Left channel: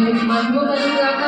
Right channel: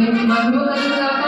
దేవునికి మహిమ కలుగుగాక.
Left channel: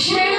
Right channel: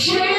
Yeah.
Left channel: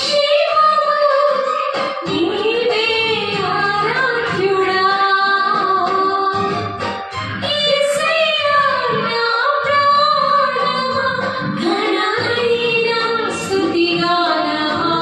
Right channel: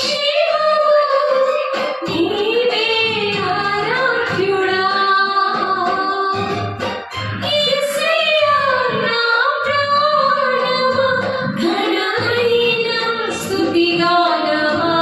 శివము నీవే ఆరాధ్యుడా యేసయ్యా నా ప్రాణమా ఘనమైన స్తుతిగానమా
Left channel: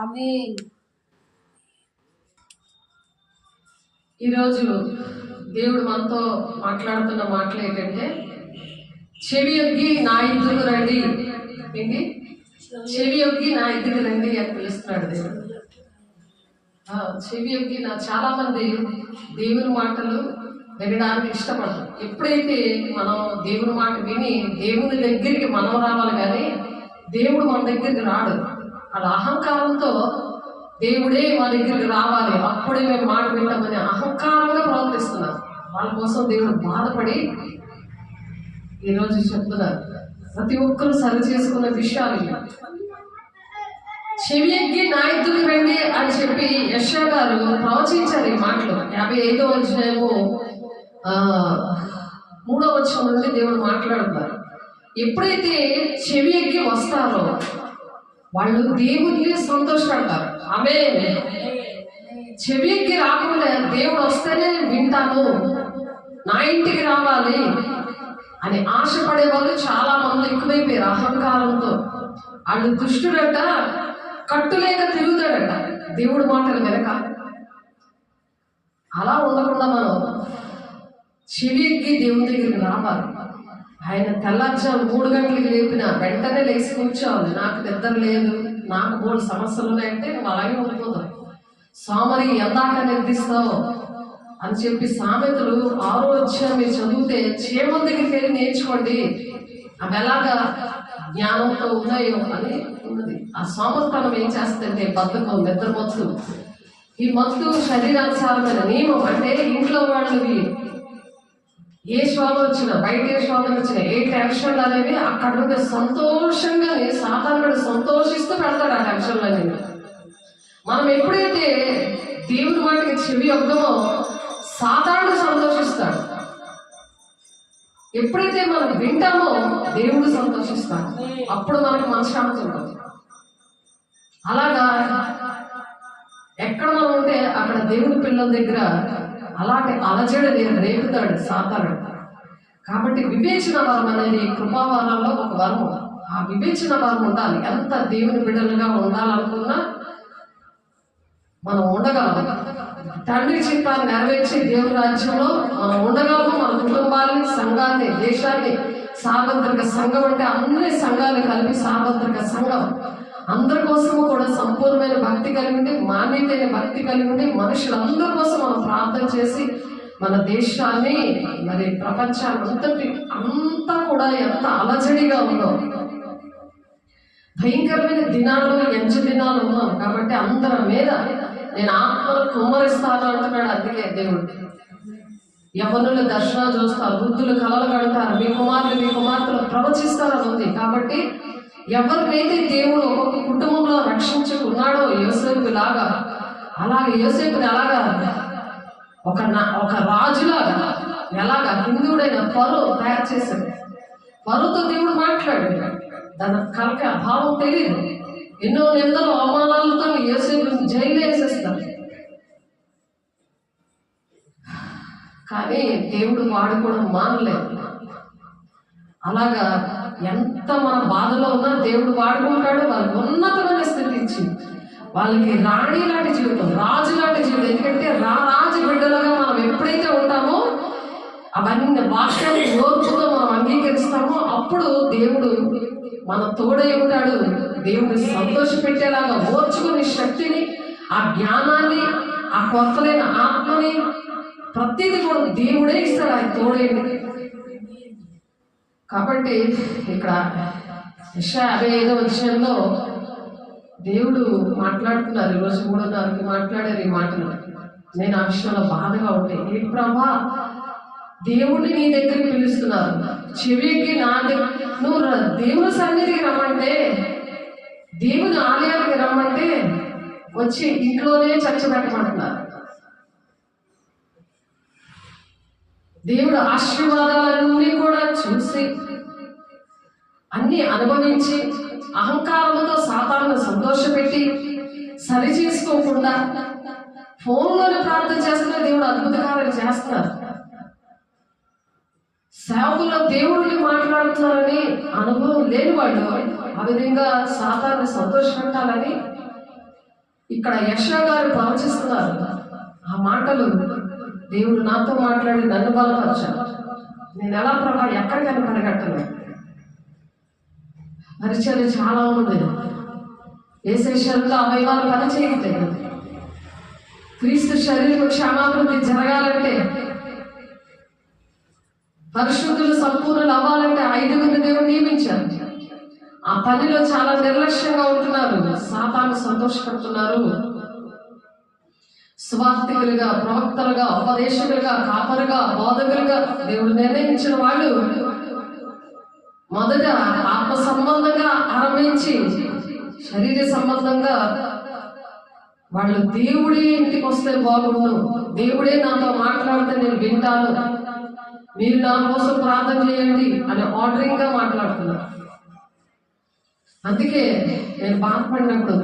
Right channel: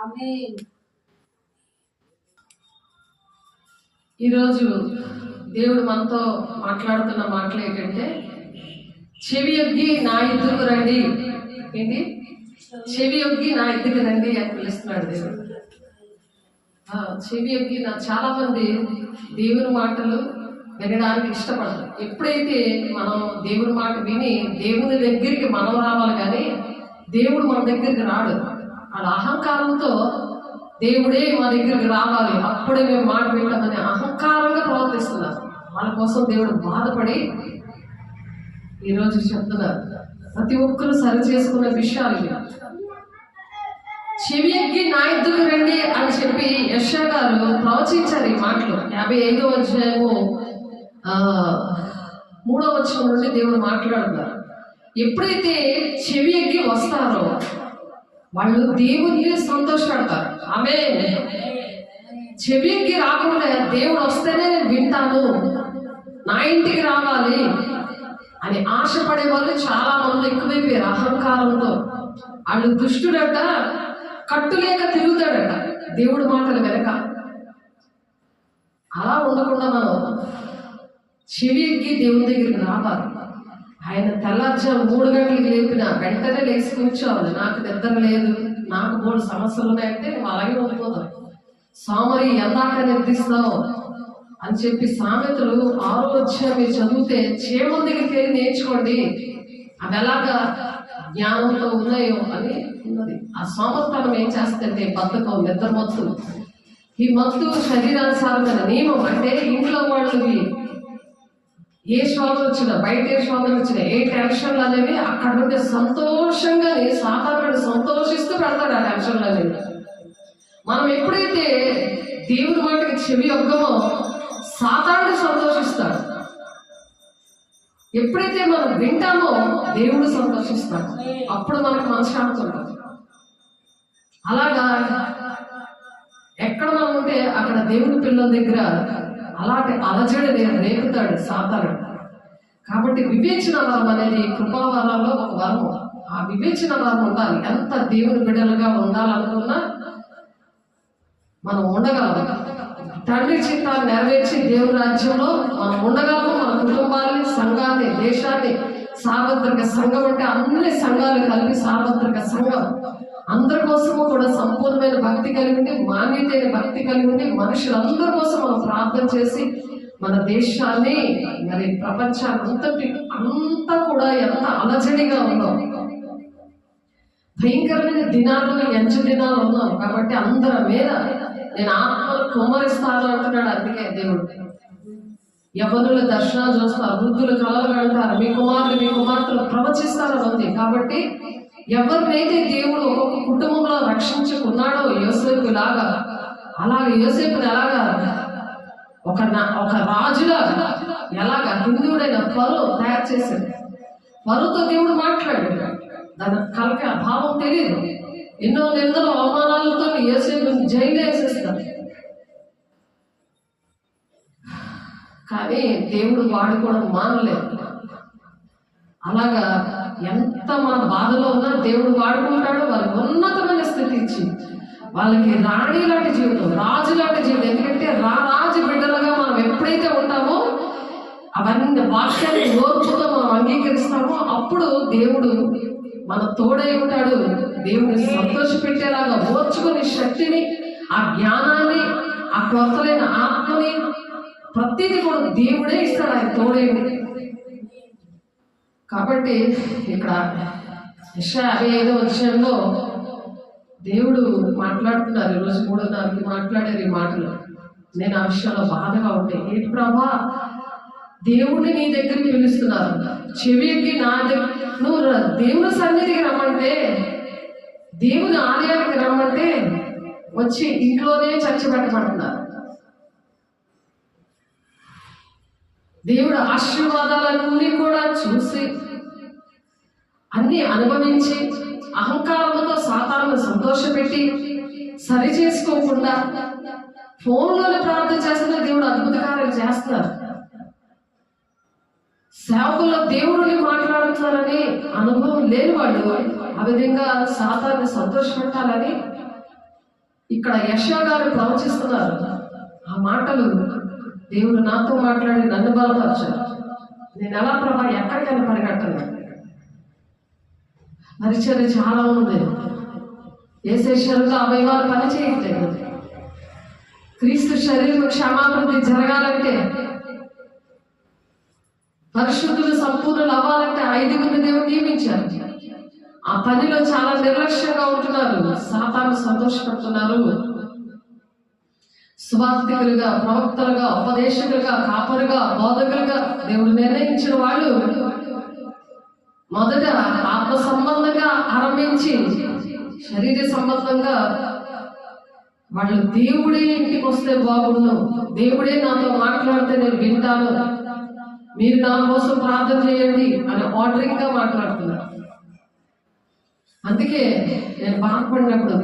ఆమేన్. ఈరోజు దేవుడు మనతో మాట్లాడుతున్న మాటలు ఏంటంటే, చెవి యొగ్గి నా ఎద్దుకు రండి. ఏంటి? చెవి యొగ్గి నా ఎద్దుకు రండి అని పిలుస్తున్నాడు దేవుడు. చెవి యొగ్గి చాలా మంది దేవుని మాటలు వినడానికి ఇష్టపడతారు. ఎప్పుడైతే మనం దేవుని మాట విని దేవుని దగ్గరికి మనం రావాలి, కానీ దేవుడు మన దగ్గరికి రాడు. వాళ్ళ అహంకారంతో దేవుడే మా దగ్గరికి రావాలి, అప్పుడే మేము మాట వింటామని అహంకారంగా ప్రవర్తిస్తున్నారు. వాళ్ళ కోసం దేవుడు బాధపడి ఈరోజు చెప్తున్నారు, ప్రతి ఒక్కరు సరి చేసుకున్న విషయాలు ఇవి. చెవి ఎక్కి నా ఎద్దుకు రండి అని చెప్పి యెషయా గారు ప్రవచించారు ఈ మాటలు. 55వ అధ్యాయము 3వ వచనం నుండి దేవుడు మాట్లాడుతున్నారు. ఎప్పుడైతే చెవి ఎక్కి వస్తారో వాళ్ళు దేవుణ్ణి సంతోషపెడతారు. ఆమేన్. చెవి ఎక్కి రాకుండా దేవుడు వస్తేనే నేను వింటాను, నా ఇంటికి రావాలి అని ఆశపడే వాళ్ళు చాలా మంది ఎక్కువైపోయారు. అహంకారంతో వాళ్ళు దుష్టుడట, కట్టులేక తిరుగుతాడట దేవుడి మాటలు వెనక. అలా ఉండకుండా మనం చెవి ఎక్కి దేవుని దగ్గరికి రావాలి. ఆయన తెల్లార్జాము 3 గంటలకు లేపిన వెంటనే లేచి కూర్చోవాలి. నాకు నిద్ర లేదు, నాకు 3 సమస్యలు ఉన్నాయంటే నువ్వు అలాగే ఉండిపోతావు. సోమరి ఎందాక నిర్దిస్తావు అని చెప్పి సామెతలు 6వ అధ్యాయం మీరు చదివితే చీమల దగ్గరికి వెళ్ళి నేర్చుకోండి, అవి ఎలాగా జ్ఞానంతో ఉన్నాయో అని ఉన్నది. ఆ సోమర్తనం ఏం చేస్తుంటే బతుకం, నిద్ర మత్తు. ఈ మత్తు శరీరానుసారమైన నియమం. అంటే ఇంట్లో వాళ్ళవి ఏ శోధన వచ్చినా, బయట ఏ శోధన వచ్చినా, ఏ టెన్షన్లు అనేవి అక్కడ నుండి సంతోషంగా సాధారణ సంతోషిస్తూ పెడతారు ఆ టెన్షన్లు అనేవి. మనం ఎప్పుడైతే దేవుడి మాటకి చెవి యొగ్గమో సాతానుడు సంతోషిస్తాడు. ఎప్పుడైతే మనం వింటామో దేవుడు సంతోషిస్తాడు. అప్పుడు మనకు మనశ్శాంతి ఉంటుంది. అలాగా ఎక్కడ మనం ఉంటే అక్కడ దేవుడి పిల్లల దగ్గర అలాంటి అలజడి రేపుతాడు సాతానుడు. కాబట్టి వివేచన వరం అనేది కృపావరంలో ఒక వరం. ఆ వివేచన వరం ఉండాలి. ఎంత దేవుని బిడ్డలుగా ఉండాలనుకున్నా మనం ఉండగలం. తండ్రి చిత్తాన్ని నెరవేర్చి దేవుని రాజ్యంలో మనం ఉండగలము. మన కుటుంబాన్ని, సంఘాన్ని, దేశాన్ని, సార్వత్రిక సంఘం అంటే అన్ని సంఘాలు కలిపి సార్వత్రిక సంఘం. అందరి కోసము కూడా సంపూర్ణమైన భక్తి కలిగి ఉండి, మాన్యతైన భక్తి కలిగి ఉండి, మనుషులందరి కోసం మనం ప్రార్థన చేసి మన దేశాన్ని, మరి ప్రపంచాన్ని అంతా కూడా ఎంత అలజడిగా ఉందో, భయంకరమైన దినాల్లో ఎంచు దినాలు ఉన్నాం. కాబట్టి అందరి మీద నేను ఆత్మను కుమ్మరిస్తాను అంటున్నాడు. అందుకే దేవుడు యవ్వనుల దర్శనాలు చూస్తారు, వృద్ధులు కలలు కడతారు, మీ కుమార్తెలు ప్రవచిస్తారని ఉంది. కాబట్టి ఎవరినైతే దేవుడు ఒక్కొక్క కుటుంబంలో రక్షించుకున్నాడో యోసేపు లాగా, అలాగే యోసేపుని అలాగా ఒక రాజులాగా ఎలాగా హిందువుడైన ఫరో తయారు చేశాడు. ఫరోతో దేవుడు మాట్లాడాడు. దాని కలక భావం తెలియదు. ఎన్నో నిందలు అవమానాలతో యోసేపుని జైలు వేసేస్తారు. కానీ దేవుడు వాడుకోవడం మానలేదు. అలాగా ఎంత మన బాధలో ఉన్నా దేవుడు వాడుకుంటాడు. వాళ్ళకి ఉన్నతమైన స్థితి ఇచ్చి వాళ్ళకి రాణి లాంటి జీవితం, రాజు లాంటి జీవితం. ఎందుకంటే రాజు బిడ్డలుగా మనం ఎప్పుడైతే ఉంటామో, అవన్నీ వాక్యాన్ని ఓర్పుతో మనం అంగీకరిస్తామో, అప్పుడు దేవుడు మన తోడై ఉంటాడు. దేవుడిని సంతోషపెట్టేలాగా ఓర్చుకునే శక్తిని, ఆ జ్ఞానాన్ని, ఆ కొత్తలైన ఆత్మని ప్రతిదీ కూడా దేవుడే ఇస్తాడు. ఆయన తోడైంది. కాబట్టి ఇక్కడ యెషయా 55వ అధ్యాయంలో దేవుడు మాట్లాడుతున్నారు. ఈరోజు 3:30కి మాట్లాడారు ఈ మాటలు. నేను ఆ విషయంలో బాధగా ఉంటే, ఏ ప్రభా దేవుడిని నీ దగ్గరికి పిలుస్తున్నారు, చెవికి నా దగ్గర నువ్వు దేవుని సన్నిధికి రమ్మంటే, దేవుని ఆలయానికి రమ్మంటే వచ్చి ఇంట్లోనే చర్చ పెట్టమంటున్నారు. దేవుడు ఆశీర్వాదాలన్నీ కూడా చూసి అన్ని అనుభవించి అహంకారంతో సాతాను సంతోషపెట్టి సరి చేసుకోకుండా ఫోన్లోనే ప్రార్థన చేస్తున్న దేవుడు అద్భుత కార్యాలు చేస్తున్నారు. సేవకుల్లో దేవుడిని మాట్లాడుతున్నారని అనుభవం లేని వాళ్ళు ఆ విధంగా సాతాను సంతోషపెట్టాలని ఇక్కడ యెషయా గారు ప్రవచిస్తున్నారు. ఆ మాటలు దేవుడు నాతో మాట్లాడి నన్ను బలపరచాడు. నేను ఎలా ప్రభా ఎక్కడికైనా పరిగెట్టను. పరిచయం చాలా ఉంది. ఏసే శరీరంలో అవయవాలు పని చేయట్లేదు. క్రీస్తు శరీరం క్షమాభివృద్ధి జరగాలంటే, పరిశుద్ధులు సంపూర్ణులు అవ్వాలంటే 5 దేవుడు నియమించారు. ఆ పనిలో చాలా నిర్లక్ష్యంగా ఉంటున్నారు. సాతాను సంతోషపడుతున్నారు. స్వార్థికులుగా, ప్రవక్తలుగా, ఉపదేశకులుగా, కాపరుగా, బోధకులుగా దేవుడు నిర్ణయించిన వాళ్ళు మొదట ఆత్మ సంబంధంగా ఆరంభించి శరీర సంబంధంగా వాళ్ళు దేవుడే ఇంటికి వస్తే బాగుండు, దేవుడే నాతో మాట్లాడితే నేను వింటాను, మీరు నా కోసం ప్రార్థన చేయండి అని ఆర్డరింగ్ గా మాట్లాడుతున్నారు. అందుకే నేను బాధపడినప్పుడు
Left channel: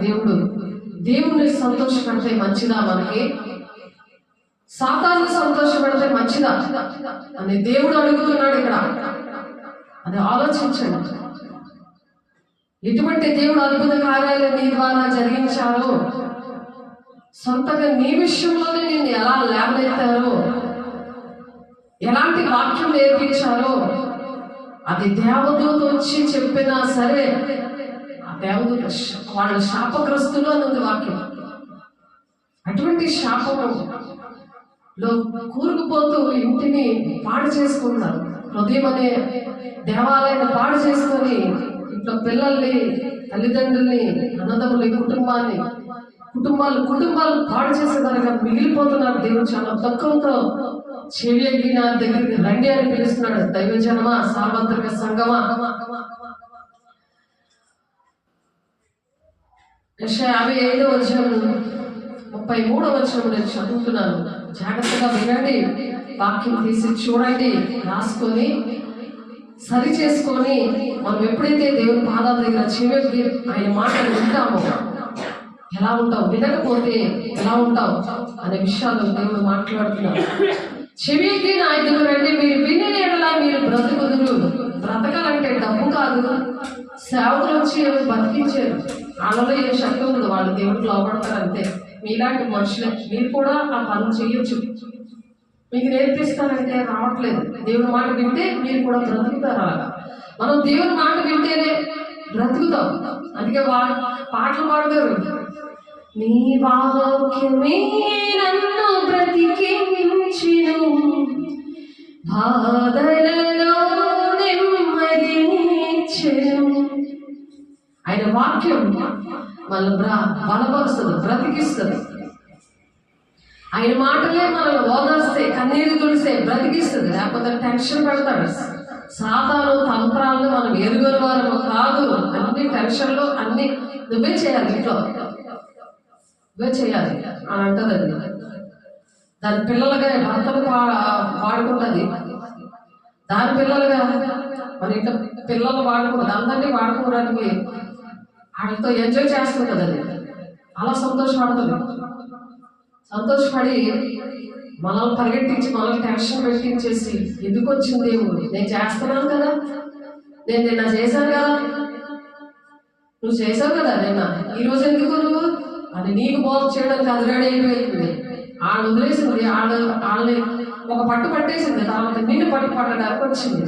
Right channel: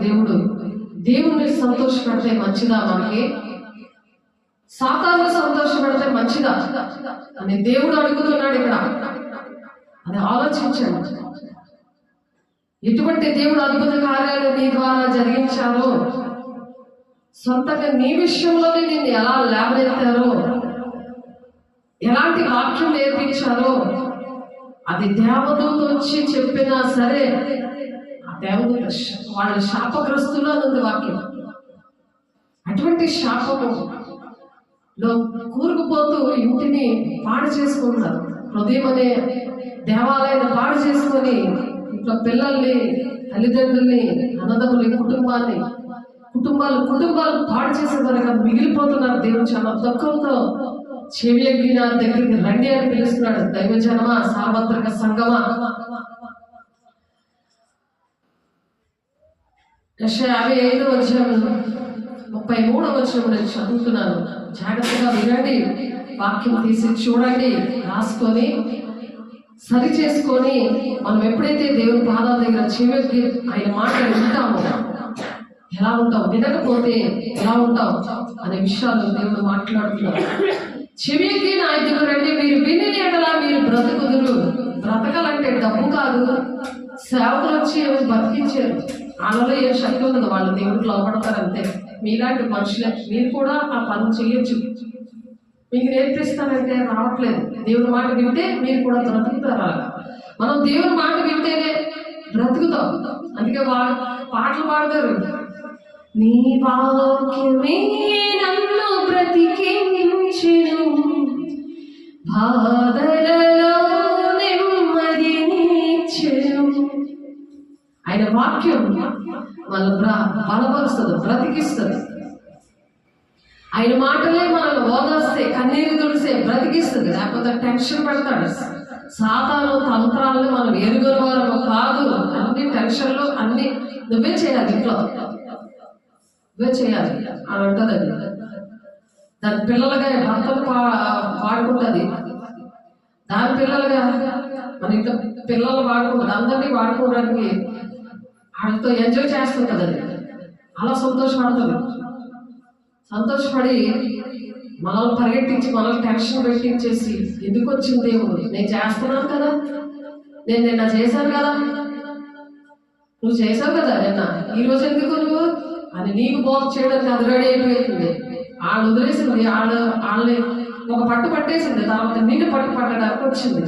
దేవుడిని సంతోషపెడితే మంచిదా, మనకి సాతాను సంతోషపెడితే మంచిదా అని దేవుడు అడుగుతున్నాడు ఇక్కడ. అది ఆలోచించండి. ఎటువంటి దేవుడు అద్భుత కార్యాలు నీ ద్వారా జరిగించారో, సొంతగా నీ విషయంలోనే నేను ఎలా లేవనెత్తారో, ఎలాంటి వాక్యం నేర్పించారో, అది దేవదూత వచ్చి చెప్పినా సరే ఆ దేవదూత వాళ్ళు శాపగ్రస్తులు అని ఉంది వాక్యం. అటువంటి శాపములో కూరుకుపోతూ ఇంటిని పాడు చేసుకుంటారు. హృదయం అనే దేవాలయాన్ని పాడు చేసుకొని ఇంట్లో పిల్లల్ని, తల్లిదండ్రుల్ని, అన్నదమ్ముల్ని, కుటుంబాలు పాడు చేసేదానిగా మిగిలిపోతున్నారు. దేవుడు చాలా దుఃఖంతో చెవియకి నా దగ్గరికి రండి అని పిలుస్తున్నాడు. దైవజనమా, సార్వత్రిక సంఘమా. యెషయా 55:33 నేను చదువుతున్నాను. జాగ్రత్తగా వినండి, వాక్యం తీసి చూడండి, రాసుకొని సరి చేసుకొని మనం ఎప్పుడైతే దేవుని పాదాల దగ్గర చెవికి ఆయన మాటలు వింటామో ఎలా ఉంటాం, వినకపోతే ఎలా ఉంటాం అనే విషయాలు దేవుడు మాట్లాడుతున్నారు. చెవికి నా దగ్గర రండి, మీరు విని ఎడలా మీరు బ్రతుకుదురు. బ్రతకాలంటే డబ్బు కాదు. సేవకులు వచ్చి బతికించారు, వాళ్ళలో ఏ శక్తి ఉండదు, వాళ్ళు దేవుడికి లోపడతారు అంతే. మీలాంటి మనుషులే, మీరు కూడా ఆ పనులు చేయొచ్చు. మీకు నేర్పిస్తానంటే రావట్లేదు. దేవుని మాట వింటే మీరు కూడా బ్రతుకుతారా? మనం దేవుని మాట వింటేనే బ్రతుకుతాం. అందుకే పాటలు పాడతారు, నీ వాక్యమే నన్ను బ్రతికించెను, బాధలలో నెమ్మదినిచ్చెను. ఆయన వాక్యం మనల్ని బలపరుస్తుంది, బ్రతికిస్తుంది. ఆయన మాటలే మనల్ని ఓదాస్తే, కన్నీరు తుడిసే, బ్రతికిస్తుంది. లేకపోతే టెన్షన్ పెడతాడు. సాతాను తంత్రాలు మనం ఎరుగని వారు కాదు. అన్ని టెన్షన్లు అన్ని నువ్వే చేయాలి, ఇంట్లో నువ్వే చేయాలి అని అంటది. అది దాని పిల్లలుగా భర్తలు వాడుకుంటుంది, దాని పిల్లలుగా మన ఇంట్లో పిల్లలు వాడుకుంటుంది. అందరినీ వాడుకోవడానికి వాళ్ళతో ఎంజాయ్ చేస్తుంటుంది. అది అలా సంతోషపడి మనల్ని పరిగెట్టించి మనల్ని టెన్షన్ పెట్టించేసి, ఎందుకు వచ్చింది దేవుడు, నేను చేస్తున్నాను కదా, నేను నిన్న చేశాను కదా, నువ్వు చేసావు కదా నిన్న, ఈరోజు ఎందుకు నువ్వు అని నీకు బోధ చేయడానికి అది రెడీ అయిపోయింది. వాళ్ళు వదిలేసింది, వాళ్ళని ఒక పట్టు పట్టేసింది, తర్వాత నిన్ను పట్టడానికి వచ్చింది.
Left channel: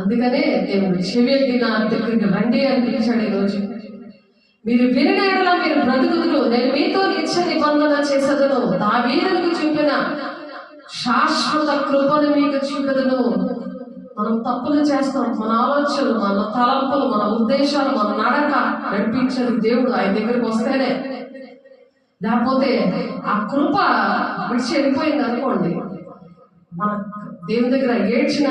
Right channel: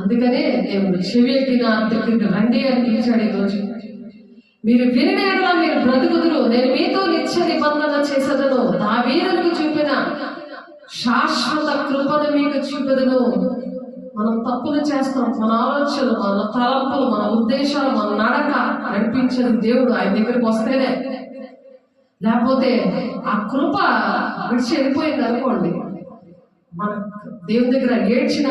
అందుకనే దేవుడు చెవికి నా దగ్గరికి రండి అని పిలిచాడు. ఈరోజు మీరు వినగలరా, మీరు బ్రతుకుదురు, నేను మీతో నిత్య నిబంధన చేసేదను, దావీదుకు చూపిన శాశ్వత కృపను మీకు చూపెదను. మనం తప్పులు చేస్తాం, మన ఆలోచనలు, మన తలంపులు, మన ఉద్దేశాలు, మన నడక నడిపించేది దేవుడు. ఆయన దగ్గరికి వస్తేనే, లేకపోతే ఆ కృప విడిచి వెళ్ళిపోయింది అనుకోండి, మన దేవుని దగ్గర ఏడ్చిన,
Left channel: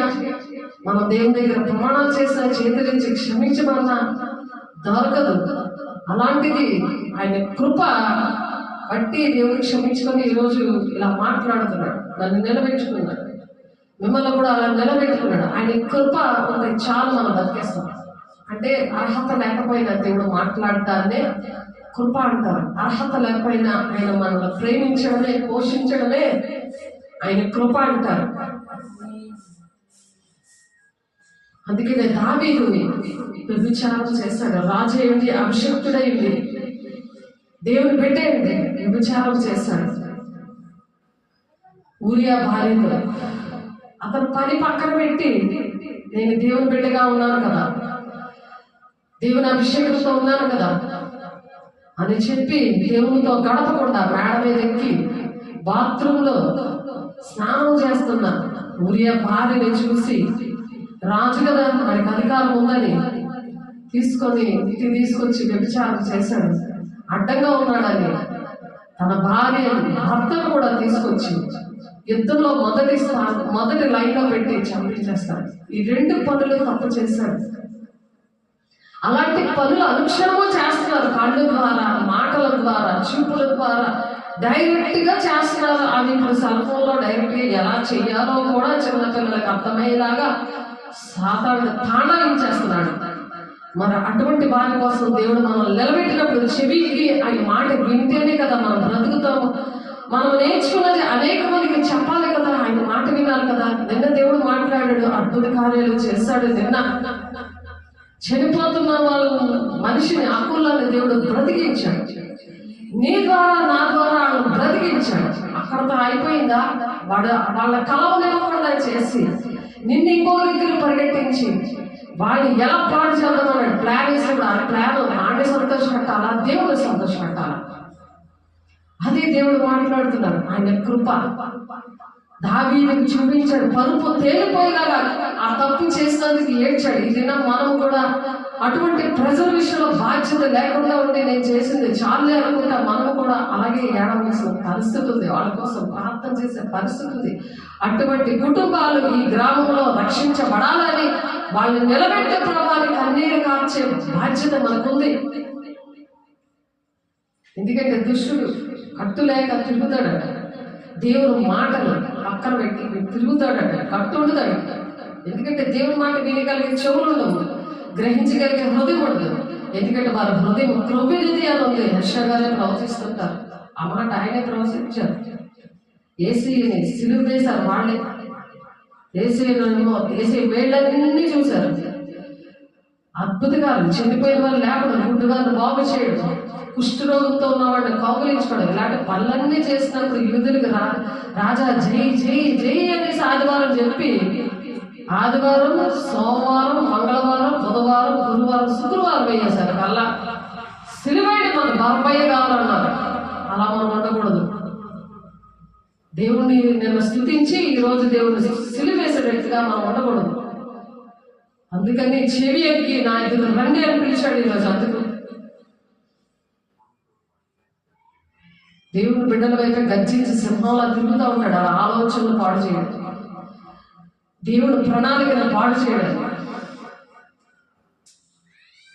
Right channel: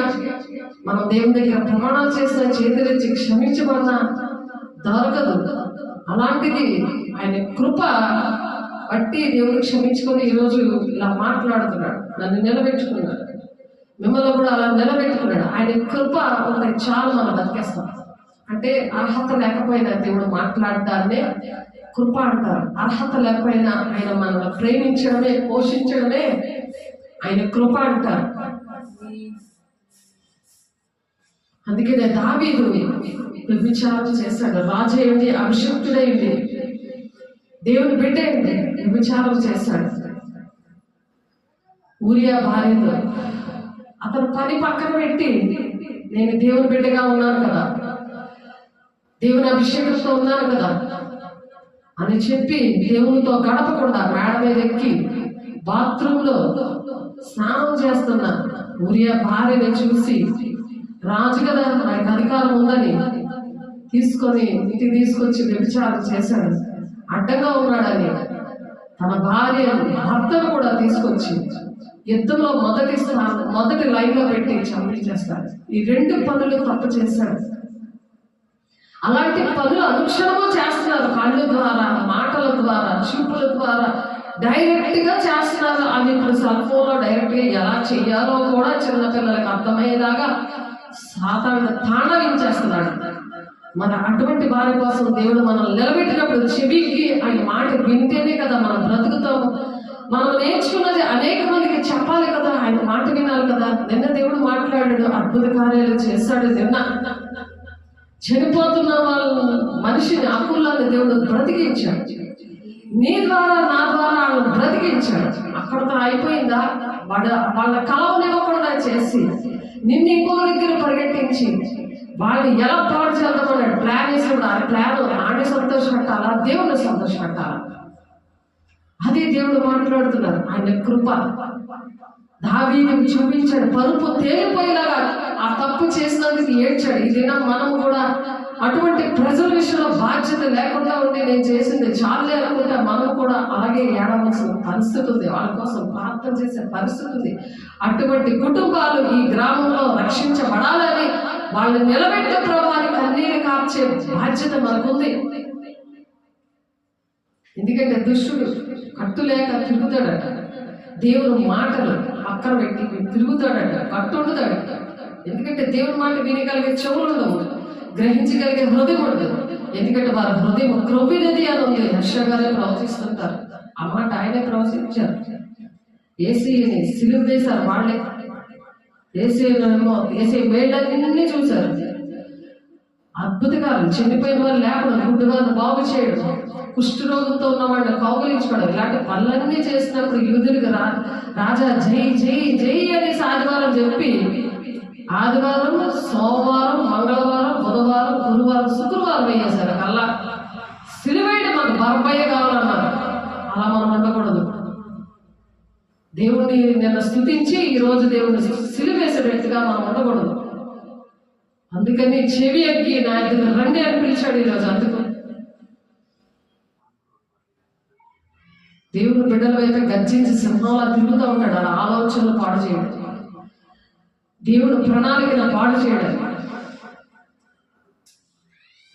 మనం దేవుని దగ్గర ప్రమాణాలు చేసిన, చేతులించి క్షమించమన్నా దొరకదు. అలాంటిది ఆయన కృప బట్టి దేవుడు క్షమించుకొని ఈరోజు ఇలా మాట్లాడుతున్నాడు, నన్ను నిలబెట్టుకున్నాడు, మిమ్మల్ని కూడా అలా నిలబెట్టుకున్నాడు. ఆయన కృప ఉంటే చాలు మనం బతికేస్తాం. అంటే అర్హత లేకపోయినా దేవుడు మాట్లాడతానే కృప అంటారు. అర్హత లేకపోయినా ఆయన మనల్ని ప్రేమించడమే, పోషించడమే ఆయన కృప అంటారు. అందుకనే దావీదు వ్యభిచారం చేశాడు, రాజు అయ్యింది, అభిషక్తుడైంది, దేవుని బిడ్డే విచారం చేశాడు. ఊరియా భార్యతో అతను పని పక్కన పెట్టి నేను దేవుని బిడ్డగా ఉన్నాను కదా, దేవుని అభిషేకంతో ఉన్నాను కదా అని చెప్పి దేవునితో గడపకూడదా మేడ మీద ఎక్కి బాత్రూంలో స్నానం చేస్తున్న ఊరియా భార్యని చూసి రాజు కదా వాడికి అధికారం ఉందని తీసుకొని ఇంటికి తీసుకొచ్చి వ్యభిచారం చేశాడు, అడ్డంగా ఉన్నాడని తన భార్య భర్తను కూడా తీసుకొచ్చి యుద్ధంలో మొదటి లైన్ లో పెట్టి చంపించేస్తాడు. ఈ 2 పనులు తప్పు చేశాడు. అలాంటి పనులు అనుక్షణము చేస్తున్నారు. కళ్ళ ద్వారా, మాటల ద్వారా, చూపుల ద్వారా డైరెక్ట్ గా చేస్తున్నారు. అవి ఇప్పుడు సెల్ ఫోన్ లో డైరెక్ట్ గా ఎలా చెయ్యాలో కూడా చిన్నపిల్లలకు అర్థమయ్యేలాగా సాతానుడు తాండవించేస్తున్నాడు. మరి అటువంటి వారి కోసం దేవుడు మనం నిలబెట్టినప్పుడు చెవికి ఆయన మాట వింటేనే కదా మనం బ్రతుకుతాము. మనం నేర్చుకున్నది అనేక మందికి చెప్పాలి కదా, ఆయన మాట వినాలి కదా. నిన్న దేవుడు మాట్లాడాడు, అద్భుత కార్యాలు చేశాడు. నిన్న చనిపోతున్న వాళ్ళ మనిషిని అప్పులను దేవుడు బ్రతికించాడు. నీ ద్వారా నా ద్వారా వాళ్ళని బ్రతికించాడు. అక్కడతో అయిపోయిందా? వాళ్ళ కలవనివ్వకుండా చేసి నిన్ను ఇంకో దగ్గర పరిగెట్టించి వాళ్ళు ఎలా పాడు చేద్దామన్నాడు. ప్లాన్ వేసినప్పుడు ఆ ప్లాన్ ఆడిని సంతోషపెట్టాలా, దేవుడు సంతోషపెట్టాలా? అదే దేవుడు మాట్లాడుతున్నారు. ఆయన కృప దావీదుకు చూపించాడు. పరుపు తేలిపోయేలాగా ఆ తప్పు చేసినందుకు ఏడ్చాడు. ఈ దినం మనం కూడా అటువంటి ప్రజల విషయంలో బాధ్యత లేకుండా ఉండి నేను చేసింది చాలే అనుకుంటా మనం కూడా అలాగే ఏడవలసిన పరిస్థితి ఉంది. వాళ్ళ కోసం ప్రార్థన చేసే పరిస్థితి ఉంది. అటువంటి కుటుంబాలు ఈ గ్రామంలో రక్షించబడాలని వాళ్ళు నిలబెట్టే ప్రభావాన్ని కన్నీరు కార్చే బాధ్యత మనకుంది. ఎందుకంటే దుష్టుడు కట్టులేక తిరుగుతాడట. దేవుని మాటలు పక్కన పెట్టి తిరుగుతాడట, కట్టుండుతాడు. ఎందుకంటే దేవుని మాట వినగలిగే చెవులు ఉండవు, గ్రహించగలిగే హృదయం ఉండదు. ఎందుకంటే వారి హృదయం క్రొవ్వినది అని ఉంది. హర్ష గారే ప్రవచిస్తుంటారు. ఆ మాట ఆయనే ప్రవచించారు. ఏసీని సిలువ వేశారు వాళ్ళే. ఏసీ వేళ్ళన్నీ చూశారు. అద్భుతకాలు, చనిపోయిన వాళ్ళు లేకుండా గుడ్డు వారిని బాగు చేయడం, కుష్ఠరోగంతో ఉన్న వాళ్ళని కౌగులించుకోవడం, ఇలాంటి పనులన్నీ చేసినప్పుడు యూదులకు రాజా జై జై జై అని ఆదివారం చెప్పి ఆదివారం, సోమవారం, మంగళవారం, బుధవారం, గురువారం, శుక్రవారం వేయేశారు. అలా సిలువైన మనకు బర్బయ్య కావాలన్నారు. అలా మనం ఉండకూడదు. దేవుణ్ణి నిన్న స్తుతించి ఈరోజు దేవుడిని సిలువేసే వ్యక్తిగా మనం ఉండకూడదు. అందుకని చెవి ఎక్కి నా ఇద్దరు రండి అని పిలిచాడు ఈరోజు. అందుకు దేవుడు బిడ్డల వైపు గర్జించి సింహంలా తిరుగుతూ ఉంటాడు. ఆలోచనలు పాడు చేయడం, దేవుడు ప్రణాళికను పాడు చేయడం.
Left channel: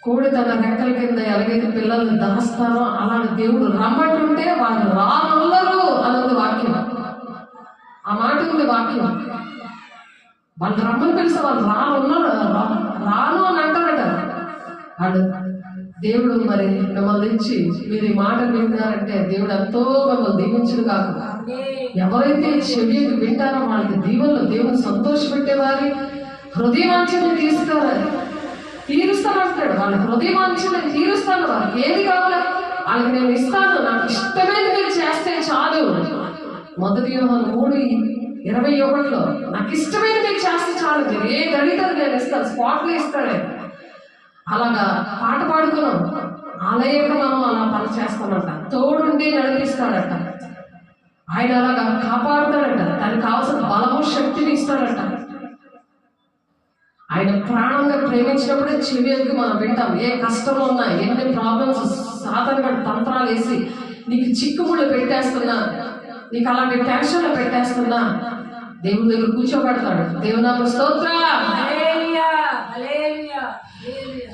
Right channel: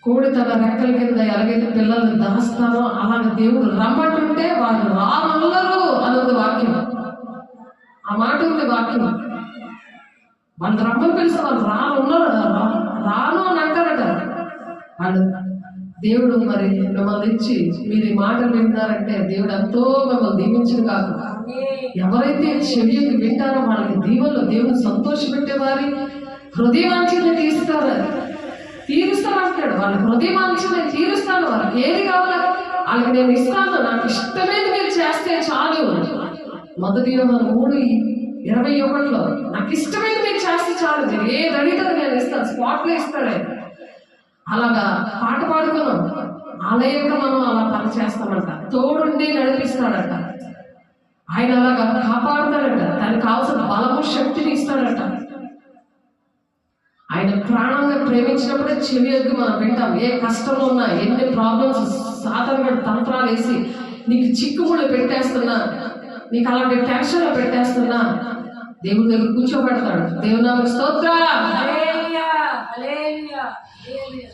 కోడి తన రెక్కల కింద ఎలాగైతే పిల్లలు దాస్తారో అలాగే దేవుడు రమ్మంటుంటే వాళ్ళు రానల్లరు అన్నది వాక్యం. ఆ మాట ఉంది వాక్యం. వాళ్ళు రమ్మని పిలిస్తే వాళ్ళు రాను అని అంటారట. వాళ్ళు దేవుడు మరి మిమ్మల్ని ఇచ్చి మీరు ఈ మాట వింటున్నారంటే దేవుడు ఎంతో మిమ్మల్ని దీవించును కాక. ఎవరైతే చెవి వింటారో వాళ్ళకి దీవెనలు దేవుడు సంతోషపెట్టేవారి హృదయవాంఛని తీరుస్తానంటాడు. వాళ్ళ హృదయవాంఛని తీరుస్తాను. వారికి ఏది కావాలి వాళ్ళకి నేను ఇస్తాను. నాకు ఇష్టమైనది మీరు చేస్తే చాలు. 1 యోహాను 3:21 నాకు ఇష్టమైనది మీరు చేస్తే చాలు. మీరు ఏది అడిగితే నేను ఇస్తాను, స్పాట్లో ఇస్తాడే. అలాగా పాట పాడుకున్నాం. ఆలయంలో మనం అలా పని చేస్తామంట. తోడుండి నడిపిస్తాడట. ఆయన అలాగా కాపాడుతాడట. దానికి కావాల్సిన బలము, శక్తిని ఇస్తాడట. ఆయన ప్రాణంగా ప్రేమించినప్పుడే చెవికి మనం వింటాం. ఏ కష్టంలో ఉన్నా, ఎన్ని ప్రాబ్లమ్స్ సాధారణ తంత్రాలు వేసి నీకు చిక్కుముళ్ళు పెట్టేస్తున్నా, నీకు అలాంటి టెన్షన్లు పెట్టేస్తున్నా దేవుని దగ్గర కూర్చోబెడతాడు. దేవుని స్తోత్ర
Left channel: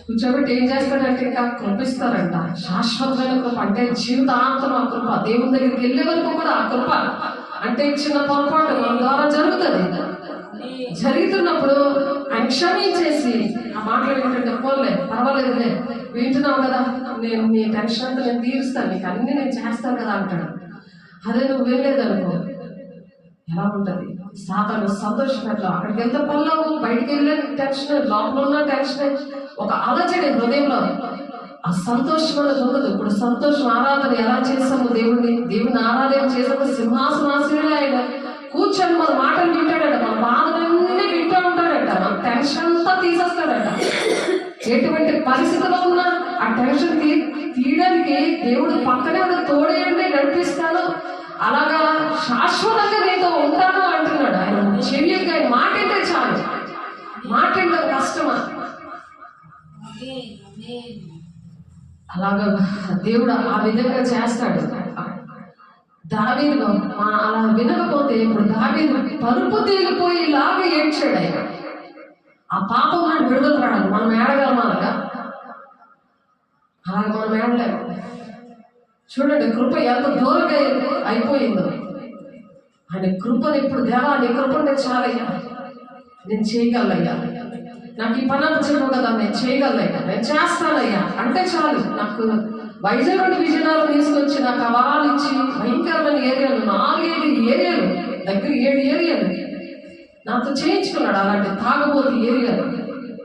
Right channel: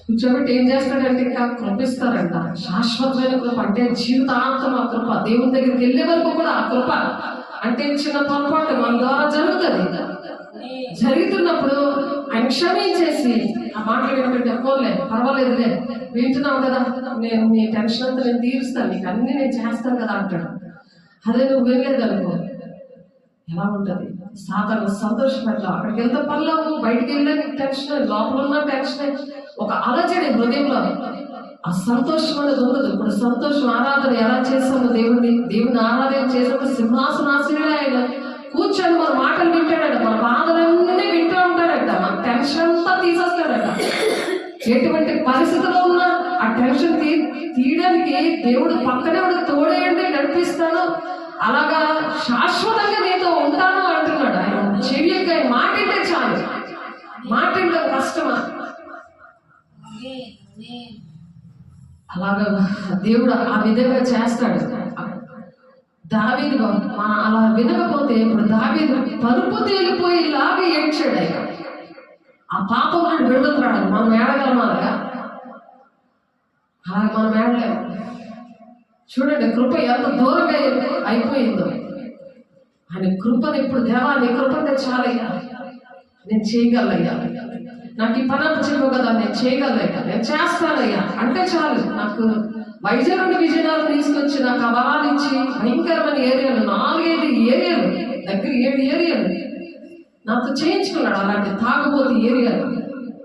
కూర్చోబెట్టి ఏం చేస్తాడంటే ఇంకా కృపిస్తారంట. శాశ్వతమైన కృప అంటే జీవితాంతం ఆ కృప. దేవుని దగ్గరికి వెళ్ళే వరకు కూడా ఆ కృప. అంటే చిన్న పొరపాటు మన ద్వారా జరుగుతుంది. జరుగుతున్నప్పుడు ఆయన క్షమించేసి ఆ మాటలు ఏంటంటే పోలే పర్వాలేదులే, వింటున్నావు కదా, నేను నీ టెన్షన్ అంతా నేను తీరుస్తాను, నీకు అన్ని నేను చేస్తాను కదా అంటాడు. అదే నువ్వు వెళ్ళలేదనుకో ఎలా ఉంటుంది? సాధారణ సంతోషపెట్టావు. అక్కడికి వెళ్తే పనులు, బయటికి వెళ్ళే టెన్షన్, లోపల ఉన్న టెన్షన్, ఒక అలజడి హృదయంలో. ఆ సంతోషం అనేది ఉండదు. ఇప్పుడు సంతోషం ఆరాధన ఎలా చేస్తాము, దేవుని ఆరాధన చేసినప్పుడు సింహాసనాశీనుడే ఆయన కూర్చొని మన మాటలు వింటాడట, మన బాధలన్నీ వింటూ ఉంటాడట, మన టెన్షన్ అంతా తీసేస్తాడట. ఎటువంటి పరిస్థితిలో ఉన్నా ఆ టెన్షన్ తీయడానికి దేవుడు పక్కనే ఉండి తోడేయండి నడిపిస్తాను, అలాగా శాశ్వతంగా నీతో ఉంటాను అంటున్నాడు. ఆయన చెవికి ఆయన మాట అంటే చాలు, మాట అంటే కష్టమా? అలాగా దేవుడు ఆ విధంగా చేస్తాడు. దావీదు అలా వినకపోతే ఇప్పుడు దావీదు పరుపు తేలిపోయి ఇలాగే ఏడ్చాడు. ఆయన ఆ పాపం నుండి విడుదల రాడు. మనం ఏడగలం అలాగా మనం ఏడలేము. చూడండి కృప ఎంత దూరంగా అయిపోయిందో. ఆయన కృపను ఇప్పుడు దేవా నీ కృపనే చాలయ్యా, నేను చేయగలయ్యా, నాకు ఈ పని చెప్పు కదా, నేను చేయగలయ్యా, నేను చేస్తానయ్యా అంటే చాలు. నాకు వైజాగ్ నుండి విజయనగరం తీసుకొచ్చి నాకు ఆ వరాలు ఇచ్చి భయంకరమైన ఏరియాలు 4-5 ఏరియాలు దగ్గర 7 ఏరియాలు నాతో చేయించుకున్నాడు. అలాంటి తాగుబోతు ఏరియాలు,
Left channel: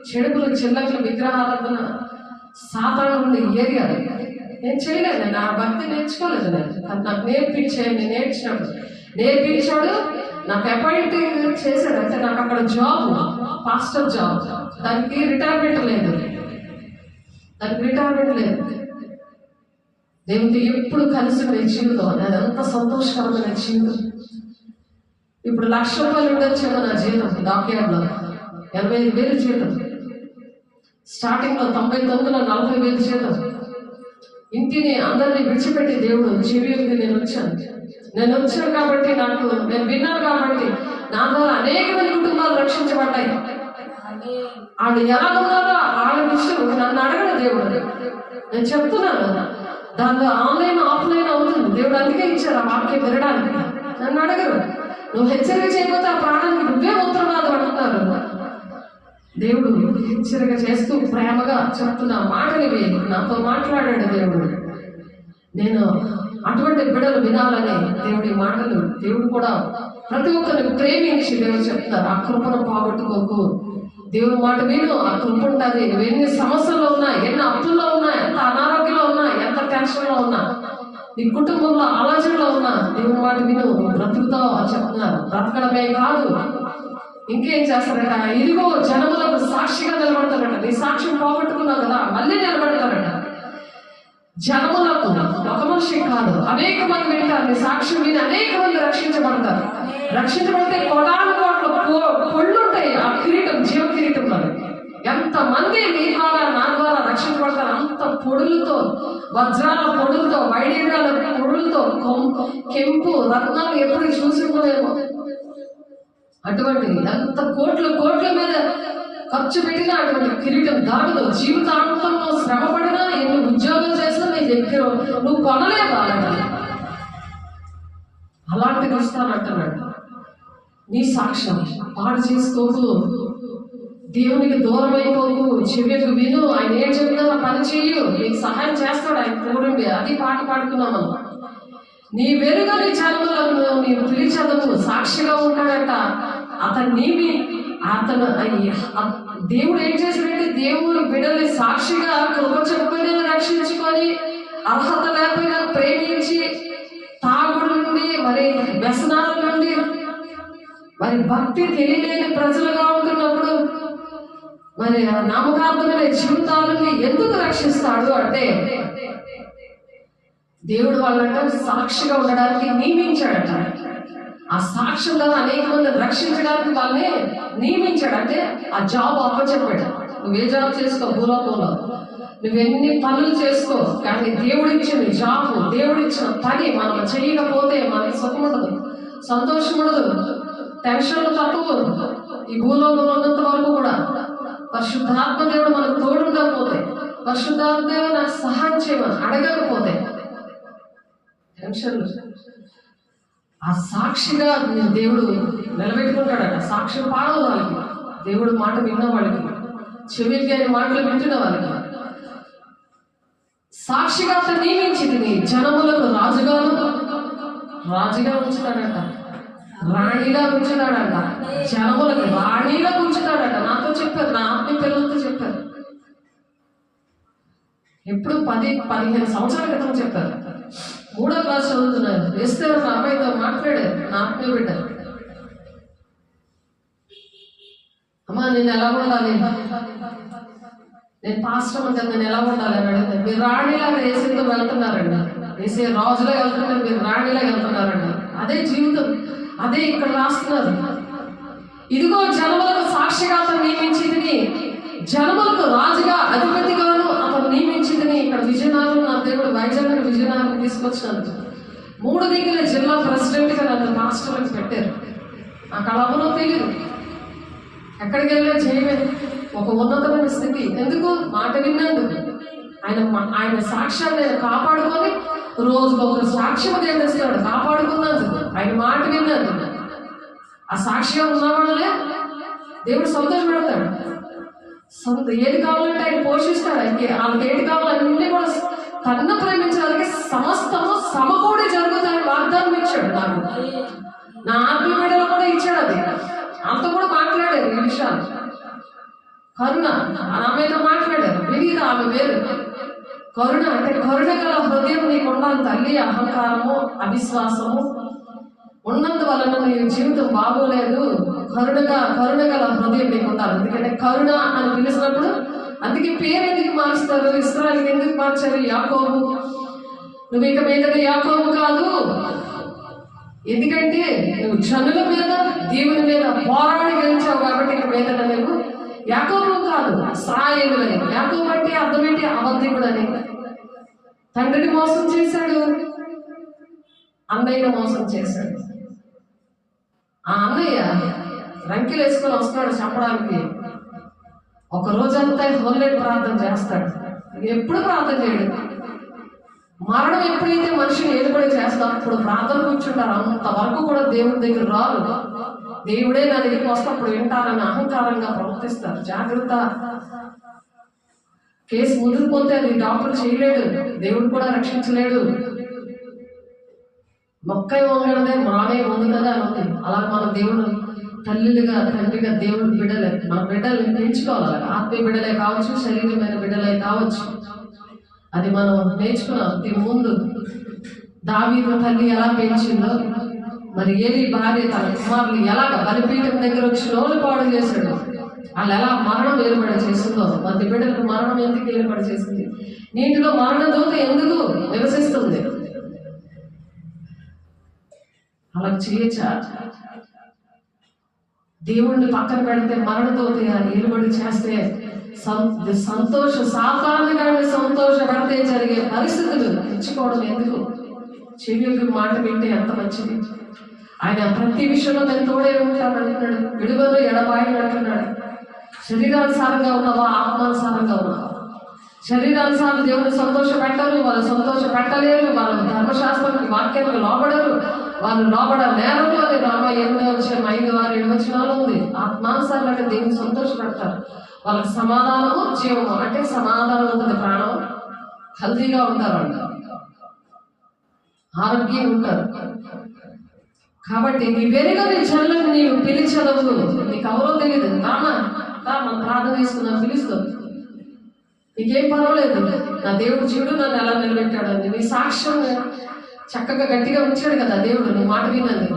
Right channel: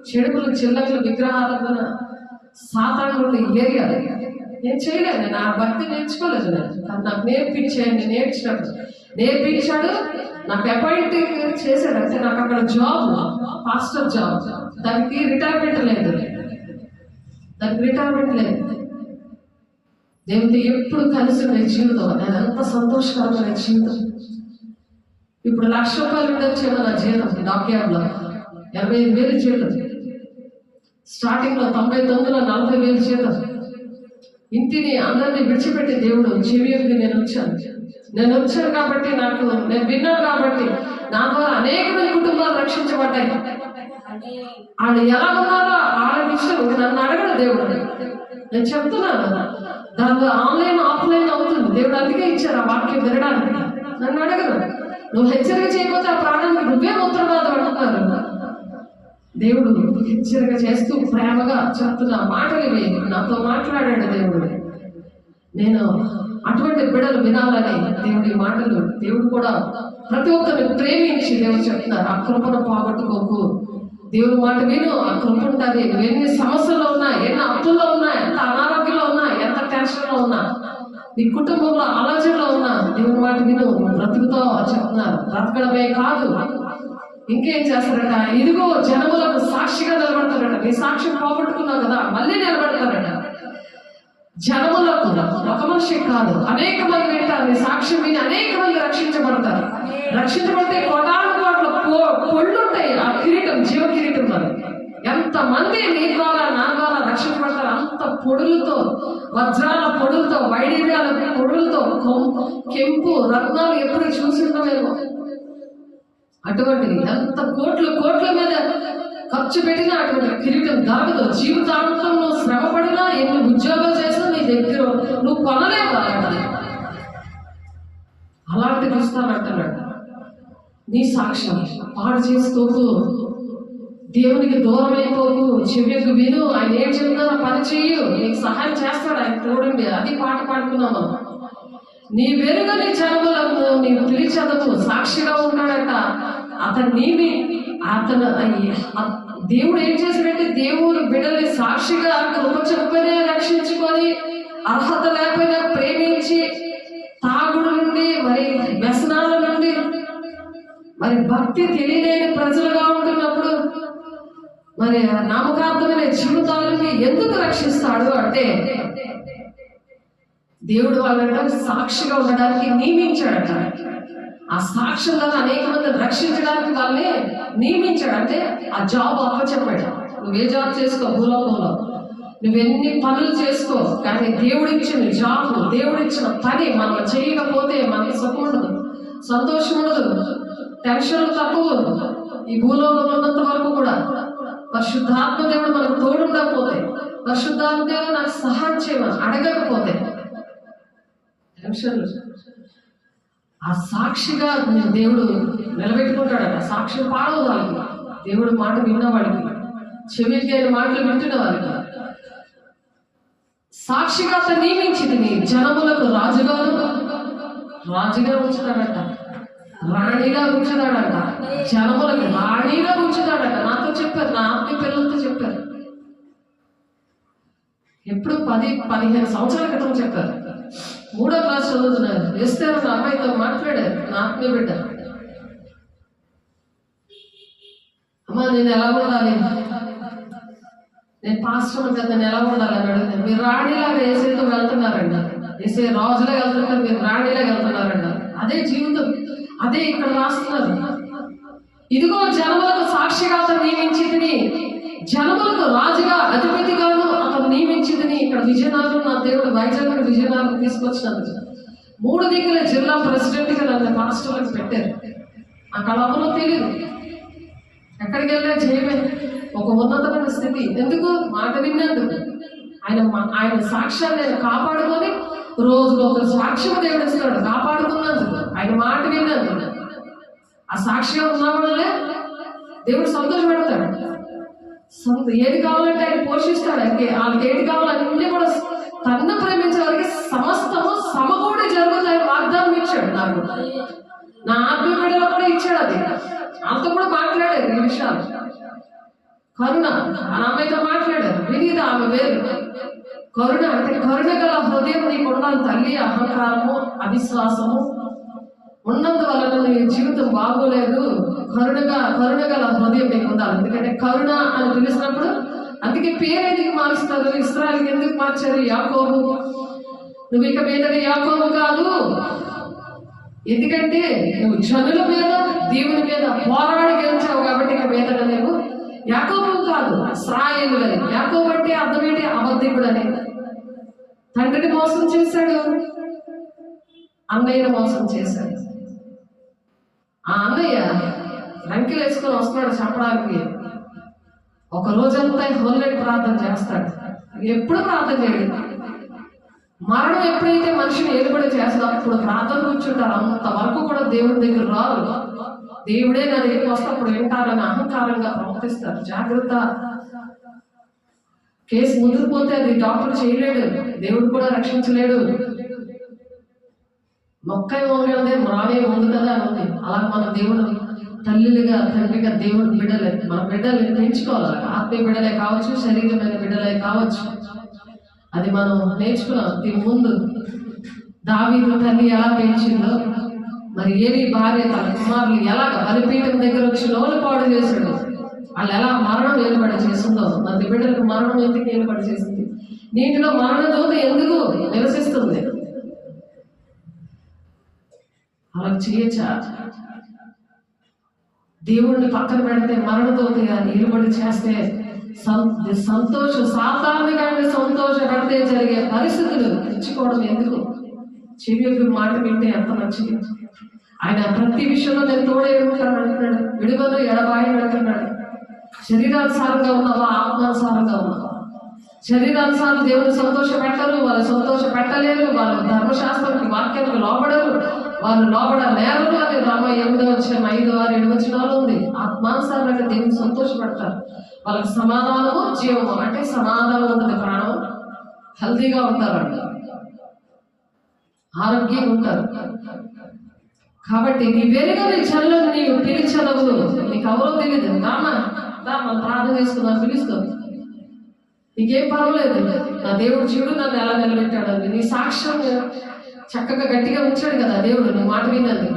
చెడుపులు చిల్లకులు విగ్రహారాధన సాతాను ఉండే ఏరియాలు నేను చేయలేదు. నేను ఆ భక్తి నేర్చుకోలేదు. అది నాకు నేర్పించాను. నేను నేర్పించాడు, నాకు అపాయింటింగ్ చేశాడు. అంటే నాకు అక్కడ జాబ్, పాస్టర్ జాబ్, దానికి రిటైర్మెంట్ లేదు. దేవుడితో ఎప్పుడు కలిసి ఉండే జీవితం, అది ఎంత సంతోషకరమైన జీవితం. ఇప్పుడు 1,00,000 రూపాయలు ఉండొచ్చేమో నా జీవితం. డాక్యార్డ్లో 85,000 జీవితం, స్టార్టింగ్లో 99లో 40,000 జీవితం. ఇంటిని అందరినీ విడిచిపెట్టి దేవుడు చెవికి నేను వచ్చాను కాబట్టి, నేను విన్నాను కాబట్టి నా ద్వారా అనేకమైన కుటుంబాలు రక్షించబడ్డాయి. వాళ్ళు ఎలా ఉన్నారో వాళ్ళ విషయం నన్ను అడగడు దేవుడు. నేను చెప్తున్నాను, దాంట్లో ఆన్లైన్ ఆఫ్లైన్ అవుతుంది. దేవుడు అందుకే ఇచ్చారు ఆ వాక్యం వినడానికి. నన్ను అడగరు. నువ్వు హెచ్చరిక చేయకపోతే ఆ ప్రాణానికి నువ్వే ఉత్తరవాదం అంటున్నారు. దేవుడు హెచ్చరిక చేస్తూ ప్రేమగా చెప్తున్న మాటలు ఇవి. నాతో మాట్లాడాడు దేవుడు. నేను అటువంటి బిడ్డలు వినాలని దేవుడి మాటలు, దేవుడు కూడా ప్రతి ఒక్కరిని ప్రేమించి దేవుడు చెప్తున్నారు, ఆ కృపను పోగొట్టుకోకు, దేవుడి మాట విను, ఆ కృప ఉంటుంది. నువ్వు ఎన్ని సమస్యలు ఉన్నా, ఎన్ని అప్పుల్లో ఉన్నా, ఎంత అనారోగ్యంలో ఉన్నా, ఎంత టెన్షన్లో ఉన్నా, నీ కుటుంబంలో ఆలోచనలో ఉన్నా, దేవుడి మాట విను, బ్రతుకుతో చెప్తున్నారు. బ్రతకడమే కాదు ఇంకేం చేస్తారట, ఇదిగో జనములకు సాక్షిగా నిలబడతారట. నీ సాక్ష్యం పోగొట్టుకున్నావు కదా, మళ్ళీ నిలబడతారట. జనములకు, ఒక మనిషి కాదు, అనేక మంది వింటారు. నీ సాక్ష్యం విని అనేక మంది రక్షించబడతారు. రక్షించబడితే కోటాను కోట్ల పొళ్ళుంటాయి. ఆ కిరీటం, జీవ కిరీటం మరి ఎంతమంది నీ ద్వారా నా ద్వారా రక్షించబడతారు. అంత పొడులతో, వజ్రాల పొడులతో, వైడూర్యాల పొడులతో, కెంపు రత్నాలు ఎప్పుడు చూసిందో అటువంటి ఎంత కోట్ల మీద ఖర్చు పెట్టినా అటువంటి కిరీటం దొరకదు. జీవితాంతంలో శ్రమ పడినా, ఎన్ని ఉద్యోగాలు చేసినా నీ దగ్గర నువ్వు కొనలేవు. అలాంటిది ఇస్తానంటున్నాడు. నీ సాక్ష్యం పాడు చేసుకోకు, దేవునికి దూరం అయిపోకు, చెవికు విను, ఆయన ఏం చెప్తున్నా పని చెయ్యు, నీకు సహాయం చేస్తాడు ఆయన తోడుండి. అది పాట పాడుకున్నాం మనం. నీ వెలుగుని జనములకు నీవు పిలిచెదవు, సాక్షిగా ఉంటాడట. దేవుడు ఏం చేశాడంటే, దేవుడు బిడ్డల్ని సాక్షిగా కృప చెప్పుకొని రక్షించుకొని, అర్హత లేకపోయినా ప్రేమించి, తాగుడు నుండి, మరి వ్యసనాల నుండి, మరి భక్తి తెలియలేని ప్రజలుగా ఉంటున్నప్పుడు, మరి నమ్మకార్థమైన జీవితాలని ఎందుకు రక్షిస్తాడు అంటే, దేవుడు వాళ్ళంటే సాక్షిగా ఉండడానికి నియమించాడట. ఆ సాక్ష్యంలో అనేక మంది రక్షించడానికి వాళ్ళని నియమించాడు. అంటే ఆ జాబ్ అప్పచెప్పాడు. నువ్వే జాబ్ చేసుకో, భూలోకంలో నువ్వెన్ని పనులు చేసుకో, కానీ దేవుడిచ్చిన జాబ్, దేవుడిచ్చిన పని మనం చేయకపోతే మనకి సుఖం ఉండదు, సంతోషం ఉండదు, టెన్షన్లు తక్కువ. ఈ భూలోకంలో ఉన్నంత వరకు కూడా పరిశుద్ధాత్మ దేవుడు మనకు తోడుండకపోతే, పరిశుద్ధాత్మ దేవుడు నాకు సహాయం చేయమని అడగకపోతే టెన్షన్లు. ఆ సాక్షిగా దేవుడు నిలబెట్టుకుంటాడట. సాక్షి పాడవు వాళ్ళకి, దేవుడు మాట విన్న వాళ్ళకి, చెవికి ఆయన మాటలు వింటున్న వాళ్ళకి. సాక్షిగా అతను నియమించింది నీ జనములకు రాజుగా ఉంచుతాడట, రాణిగా ఉంచుతాడట, జనములకు రాణిగా ఉంచుతాడట. నాతో చెప్పారు, నా ఆత్మీయ పిల్లలతో చెప్పారు. ఎప్పుడు 10-15 సంవత్సరాల క్రితం చెప్పారు. 3వ క్లాస్ చదువుతున్నారు. ఎస్తేర్ ఒక అమ్మాయితో మాట్లాడారు, నా ఆత్మీయ బిడ్డ. అమ్మా నేను ఎలా ఉండాలి, నేను పాస్టర్ అంటే నేను ఎలా ఉండాలి అని అడిగితే, మీరు రాణిలాగా ఏసీతో వెళ్తున్నారండి, ఏసీ రాజులా వెళ్తున్నారు, మీరు రాణిలా వెళ్తున్నారండి. అదే జీవితం, అదే ఇక్కడ రాస్తున్నారు. ఇదిగో జనములకు సాక్షిగా అతను నియమించింది, జనములకు రాజుగా అధిపతిగాను అతను నియమించింది. ఇక్కడ విజయనగరం నా దేవుడు వైజాగ్ విజయనగరం తీసుకొచ్చినందుకు 3 దిక్కుల జిల్లా ప్రెసిడెంట్గా నన్ను రాష్ట్రాలకు పెట్టారు. అక్కడ ఎవరో తెలియదు, ఎక్కడికి వెళ్ళా చేయమే, ఒక ఉన్నతమైన స్థితి. ఎందుకు? మాట విన్నందుకు. ఆయన సాక్ష్యాన్ని కాపాడుకొని రోజుకు ఒక సాక్ష్యం దేవుడు ఇస్తాడు, కాపాడుకున్నందుకు, ఆయన మాట విన్నందుకు. ఆ సాక్ష్యం ఉన్న వాళ్ళే దేవుడు సంతోషపెడతాడు. ఏది కావాలంటే ఆయన పోషిస్తాడు. వాళ్ళకి ఏది కావాలన్నీ కూడా తన్ను ప్రేమించే వారికి సమస్తము సమకూడి జరుగుతాయి వాగ్దానం ఇచ్చాడు. నాకు నా ఆత్మీయ బిడ్డలు కూడా ఇచ్చాడు. అది అంతా కూడా మాట్లాడారు ఈ విషయాలు. కరుణ ఆమెతో మాట్లాడారు. వినీత ఆమె వేరు. కరుణ అంటే కరుణ గల హృదయం నీకు ఉండాలి తల్లి. అహంకారము అవిశ్వాసము ఉన్నందువలన నీ జీవితం బాగోలేదు. కరుణ గల హృదయం నీకు ఉండాలి. ఎందుకంటే కరుణ అని పిలిచినప్పుడు, అందుకే పేరు ఎందుకు మారుస్తారు? ఇశ్రాయేలుకి ఎందుకు మార్చారు? యాకోబు. నువ్వు ఇక మీదట యాకోబు కాదు, ఎందుకంటే నువ్వు జనుల మీద దేవుని మీద పోరాడి గెలిచావు కాబట్టి ఇక మీదట నువ్వు యాకోబు కాదు, ఇశ్రాయేలులని. యాకోబు అంటే అర్థం ఏంటి? అబద్ధికుడు అని. తండ్రిని మోసం చేశాడు, అన్నయ్యను మోసం చేశాడు. ఆ అన్నయ్య రంకెలు వేసుకొని వస్తున్నాడు చెప్పడానికి. ఒక రోజంతా హోల్లేట్ ప్రార్థన చేస్తాడు, ఎప్పుడు ప్రార్థన చేయడు. మరణం ఎప్పుడైతే మనిషిని ఏలుబడి చేస్తాడు అప్పుడు ప్రార్థన కూర్చుంటారు. అంతవరకు కూడా దేవుడి దగ్గర రారు. దేవుడే నా దగ్గరికి వస్తే అప్పుడు వింటారని అహంకారంగా ప్రవర్తిస్తారు. జాగ్రత్త. కేసు ముదిరిపోతే అది డాక్టర్ చేయలేడు, దేవుడు కూడా రక్షించలేడు. మొక్కై వంగనదే మానే ఉంది కదా అని. అలా మన దేవుడు తల్లిగా తండ్రిగా దేవుడు బిడ్డలే, మన బిడ్డల్ని పెంచుకోవాలి. ఆత్మీయ బిడ్డలే కావచ్చు, శరీరమైన బిడ్డలే కావచ్చు. అది మనం నేర్చుకున్నాం. దీని ముందు దావీదు తల్లి ఎలా పెంచిందో, మరి ఏలి భార్య తన కుమారులు ఎలాగ బలిపీఠం దగ్గర వచ్చి నోలు పాడు చేశాడు, వాళ్ళు ఎలా మరణం ఏలుబడి చేసిందో. మరి బిడ్డలకు మరణం ఎందుకు ఏలుబడి చేసింది? నీటిలో మరణ దూత ఎందుకు నివసిస్తుంది? అలా చేయొచ్చా? దేవుణ్ణి పక్కన పెడితే మరణదోతే ఏలుబడి చేస్తే సాధారణంగా సంతోష పెడితే జరిగే పరిస్థితులు తెచ్చుకోవడం ఎందుకు? చెవి మాట వింటే ఎంత మంచిది. ఆయన ప్రతి విషయంలో నేను తోడే ఉంటాను అంటున్నాడు. విడుదల ఎడబాయి అంటున్నాడు. శరీరానుసారంగా ఉన్నావా, ఆత్మానుసారంగా ఉన్నావా? శరీరానుసారం దేవుడు సంతోష పెట్టరు, వాళ్ళు సంతోష పెట్టలేరు, వాళ్ళు ధర్మశాస్త్రానికి వాక్యానికి లోబడరు, వాళ్ళు లోబడ నేరలు అని రామ 8:5-7 ఉంది. ఆత్మానుసారంగా దేవుని సంతోష పెడతారు. వాళ్ళకి సమాధానము జీవము, అంటే సమాధానం ఉంటుంది, ప్రాణం హెల్తీగా ఉంటారు, వాళ్ళు ఆరోగ్యంగా ఉంటారు. కాబట్టి నీ వెలుగని చల్లని నీవు పిలిచదవు. నీకు ఎవరో తెలియదు, మనం ప్రార్థన చేసుకుందాం, పిలుస్తాం, నీకేం పర్వాలేదు. నా దేవుడు చూడు నన్ను ఎలా నిలబెట్టాడండి. నీ సాక్ష్యం చక్కగా గట్టిగా ఉంచాడు కదా దేవుడు. నీ మాట విన్నది,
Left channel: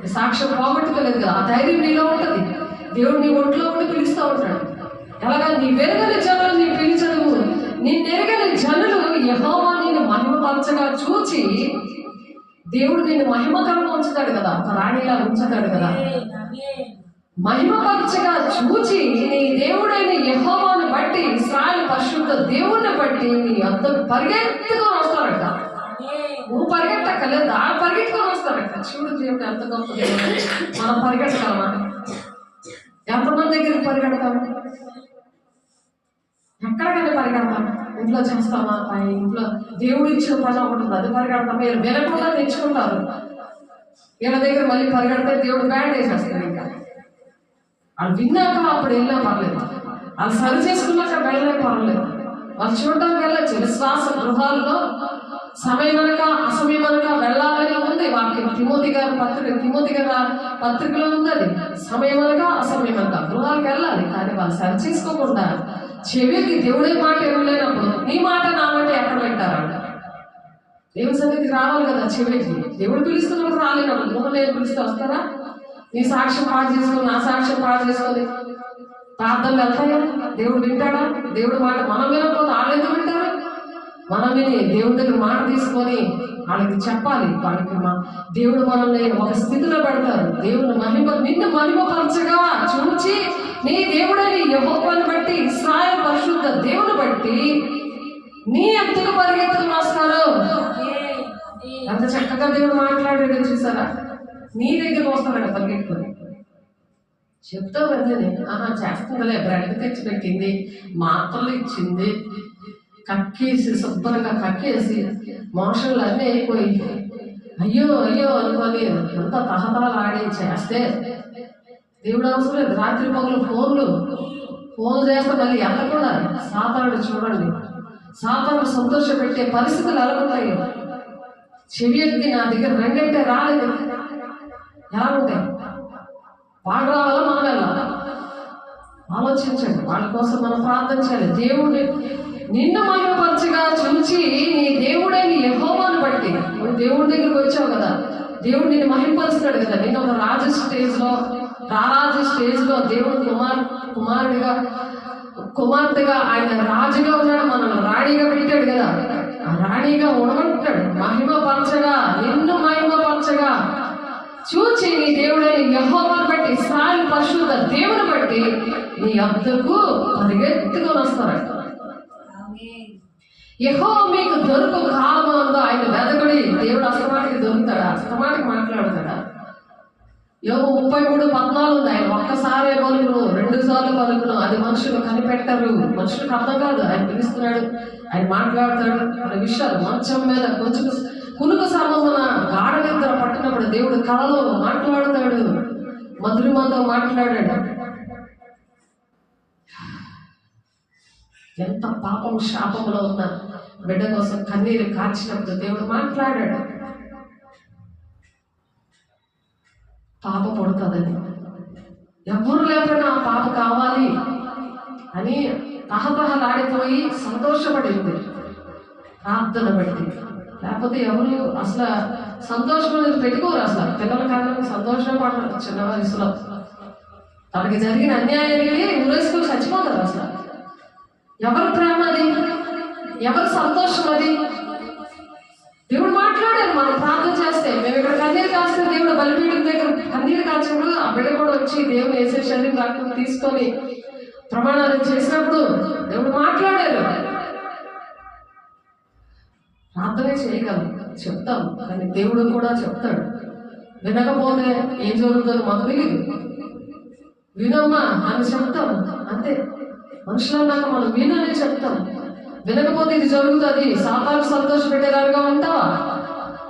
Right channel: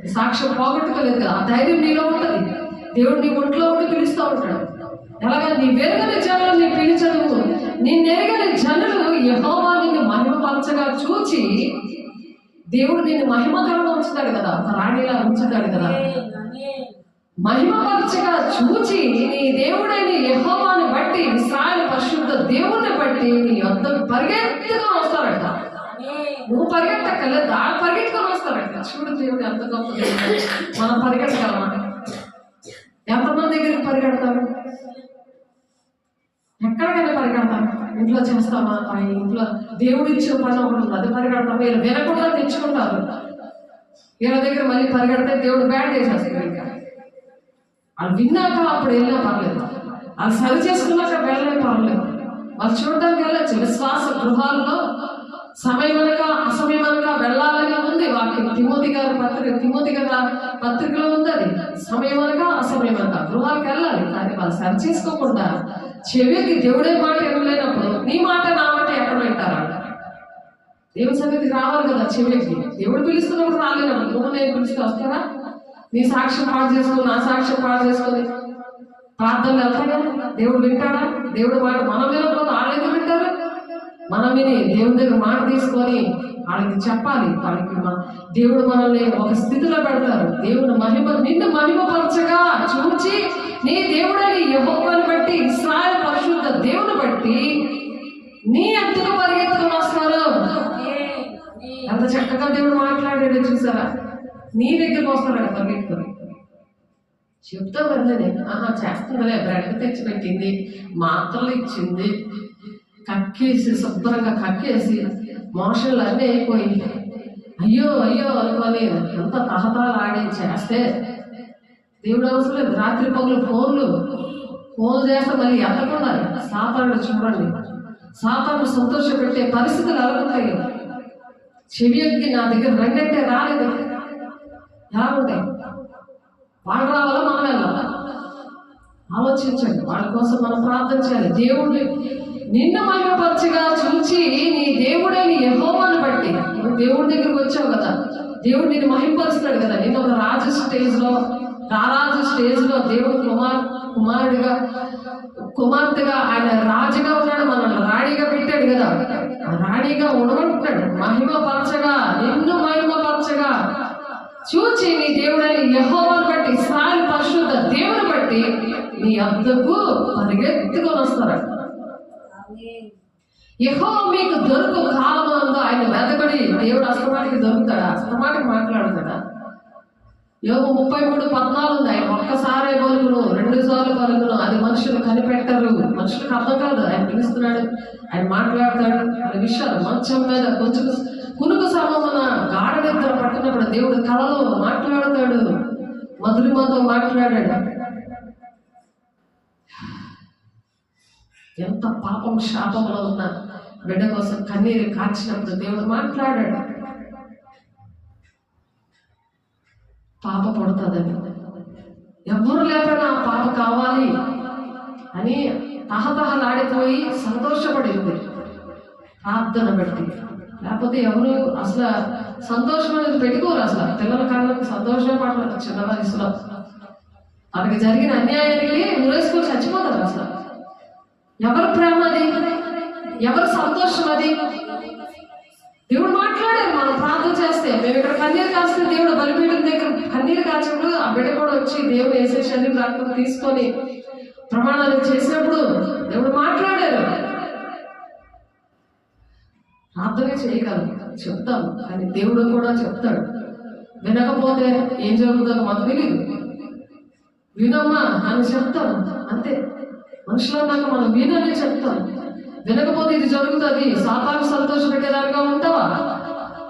నీ సాక్ష్యం పోగొట్టుకోలేదు కదా. ఆ ధైర్యం నీలో ఉంటుంది. దేవుడు నీ ఒంట్లో ఉండి పిలుస్తూ ఉంటాడు. ఎలాగా? నీ వెలుగని జనులు నీ పిలిచదువు. నిన్నెరగని జనులు యెహోవా నిన్ను మహిమపరచగా చూచి, దేవుడు నిన్ను మహిమకరంగా ఉంచుతాడు కదా, ఒక రాణిలా ఉంచుతాడు కదా. మహిమపరచగా చూచి నీ దేవుడైన యెహోవాను బట్టి, ఇశ్రాయేలు పరిశుద్ధ దేవుణ్ణి బట్టి నీ వద్దకు పరిగెత్తుకొని వస్తారట. నువ్వు పరిగెట్టక్కర్లేదు, ఆ పరిగెత్తుకొని వస్తారట. చూడు దేవుడు ఎంత గొప్ప. మనం పరిగెట్టగలమా? ఎంతమంది దగ్గరికి పరిగెడతాం? ఎక్కడికైనా పరిగెడతాం. ఇంట్లో చేస్తామా? ఇంట్లో దేవుడు ఇచ్చిన పని ఒకటి ఉంది, అది పరిగెడతామా? వీళ్ళు వినకుండా తెచ్చుకుంటారు. వీళ్ళ దగ్గర మళ్ళీ పరిగెడితే దేవుడు బ్యాన్ చేసేస్తారు. ఇంకా వాళ్ళు విన్నాక అప్పుడు వెళ్ళినా పర్లేదు, వాళ్ళు సరి చేసుకున్నాక వెళ్ళలే పర్లేదు. వాళ్ళు చూడడానికి వెళ్ళచ్చు. విశ్వాస గృహాల్లో సమయం అనగా అసమయం అనగా వెళ్ళాలని ఉంది వాక్యం. తిమోతి గారి పత్రికలో ఉంది అది. సమయం అనగా అసమయం అనగా గృహాలకు వెళ్ళాలి, కానీ వాళ్ళు సరి చేసుకోకుండా చెవికి దేవుడే మాట వినలేనప్పుడు నీ మాట నా మాట ఎక్కడ వింటారా? దేవుని సన్నిధికి రావాలి కదా చెవికి. దేవుడు పిలుస్తున్నప్పుడు రాలేనప్పుడు నువ్వు నేను పిలిస్తే వస్తారా? నీ సాక్ష్యం పాడు చేసుకొని నా సాక్ష్యం పాడు చేసుకొని ప్రార్థనలు వెళ్తాయా? దేవుడు వింటాడా? దేవుడు మాట మనం వినకపోతే వాళ్ళెందుకు వింటారు? మనం విని దేవుడి దగ్గర మాట తీసుకొని వాళ్ళకి చెప్పాలి. వాళ్ళకి దేవుడు మనల్ని ఒక స్థితిలో పెడతారు. దేవుడు నిన్ను మహిమపరచగా చూచి నీ దేవుడని యెహోవాను బట్టి ఇశ్రాయేలు పరిశుద్ధ దేవుని బట్టి నీ ఎత్తుకు పరిగెత్తుకు వస్తారు. అంత చక్కగా దేవుడు మాట్లాడాడు చూసారా? నీ దగ్గరకు వస్తాడు పరిగెత్తుకొని. చెప్తావు కదండి, చేస్తుందిలే, బ్రెడ్ తెచ్చి పెట్టింది, మాత్రలు ఇచ్చింది, కక్కేసి శుభ్రంగా కక్కేసి మోషన్లు అన్నీ అయిపోయి అయ్యో అయ్యో అనుకొని ఎంత తహతహాలు ఆడి చేస్తే దేవుడు అవసరం లేదు. రాత్రి పగులు ఫోన్లు చేస్తే మళ్ళీ వెళ్ళకుండా సాతానుడు చూడండి, సాతాను సంతోష పెట్టే పరిస్థితులు ఎలాగుంటాయి? చెవి ఎక్కి నా దగ్గర రంగంటే రాలేదు, ఎలా ఉంటాయి? వాళ్ళు రావాలా మనం వెళ్ళాలా? ఆలోచించండి. వాళ్ళ కోసం మనం ప్రార్థన చేయాలి. దేవుడు నిన్ను మహిమపరచగా చూచి నీ దేవుడని యెహోవాను బట్టి నువ్వు దేవుడి దగ్గరికి వచ్చావు కదా, దేవుడు నిన్ను మహిమపరుస్తాడు కదా. నిన్ను ఒక రాజు స్టేజ్లో దేవుడు కుమార్తెగా ఆయన రాజుగా ఉన్నాడు, మనల్ని రాణిగా పెట్టాడు కదా. ఆ రాణిగా ఉండమంటున్నాడు. నిన్ను మహిమపరచగా చూచి నీ దేవుడని యెహోవాను బట్టి ఇశ్రాయేలు పరిశుద్ధ దేవుని బట్టి నీ వద్దకు పరిగెత్తుకొని వస్తాడు. యెహోవా మీకు దొరుకు కాలమందు ఆయన వెదకడి. దేవుడు అస్తమాటికి దొరుకుతాడా? అస్తమాటికి మాట్లాడతాడా? యోబు 33:14 ఉంది. ఆయన ఒక్కసారే పలుకును, 2 సార్లు పలుకును, అది మనుషులు కనిపెట్టరు, మనుషులకు అర్థం కాదు. ఆయన పిలుస్తున్నాడు, ఆయన మాట్లాడతాడు. అనే విషయాలు మంచం మీద కొంచెం కునుకు సమమున గాఢ నిద్ర పట్టినప్పుడు దేవుడు కలలో మాట్లాడతాడు, మధురిమతో మాట్లాడాడు. ఎంత పాపం శాపంలో ఉన్న బిడ్డ కోసం కన్నీరు కార్చినప్పుడు దేవుడు మాట్లాడాడు. పాప పుడుతుందని ఎవరు లేకపోయినా ఆ పాప కావాలి అని తహతహలాడిపోయి సంతోషపడింది ప్రార్థన బట్టి. లేకపోతే ఎవరు అసలు సంతోషం అనేది పెట్టుకోరు. అసలు పిల్లల కన్నా సంతోషం పడతారు. చిన్న వయసులో తనకి జరిగిన అన్యాయానికి ఉరేసుకొని చచ్చిపోతారు. అసలు ఎవరి ప్రేమ అది? ఎవరి సంతోషం అది? దేవుడు మాట్లాడారు. మనం ప్రార్థన చేస్తే, మేము ఇక్కడ కన్నీరు కాస్తే దేవుడు బలిపీఠం దగ్గర కన్నీరు కాచినప్పుడు ఆ బిడ్డ కూడా వచ్చి దేవుడు వేసే శరీరం రక్తం తీసుకొని ప్రమాణాలు చేసినప్పుడు దేవుడు మాట్లాడారు. ప్రార్థనే చేయగలం, చెప్తాం, కానీ దేవుడు కూడా చెప్తాడు. వినకపోతే ఏం జరుగుతుందో మాకు తెలియదు. వినమ్మా అని చెప్తాం, అంతే. మనుషులన్నాక మనం వినని చెప్తాం. వినకపోతే ఇది జరుగుతుంది. సాతాను సంతోష పెట్టేదానిగా ఉంటావా?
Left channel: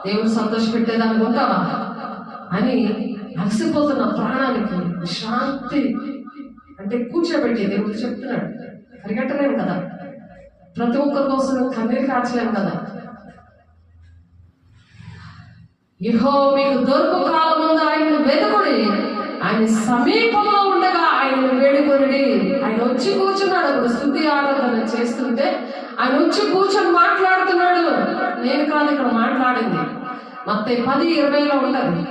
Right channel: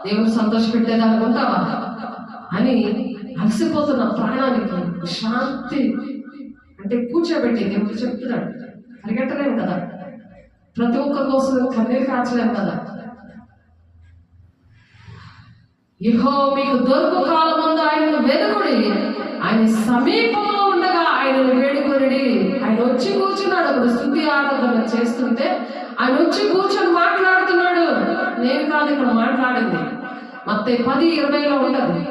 దేవుడు సంతోష పెట్టేదానికి ఉంటావా అని అలసిపోతున్న ప్రాణానికి శాంతి అంటే కూర్చోబెట్టి దేవుడు చెప్తున్నాడు. పరిగెట్టలేము కదా, ప్రతి ఒక్కరి కోసం కన్నీరు కాచలేము కదా. యెహోవా మీకు దొరుకు కాలమందు ఆయన వెదకుడి, ఆయన సమీపంలో ఉండగా ఆయనను వేడుకొనిడి. ఆయన వచ్చి కూర్చున్నాడు. అప్పుడు స్తుతి ఆరాధన చేస్తుంటే ఆయన వచ్చి కూర్చొని మాట్లాడుతున్నాడు. నేను కాదు ఇక్కడ మాట్లాడింది, మత్తయి 10:20 ఉంటుంది.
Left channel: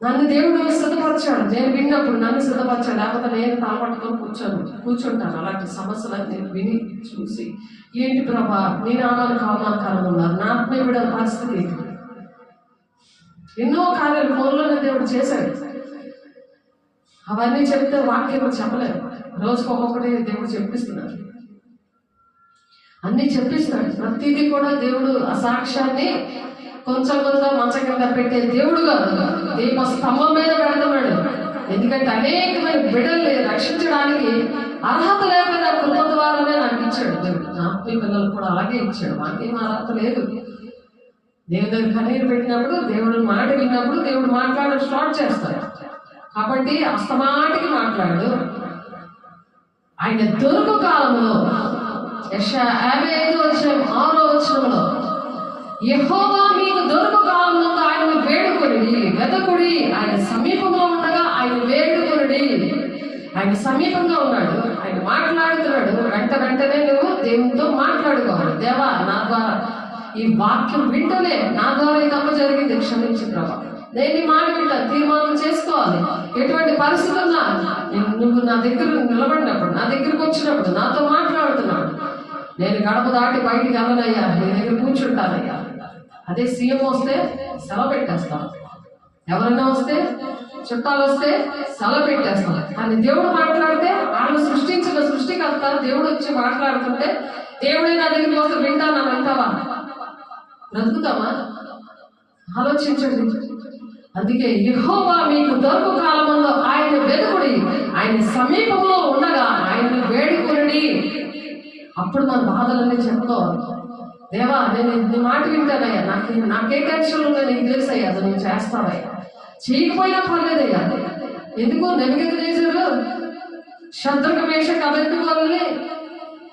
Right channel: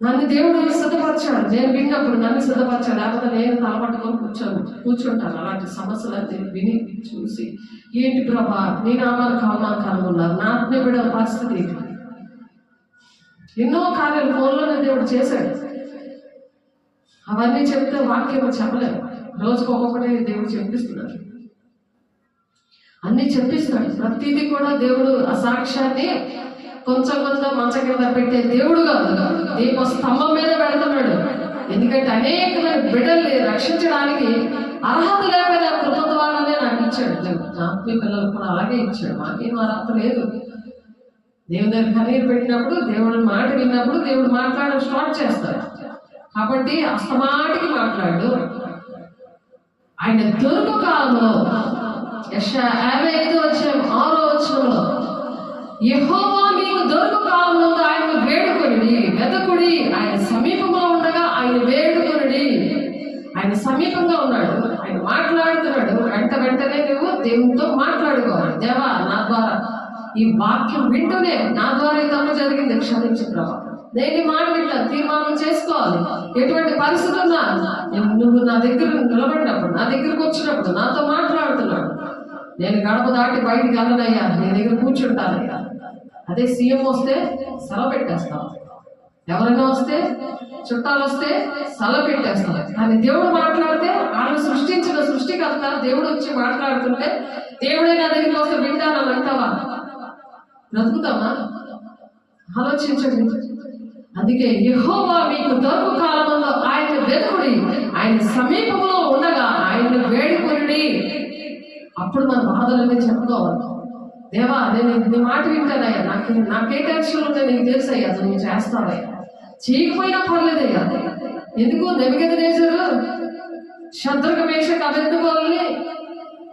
నన్ను దేవుడు సిద్ధపరచాడు. నేను విన్నప్పుడు నన్ను సిద్ధపరచాడు. లేకపోతే నేను తలపట్టుకొని కూర్చుంటాను. అలాంటి సమస్యలను నేను విని చూసి, ఏంటి ప్రభా నీ నామానికి అవమానకరంగా ఉన్నారు, నా ఆత్మీయ బిడ్డల పరిస్థితి ఏంటి? ఎన్నో కార్యాలు ఫోన్లోనే దేవుడు చేశాడు. అవన్నీ చెప్తే వాక్యం చెప్పలేదు. రోజుకు ఒక్కొక్కటి దేవుడు చెప్పిస్తున్నాడు, అన్ని చెప్పిస్తున్నాడు. ప్రతిదీ కూడా దేవుడు ఆ సాక్ష్యాన్ని కొంచెం మంచం కింద పెట్టే దేవుడు కాదు, దీప స్తంభం మీద పెడుతున్నాడు. ఎందుకంటే అనేకమైన బిడ్డల్ని రక్షించడానికి అర్హత లేకపోయినా కృప ద్వారానే నాకు ఇచ్చాడు దేవుడు. నాకు మీ పిల్లలకు కూడా అలాగే ఇచ్చాడు. మాకేం అర్హత లేదు. దేవుడి దగ్గర కన్నీరు పెట్టినప్పుడు, దేవుడి మాట విన్నప్పుడు దేవుడు మాట్లాడడం స్టార్ట్ చేస్తాడు. కాబట్టి అస్తమాటికి మాట్లాడు. ఆయన దొరుకు కాలంలో యెషయా 55:6 యెహోవా మీకు దొరుకు కాలంలో ఆయన వేడుకొనుడి, వెదకుడి, ఆయన సమీపంలో ఉండగా ఆయన వేడుకొనుడి. ఆయన సమీపంగా ఉన్నాడు. ఆయన మాట మాట్లాడుతున్నాడు, వెంటనే నువ్వు దేవునితో మాట్లాడుకోవాలి. దేవా, నా ద్వారా ఈ వాక్యం వింటూనే నా ద్వారా ఈ తప్పు జరిగింది, క్షమించు ప్రభా. నేను ఈ మాట వింటాను, తీర్మానం చేసుకోవాలి. ఎటువంటి పరిస్థితి ఉన్నా నువ్వు నా దగ్గర నిలబడినప్పుడు, నా దగ్గరకు వచ్చినప్పుడు, నాతో మాట్లాడుతున్నాడు, నేను గడప దాటి బయటికి వెళ్ళనయ్యా, నీ దగ్గర కూర్చుంటానయ్యా. అదే సీఎం వస్తే సెలవు పెట్టేస్తాం, ఎవరైనా వస్తే చుట్టాలు వస్తే సెలవు పెట్టేస్తాం. కానీ దేవుడు మాట్లాడితే, వాళ్ళని సృష్టించిన సృష్టికర్త దేవుడు వచ్చి మాట్లాడుతుంటే, దేవుడే నా దగ్గరికి వస్తే వింటానని అంటావా? బ్రతుకుతామా? ఆలోచించండి. అందుకే యెహోవా మీకు దొరకు కాలమంలో ఆయన వెతుకుడి, ఆయన సమీపంలో ఉండగా ఆయన వేడుకొనుడి. అప్పుడు మన బాధలన్నీ చెప్పుకోవాలి. దేవా, నేను నీ మాట వింటానయ్యా, నాకే టెన్షన్ ఉంటే నీకు తెలుసయ్యా, అది నువ్వు చేస్తావయ్యా. చేయకపోయినా పర్లేదయ్యా. ఎందుకు నెబుకద్నెజరు శద్రకు మేషకు అబేద్నెగోల్ని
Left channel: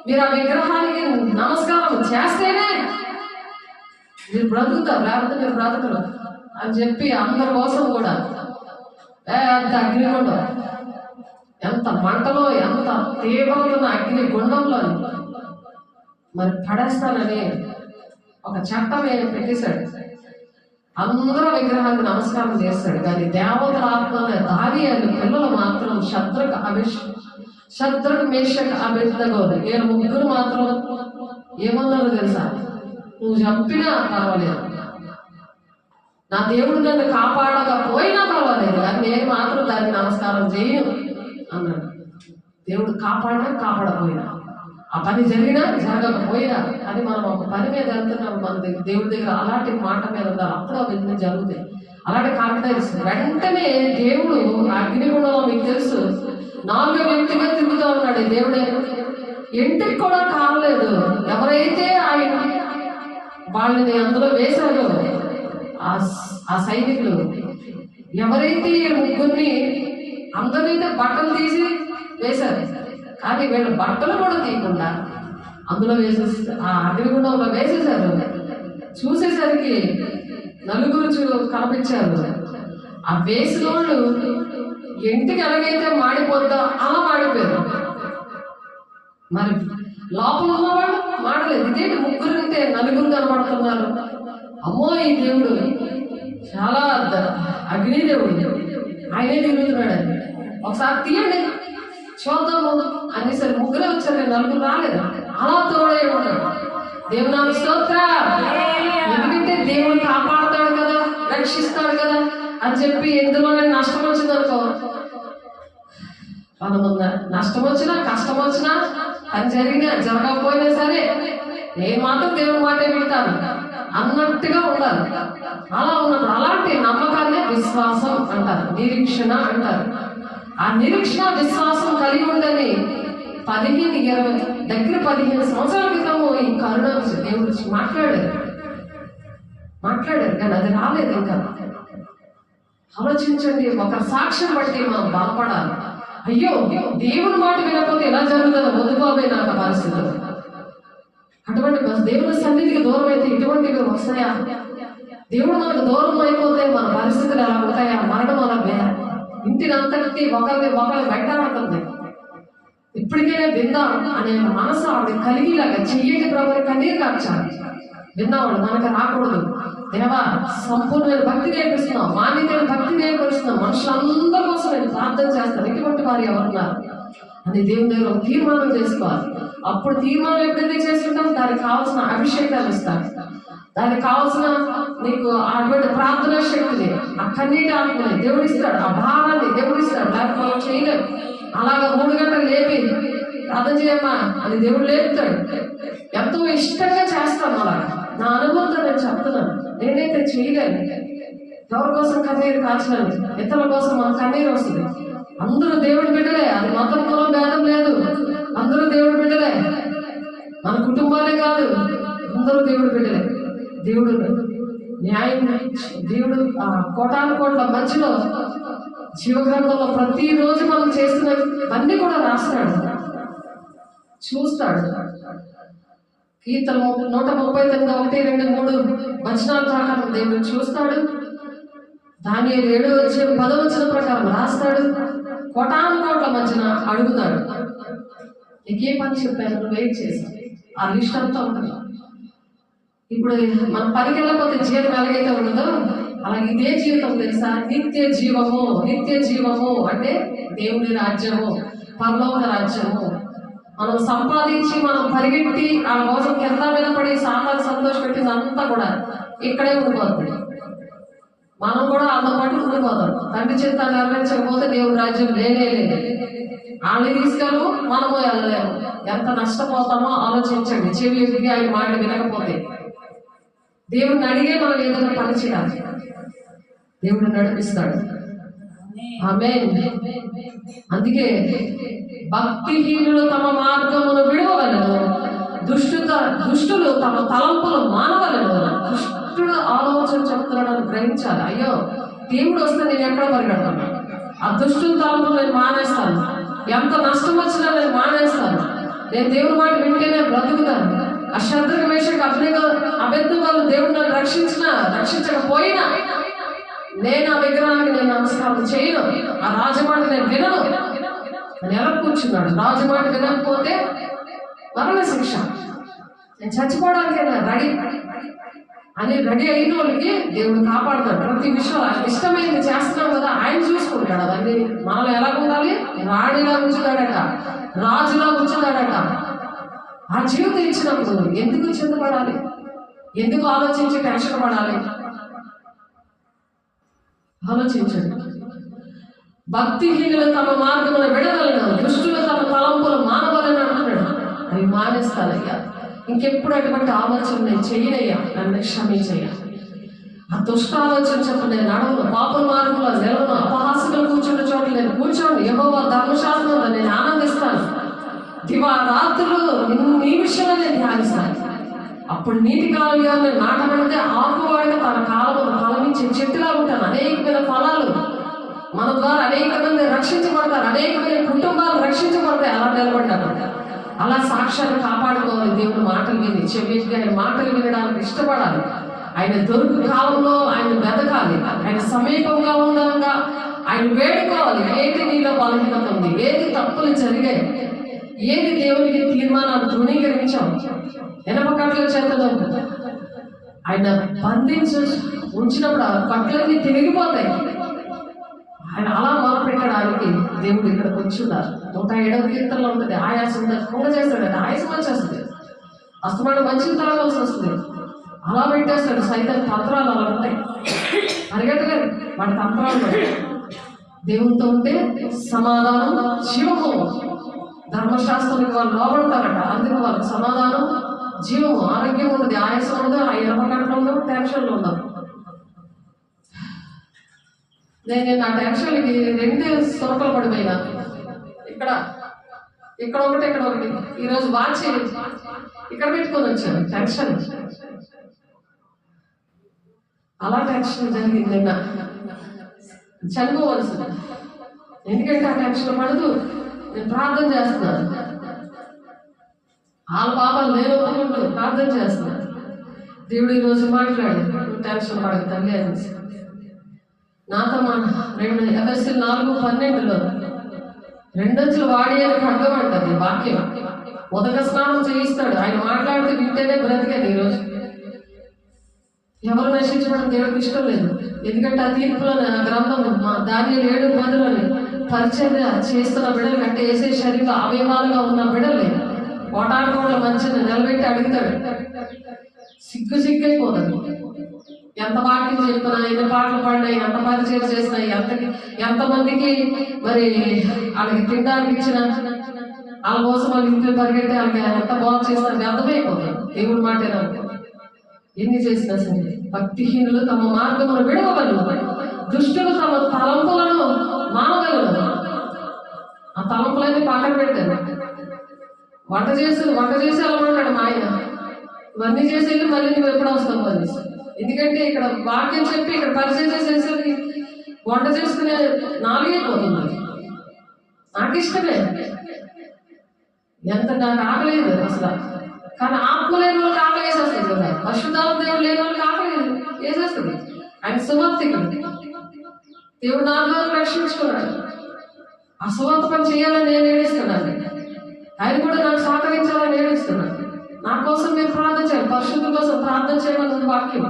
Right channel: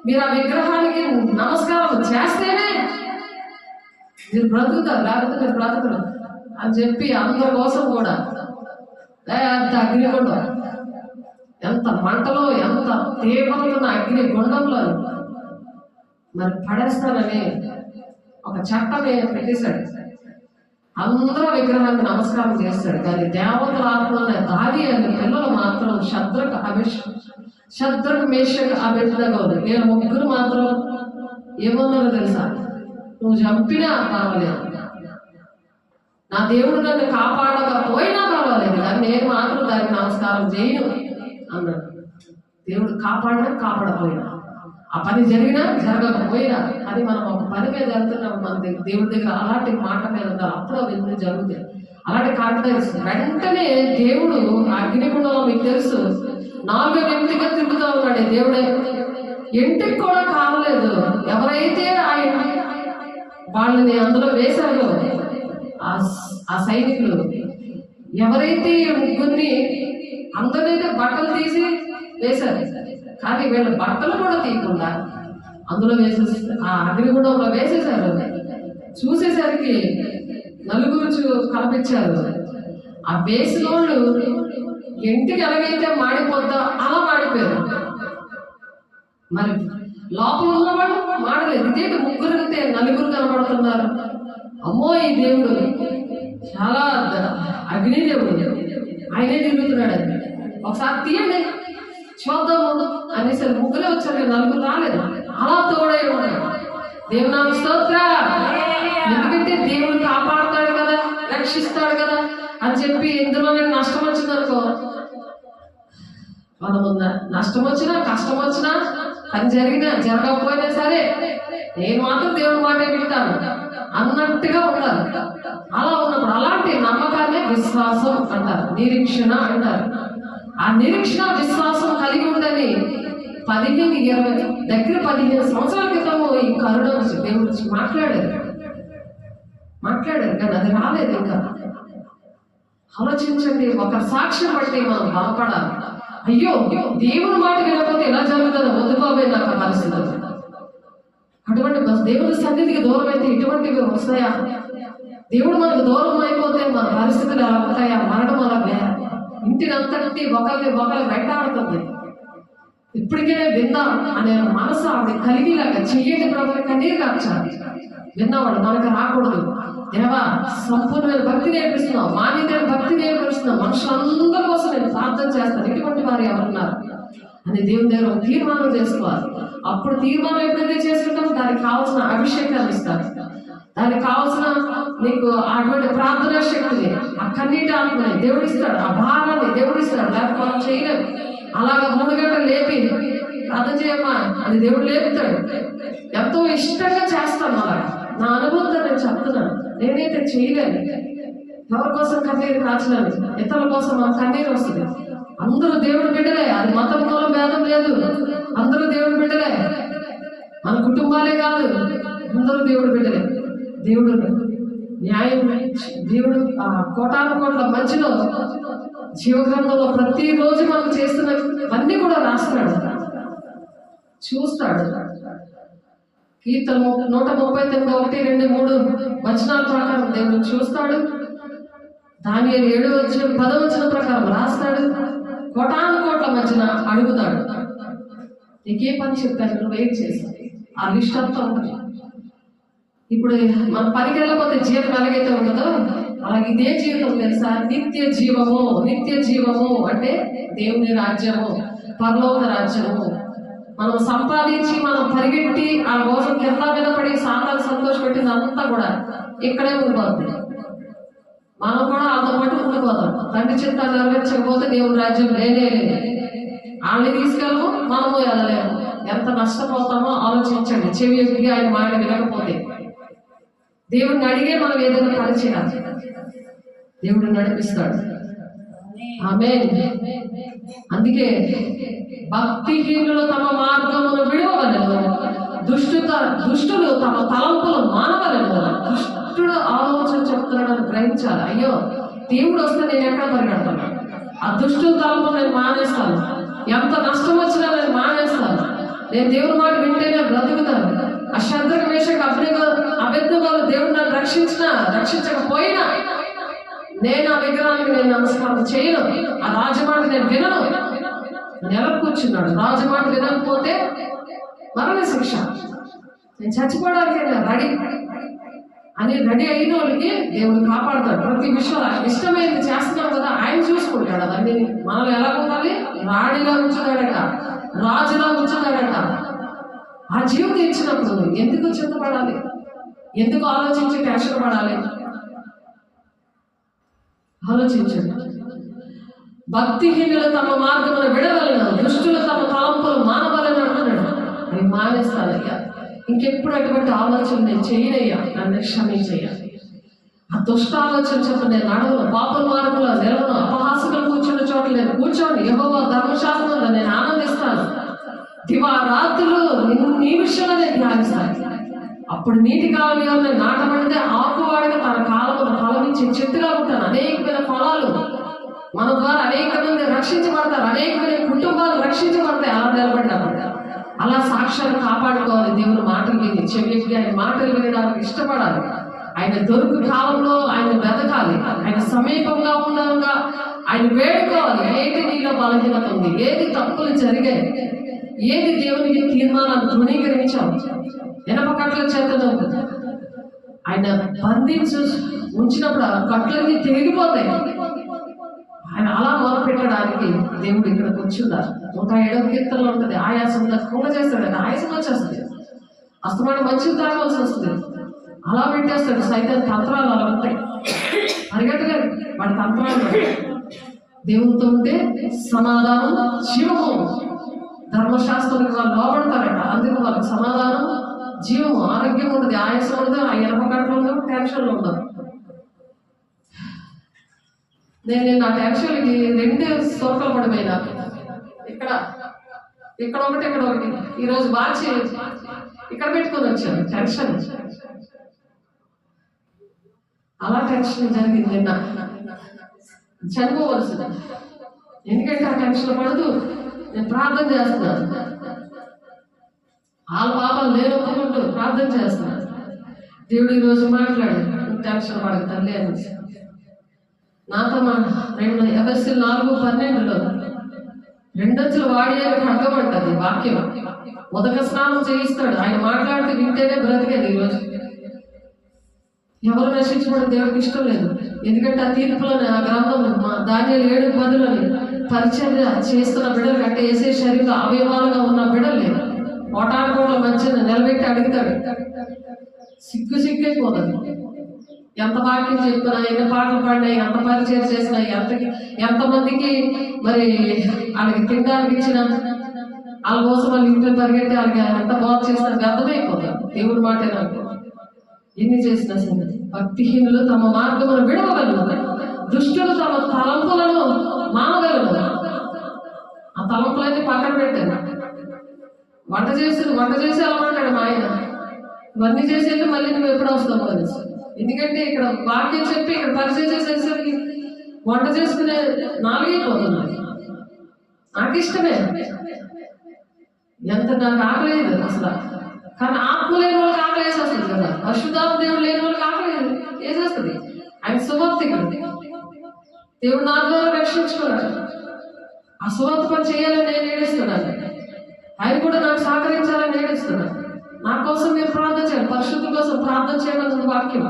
మీరు ఆ విగ్రహానికి నమస్కారం చేస్తేనే మీరు బ్రతుకుతారు, లేకపోతే మీరు బ్రతకరు అని చెప్పి అందరి కోసం కూడా పెద్ద అగ్నిగుండం, ఎంత మంటలో, ఎంత తీవ్రమైన అగ్ని గుండంలో మరి పడేస్తానని ఒక చట్టం పెట్టేశాడు. అందరూ విగ్రహానికి నమస్కారం చేస్తాడు. కానీ దేవతల ఆత్మల దారి అని పిల్లలు మాత్రం శద్రకు మేషకు అబేద్నెగోలు వీళ్ళ ముగ్గురు మాత్రం ఏమన్నారో తెలుసా? నువ్వు చంపినా పర్వాలేదు, నా దేవుడు నన్ను కాపాడకపోయినా పర్వాలేదు, కానీ నేను మాత్రం దానికి నమస్కారం చేయను అన్నాడు. దేవుడు కాపాడినా కాపాడకపోయినా, ఆ పని జరిగినా జరగకపోయినా, అని మనం ఒక పని మీద వెళ్తున్నాం, మన దేవుడి దగ్గర అలాంటి మాట మీద ఉండాలి. అప్పుడు అవన్నీ జరుగుతాయి. అలాంటి కాన్ఫిడెన్స్ వెంటనే దేవుడు అగ్నిగుండంలో మీకు తెలుసు 4వ వ్యక్తిగా తిరుగుతూ ఉన్నాడు. దేవుడే ఇంటికి కూడా కాలేదు. ఎవరైతే ఆయన వాళ్ళని అందులో వేశాడో ఆ సైనికులు, ఎవరైతే ఈ ముగ్గురిని అందరైతే బట్టలు తీసి వేశారు, కానీ వీళ్ళ బట్టలు కూడా తీయకుండా అందులో వేసేసి ఆ అగ్నిగుండంలో వేసేశారు. చూసేసరికి నలుగురు కనిపించారు. ఆ వేసిన వాళ్ళు ఇంటికి ఎలాగైతే మాడిపోద్దా అలా మాడిపోయారు. మరి లోపల ఉన్నవాళ్ళు మాడలేదు. ఇదేంటి ముగ్గురు అంటే నలుగురు కనబడుతున్నారు? అమ్మో, ఈ దేవుడు చాలా అగ్ని దేవుడు, ఆయనే తిరుగుతున్నాడు. ఒకసారి తీయండి చూద్దాము అనేసరి ముగ్గురే వచ్చారు, నలుగురు రాలేదు. అలా తోడే ఉన్నాడు. దేవునామ స్తోత్ర. ఎందుకంటే దేవుడు కాపాడుతాడు కదా, రక్షిస్తాడు కదా అని చెప్పి ఎందులోనే నష్టం వచ్చిందనుకో, మనము నష్టం వచ్చినా కష్టం వచ్చినా పని జరిగినా జరగకపోయినా సరే నేను మాత్రం దేవుడి మాట వింటాను అన్నట్టుగా ఉండాలి. అలా ఉన్నప్పుడు అలాంటి నమ్మకాన్ని విశ్వాసం అంటారు, నిరీక్షణ అంటారు. ఆ నిరీక్షణ విశ్వాసం కలిగి ఉండని 15 సంవత్సరాల క్రితము ఈ కరుణ దేవుడి గురించి మాట్లాడారు, కానీ అది రాలేదు ఇంకా. ఆలోచించండి, ఒక సాక్ష్యం బట్టి మనం బాధపడాలి. అయ్యో, దేవుని మాట వినకపోతే ఎలా జరుగుతుందో వద్దుకోబోయే నాకు పరిస్థితి. అటువంటి దేవుని సన్నిధికి దూరం అయితే ఇటువంటివి వస్తాయా? దేవుడు మనకు దూరం అయిపోతే మన పరిస్థితులు ఎలా ఉంటాయా? మరణం అలా ఇంటిని అంతటి ఒకరి వెంటాడుతుంది. ఇప్పటికే విందాం అనే మనసు ఆవిడ కలిగిలాగా చెయ్యటి ప్రభు కన్నీరు కాచాలి. విన్నవాడు మనకు రాకూడదు. దేవా, సంపూర్ణమైన భక్తి నేర్పిస్తున్నావు, మాన్యమైన భక్తి నేర్పిస్తున్నావు, మనుషులందరి కోసం నేను ప్రార్థన చేస్తాను, ఇటువంటి వారు ఎవరున్నారు అని దేవుని దగ్గర తీర్మానం చేసుకోవాలి. అప్పుడు తీర్మానం ఎప్పుడైతే చేసుకుంటాం, దానికి కావాల్సిన అభిషేకాలు ఇస్తాను, దానికి కావాల్సిన నీకు అటువంటి ప్రార్థనా శక్తిని, ఆ కన్నీటి ఆత్మని దేవుడు ఇస్తాడు, ఆ భావాన్ని దేవుడు ఇస్తాడు. లేకపోతే మనం చేయలేము. అలాగా 3 గంటలు లేపి ప్రార్థన చేయమ్మా అని దేవుడు లేపుతాడు. ఎంతో ఇష్టంగా చేస్తాను. అలా నా అనుభవంతో నేను చెప్తున్నాను. నేనైతే చేయలేను. ఎవరి కోసం కన్నీరు కాచలేను, ఇతరుల కోసం మన కన్నీరు వస్తుంది. అందరూ దేవుడి బిడ్డలే, అది మతం మూలం భేదం లేదు. అందరూ దేవుడి బిడ్డలే, మన కుటుంబాలే కాదు, అందరూ దేవుడి బిడ్డలే. దేవుడు న్యాయం, దేవుడు కోటాను కోట్ల మధ్యలో జీవగ్రంథంలో ప్రతిరోజు మనం చేస్తున్న అన్ని కూడా రాస్తాడు, చూస్తాడు. కీర్తన 139 1, 2, 3 వచనాల ప్రకారం దేవుడు చూస్తాడు. దానియేలు 7:10 ప్రకారం రాస్తాడు. కోటాను కోట్ల మధ్యన అడుగుతాడు. నీకే పని చెప్పాను, నువ్వు వెయిట్ చేసావు, ఆ లిస్ట్ అంతా ఉంటుంది. ఇప్పుడు మన పనికి వెళ్ళకపోతే జీవితం ఎలాగైతే ఉండదో అలాగే ఇదే జీవితం తెలుసా, నిత్య జీవము. నిత్య జీవము అంటే దేవుని రాజ్యము, పరలోక రాజ్యము. మనం సంపాదించి మనం పరిగెట్టి ఆ రోజు కింద మీద పడి సాతాను సంతోషపెట్టింది అంతా కూడా ఇక్కడే ఉండిపోతుంది. మనం కూడా అంత పాటు ఉండిపోతాం. తండ్రి చిత్త నెరవేర్చకపోతే దేవుని రాజ్యం లేనే లేదు. వాళ్ళని తీసుకెళ్ళము, మనము వెళ్ళలేము. ఎంత నష్టపోతామో ఆలోచించండి. చెవి ఎదిగి ఆయన మాట వినకపోతే దేవుడిని అడిగే మనం ఏదైనా పని చేయాలి. దేవుడు నడిపిస్తాడు. ఆమేన్. అందుకే భక్తిహీనులు తమ మార్గమును విడవవలెను, దుష్టులు తమ తలంపులు మానవలెను. దుష్టుడు ఆలోచన చెప్తున్నాడని గ్రహించాలి. అయ్యో దేవుడు వస్తే నేను ఎక్కడ పరిగెడతాను, ఆ దుష్టుల తలంపులు నేను మానేస్తాను, ఎంత నష్టం వచ్చినా నేను మానేస్తాను, నేను దేవుడి మాట వింటేనే బ్రతుకుతాను. ఆ శత్రుఘ్న మేషకు అబద్ధవాళ్ళు దేవుడు నన్ను రక్షించకపోయినా నేను ఆ విగ్రహానికి నేను నమస్కారం చేయను, ఆ రాజమాట నేను వినను. నేను ఎలా కూర్చున్నాడు, రాజమాట వినకపోతే మరణ శిక్ష, నేను చచ్చిపోవడానికి రెడీ అయిన వాళ్ళకి దేవుడు కాపాడుతాడు. ప్రతి విషయం ఇష్టమైంది చేస్తున్నాడు కదా, ఆయన చూసుకుంటాడు. అవన్నీ మనలో ఎలా ఉండాలి, రాణిలా ఉంచుతాడట, రాజులా ఉంచుతాడట. ఆ జీవితం ఇచ్చినప్పుడు ఎందుకు చింతపడాలి, ఎందుకు ఆలోచించి టెన్షన్ పడాలి? ఆలోచించండి. భక్తిహీనులు తమ మార్గమును విడవలను, దుష్టులు తమ తలంపులు మానవలని అంటున్నాడు. అవి మానేస్తానయ్యా, ఇంకెప్పుడు అటువంటి ఆలోచన నేను చేయనయ్యా, నన్ను క్షమించయ్యా. ఆ దుష్ట ఆలోచన చెప్ప నేను నడవను, పాపల మార్గంలో నిలవను, అపహాసకులు కూర్చున్న చోట్ల నేను కూర్చోండి, యెహోవా ధర్మశాస్త్రంలో నేను ఆనందిస్తాను, దివారాత్రులు నీ విషయంలో నేను ధ్యానిస్తాను. అప్పుడు నీటి కాలంలో నాటబడితే ఆకువాడిగా తన కాలంలో ఫలమించే చెట్టులా ఉంటాను. అనేకమైన ఫలాలు మన ద్వారా అనేక మంది రక్షించబడతారు, అనేకమైన కుటుంబాలు రక్షించబడతాయి. అలా నిలబడ్డారు. అలా సాక్ష్యాన్ని కాపాడుకోవాలి. దేవుని మాటలు విని చెవికి ఆయన మాటలు వినడానికి ఇష్టపడాలి. ఆయన దొరుకు కాలంలో ఆయన వెతకాలి, ఆయన సమీపంగా ఉండగా ఆయన వేడుకోవాలి. ఏది నీలో బలహీనత ఉంది, ఏది తప్పులు జరిగాయి, ఏది దేవునికి తీర్మానాలు తృణీకరించాం, ఎనప కట్ల చేతను ఆయన బంధించి ఉంచినప్పుడు ఆ కట్లన్నీ తెగిపోతాయి. ఆయన అలా మొదలుపెట్టడానికి దేవుడు ఇక్కడికి వచ్చున్నారు. 107వ కీర్తనలో ఉంటుంది, ఆయాసం తక్కువ చేస్తాడు, ఆయాసం వచ్చేస్తుంది, అస్తమానం మంచిగా తాగాల్సి వస్తుంది. అలా పెట్టేస్తాడు. సైతం తంత్రాలు అలా ఉంటాయి, పరిగెట్టలేదు వాడి తంత్రాలు. దేవునితో ఉంటే సమాధానం జీవము. ధర్మశాస్త్రానికి వాళ్ళు లోపడతారట, అందుకు వాళ్ళకి సమాధానం జీవము, ఆరోగ్యం ఉంటుంది, ఆయాసం ఉండదు, ఆ ఎనపగంటలు ఉండవు, టెన్షన్లు ఉండవు. నేను నా టెన్షన్కి 2 సోటలు పడిపోయినా, ఇక్కడ ఒకటి, ఇక్కడ ఒకటి. ఈరోజు మార్చి ఇక్కడ పెట్టుకొని వచ్చాను టెన్షన్. అలా టెన్షన్ జరిగింది నిన్న, చనిపోవలసింది. ఎందుకంటే ఆ టెన్షన్ పడదు, నేను ప్రార్థన చేస్తున్నాను, వాళ్ళ పాపాలు నేను ఒప్పుకుంటూ ప్రార్థన చేస్తున్నాను. దేవుడు ఈరోజు మాట్లాడు, టెన్షన్ పడదు తల్లి అనేసి నాతో ఎఫెసీయులు 4:12 రెండొచ్చులు వాడి అని అర్థమంటది వాక్యం. ఉదక స్నానం చేయిస్తాడు, ఆయన మాట్లాడితే వింటేనే బ్రతికేది. ఈరోజు ఎవరు నశించడం దేవుడికి ఇష్టం లేదు. ఎందుకంటే ఆ తీర్పులోని ఆ గ్రంథం దానియేలు 7:10 పరిచర్య చేస్తున్న బిడ్డలు కంటే వేసే శరీరంలో అవయవాలుగా ఉన్న బిడ్డలే కోటానుకోట్ల మంచిని నిలబెట్టి అడుగుతాడు. సిగ్గైపోతుంది. ఎంత వాక్యం చెప్పినా, ఎన్ని పాటలు పాడినా, ఎంత పరిచయం చేసినా, ఎంతమందికి మరి వాళ్ళకి తినడానికి ఇచ్చినా, వాళ్ళ కోసం వాళ్ళ ఇంట్లో పరిగెట్టి వాళ్ళకి ఎంత బాగు చేసినా వ్యర్థమైపోతుంది. దేవుడి మాట ఎన్ని చేసినా సరే. భక్తిహీనులు తమ మార్గమును విడవగలరు, దుష్టులు తమ తలంపులను మానగలరు. ఆ తలంపులన్నీ పక్కన పెట్టారు. వంట చేసి వెళ్ళమంటాడు మా ఆయన. ఇవన్నీ చేసి వెళ్ళి మళ్ళీ నువ్వు ఎప్పుడు వస్తావు అనేసి. ఎందుకంటే ఇక్కడ వాక్యం చెప్పి ఇక్కడ పరిచయం చేసేసరికి వంట చేసుకునే 4 అయిపోతుంది. నాకు ఇష్టమే, ఎంత నాకు ఆకలేదు అసలు. కానీ ఆత్మ లేని వాళ్ళకి ఆకలి వేసేస్తుంది కదా, పరిశుద్ధాత్మ దేవుడు లేని వాళ్ళకి ఆకలి వేసేస్తుంది. ఆయన సువార్తికుడు, దేవుడు నా ద్వారా రక్షించుకున్నాడు. ఆ సువార్త పని చేయాలని నేను ఏడుస్తున్నాను. ఆయన కూడా నాకు సహకరించాలని ఏడుస్తున్నాడు. నా కోసం మీరు ప్రార్థన చేయాలి, పరిశుద్ధి కోసం ప్రార్థన చేయమన్నది వాక్యం.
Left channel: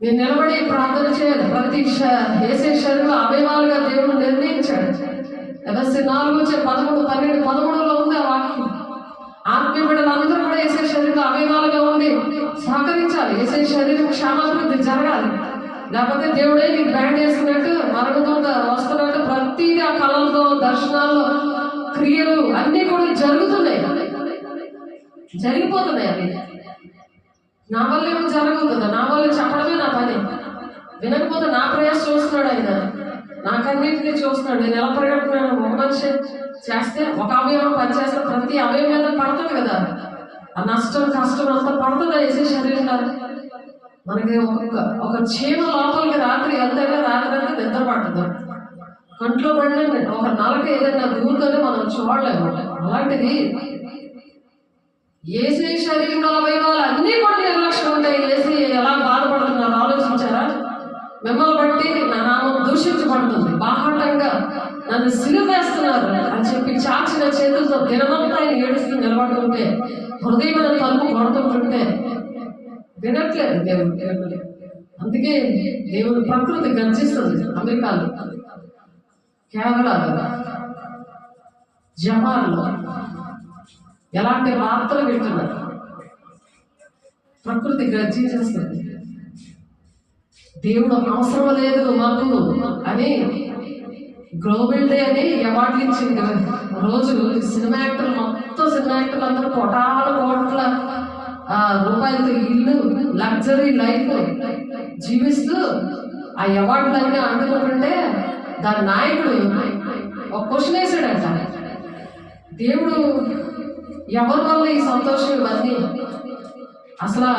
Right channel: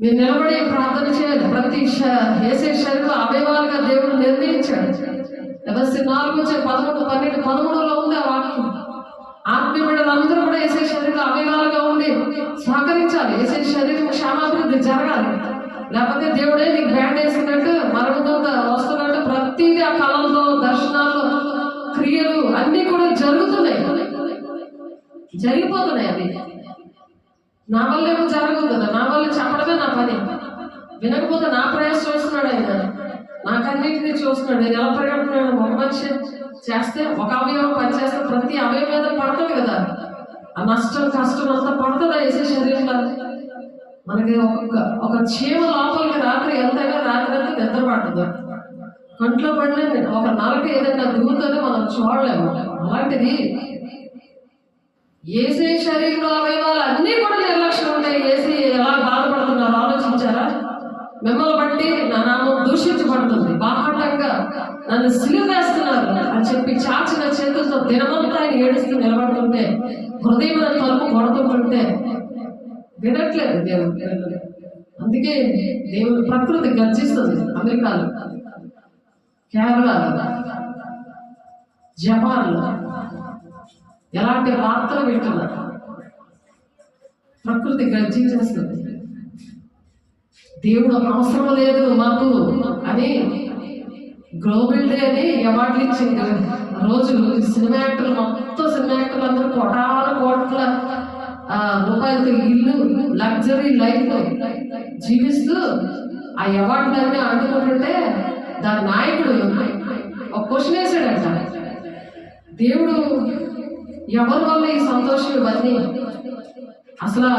మీరు నిలబడి ప్రార్థన చేయాలి. ప్రతి వేసే శరీరం అవయవాలుగా దేవుడు నిర్ణయించాడు. ఎవరి 4:13 ఉంది ఆ వాక్యం. ఆత్మీయ బిడ్డలందరూ కూడా వేసే శరీరం అవయవాలుగా ఉండి సహకరించాలి. వేసే శరీరం క్షేమాభివృద్ధి జరగాలి. లేకపోతే దేవుడే నీకు బ్యాండ్ వేసినట్టు మరుగుతుందా వస్తున్నట్టు ప్రతిదీ ఆ కళల్లో దర్శనాల్లో క్రియలు అన్నీ కూడా జరిగిపోతున్నాయి. అవి నా వల్ల ఏమో జరగదు కదా, నా వల్ల చెప్పడమే నా పని. వినకపోతే నా ప్రయాస చూస్తున్నాడు ఆయన, నాకన్నింటినీ చూస్తున్నాడు. నేను ఎలా పరిగెడుతున్నాను, ఒక మనిషి చేస్తే ఒక అవయవం పనిచేస్తే ప్రతి అవయవం మీద పడుతుంది కదా, ఆ నష్టం కష్టం అంతా పడుతుందా వేసే శరీరంలో. మనకి ఒక చీమ లోపలికి రాత్రి వెళ్తేనే రాత్రి అంతా నిద్ర పడుతుంది. కంట్లో పడిన ఒక నలక ఏదైనా దూరుతోనే మనం చూడలేము. అలాంటిది ఏసీ శరీరంలో అవయవాలు అన్నీ కూడా నిర్లక్ష్యం ఉంటాయి. ఏసీ ఎలా బాధపడుతున్నారు ఆలోచించారా? మిమ్మల్ని బట్టి నా నామం దూషించబడుతుంది, బాహాటంగా నన్ను సిలువ వేస్తున్నారు అని చెప్పి చాచిన చేతులతో దినమంతా ఆయన ఏడుస్తూ నిలబడుతుంటే, హృదయం తలుపు కొడుతుంటుంటే వినట్లేదు దేవుడు. అందుకే దేవుడు ప్రకృతి గర్జిస్తుంది. అమెరికాలో, కేరళలో, జపాన్లో ఎలాంటి వార్తలు వింటున్నారు. ప్రకృతి గర్జించేస్తుంది. దేవుడు అవసరం లేదు మాకు అని గ్లోబల్ డే అని అవార్డులు ఇచ్చింది రోజు. సినిమా యాక్టర్లు మొత్తం సినిమా యాక్టర్లు అందరూ కోట్ల రూపాయలతో ఇల్లు లగ్జరీ లైఫ్ జీవిస్తూ ఆ అవార్డులన్నీ అందుకుంటుంటే దాని నాయకుడు ఒక క్వశ్చన్ వేసాడంట, దేవుడు ఎవరి వల్ల ఈ సంతోషం ఇవన్నీ, అసలు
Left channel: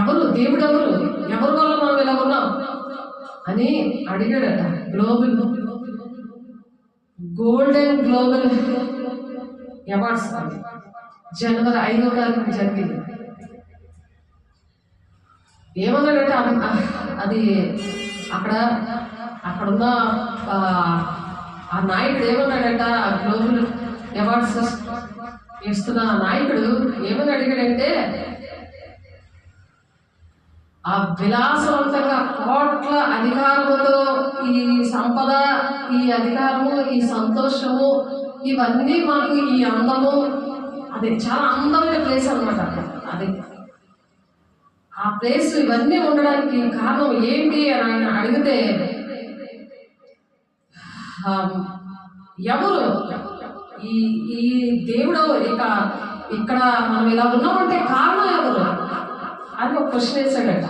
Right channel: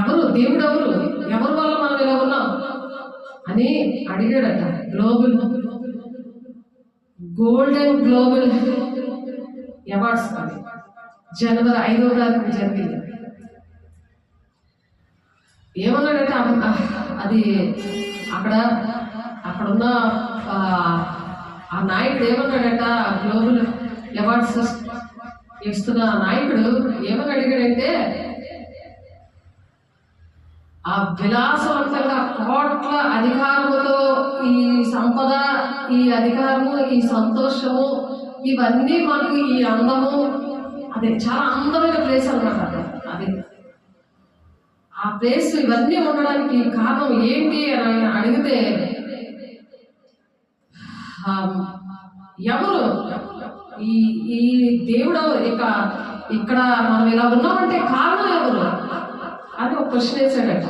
ఎవరు దేవుడు, ఎవరి వల్ల మనం ఇలా ఉన్నాం అని అడిగాడట. గోల్డెన్ గ్లోబల్ అవార్డ్స్ జనవరి 5వ తారీఖు జరిగింది. ఏమన్నాడంటే అది అక్కడున్న ఆ నాయకుడు ఏమన్నాడంట, ఆ గ్లోబల్ అవార్డ్స్ ఇస్తున్న నాయకుడు ఏమని అడిగాడంటే, ఆ విలాసవంతంగా కోట్ల అధికారముతో ఈ సంపద, ఈ అధికారము, ఈ సంతోషము, ఇవన్నీ మాకు ఈ అందము, అదే చాలా అందమైన ప్లేస్ అన్నమాట. అది ఆ ప్లేస్ ఇవన్నీ ఉండడానికి కారణం ఏంటి అని అడిగితే, ఎవరు ఈ దేవుడు ఇక్కడ మనం ఇలా ఉన్నామంటే కారణం ఎవరు అని ఒక క్వశ్చన్ వేసాడట.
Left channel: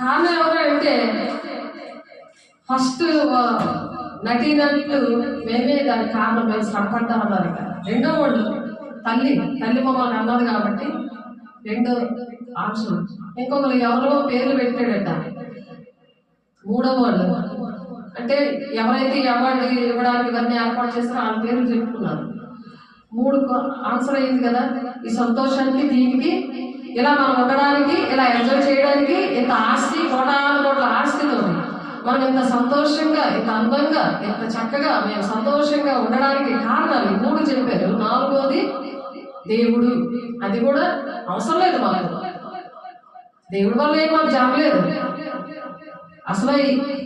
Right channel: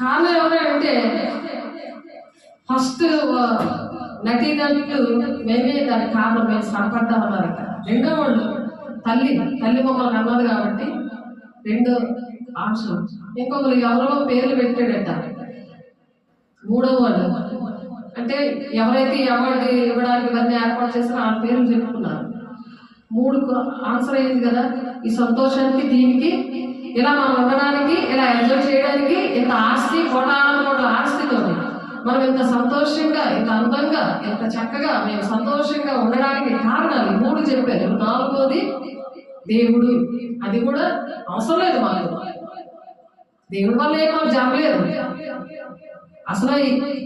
కారణం ఎవరు అంటే, ఫస్ట్ నటీనటులు మేమే దానికి కారణం, మేము సడపడ్డామన్నారట. రెండో వాళ్ళు తల్లి మమ్మల్ని అన్నది కాబట్టి రెండు ఆప్షన్. ఇంకొకరు ఎవరో పేర్లు పెట్టాడట. మూడో వాళ్ళు అంటే ఎవరైతే అవార్డు ఇవ్వడానికి ఇవన్నీ ఏర్పాటు చేస్తారో ఆ పేర్లు చెప్పుకున్నారు. 3 ఆన్సర్ అయింది కదా. ఈ సంతోషానికి, దీనికి, ఇలా మనం ఉండడానికి, ఇలా ఎంజాయ్ చేయడానికి, ఇంత ఆస్తి, కోట్ల ఆస్తితో మనం ఇంత సంతోషంగా, ఇంత అందంగా, ఇంత చక్కగా మేము సంతోషంగా ఉండడానికి కారణాలు 3 చెప్పారు. 4వది దేవుడు. అది కూడా అవసరం లేదు మాకు, దేవుడి వల్ల ఏం మాకు జరగలేదు. అసలు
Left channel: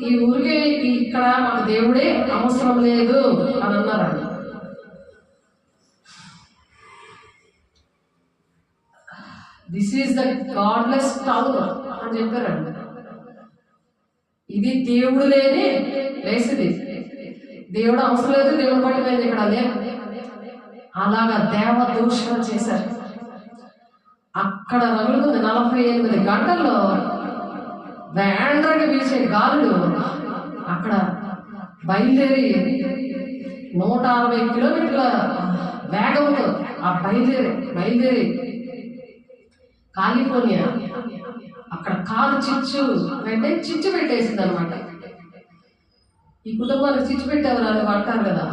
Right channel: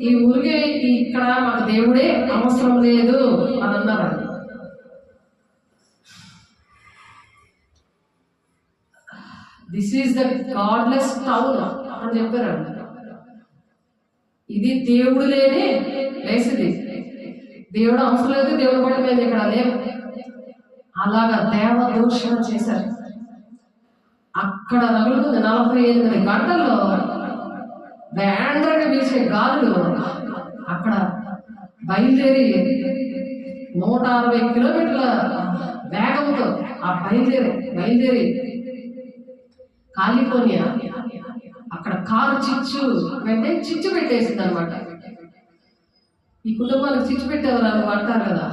ఈ ఊరికే ఇక్కడ మాకు దేవుడే అవసరం లేదు అని అన్నారు. This is the godless town అని చెప్పారండి. ఇది దేవుడు లేని ప్లేస్. దేవుడు అవసరం లేదు, దేవుడు బట్టి మేము ఇక్కడ లేవు. అలాగా దేవ దూషణ చేశారు. అక్కడ రగులుతుంది 48 గంటల్లో వేండ్రగా వీచే గాలులు అక్కడ బయలుదేరి 160 కిలోమీటర్ల వేగంతో ఆ బయలుదేరి కాలిఫోర్నియా అక్కడ కారు చిచ్చు పెట్టేసింది అనమాట. ఈ కుటుంబానికి చిచ్చు పెట్టేవారు అని అంటారు కదా.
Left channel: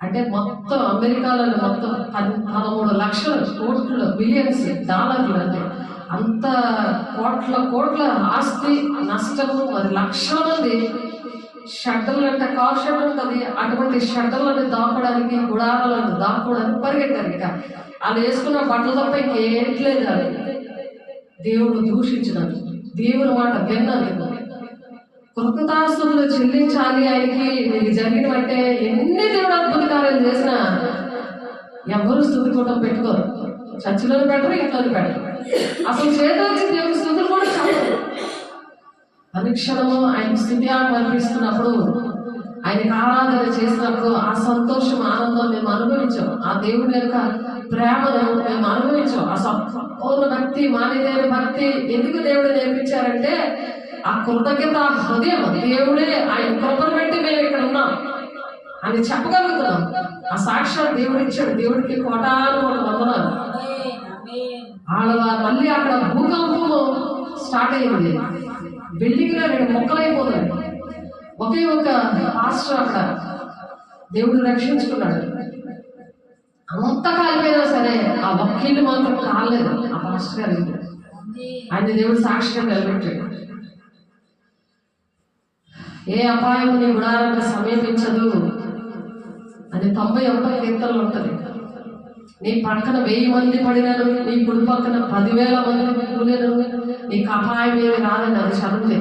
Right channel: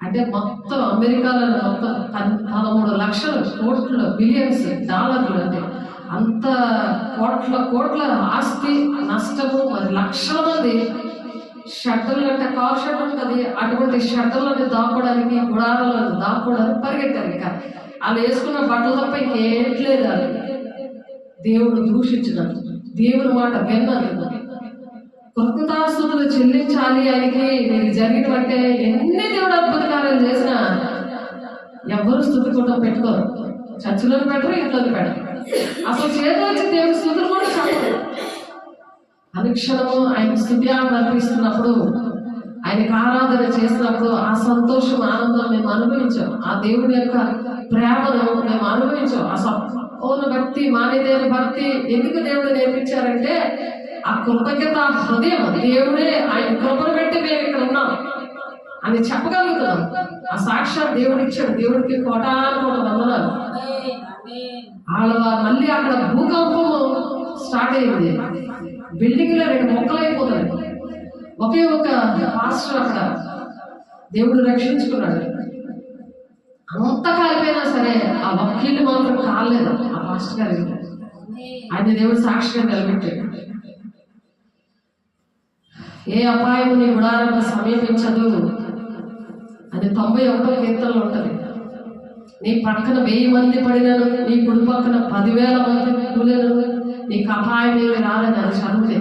అంటే మొత్తం అమెరికాలో మొత్తం 13 లక్షల కోట్ల బిలియన్స్ డాలర్లు, అంటే అంత కోట్ల ఆస్తి నష్టము, మరి లక్షల మంది షట్టలు అంటే కార్ షెడ్ ఉంటుంది, అటువంటి షట్టలను దాక్కోవడానికి, గుడారాలను దాక్కోవడానికి పరిగెట్టారు. ఇంకా వాళ్ళు వేసుకున్న బట్టలు తప్ప ఇంకేట్లేదు. వాళ్ళు దేవుడు దూషించినారు, దేవుని మాట విన్నారు. కృతజ్ఞతాస్తుతులు చెల్లించాలి ఆయనకి. నీకు జరిగినట్టే ఎన్ని దేవుడు అద్భుత కార్యాలు చేసినా ఎవరు స్థుతి కూడా పెట్టుకోరు. చర్చిలో పెట్టరు, ఇంట్లో పెట్టరు. అసలు చేతొచ్చి దేవుని స్థుతులు కూడా చెప్పరు. అనుక్షణము ఆయన స్థుత్యాలు అర్పిస్తున్నప్పుడు, ఆయనకి ఆరాధన చేసినప్పుడు ఆ సంతోషం, ఆనందం మేము అనుభవించాం. ఆ దేవుని యొక్క ప్రేమను మేము అనుభవించాం. ఆ సంపూర్ణ భక్తి, మానేదేని భక్తి ఎందుకు దేవుడు నేర్పించారంటే ఆ కృతజ్ఞత హృదయం. దేవుడే ఆయన కృపను బట్టి మేము ఇక్కడ ఉన్నాం అని చెప్పగలుగుతున్నాం. ఆ సాక్షాత్ దేవుడు ఇచ్చాడు. దేవుడికి కోటాను వందనాలు. మళ్ళీ అక్కడ భూకంపము స్టార్ట్ అయింది. బిల్డింగ్ లో 2 మొక్కలు అయిపోతాయి. ఒకే ఒక పాస్టర్ అక్కడ దేవుడు రక్షించుకున్నాడు. అంత కాలిపోయినా సరే ఆ వకీలు మాత్రం కాలేదు. ఆ పాస్టర్ గారు ఆయన దేవుడు సాక్షిగా నిలబెట్టాడు. ఏ అపాయం నీ గుడారాన్ని సమీపించదు అని 91వ కీర్తనలో ఉంటుంది. నీ పక్కన 1000 మంది పడినను, నీ కుడి పక్కన 10,000 మంది కూలినను, నీకు అపాయం ఏమి రాదని అది చదివితే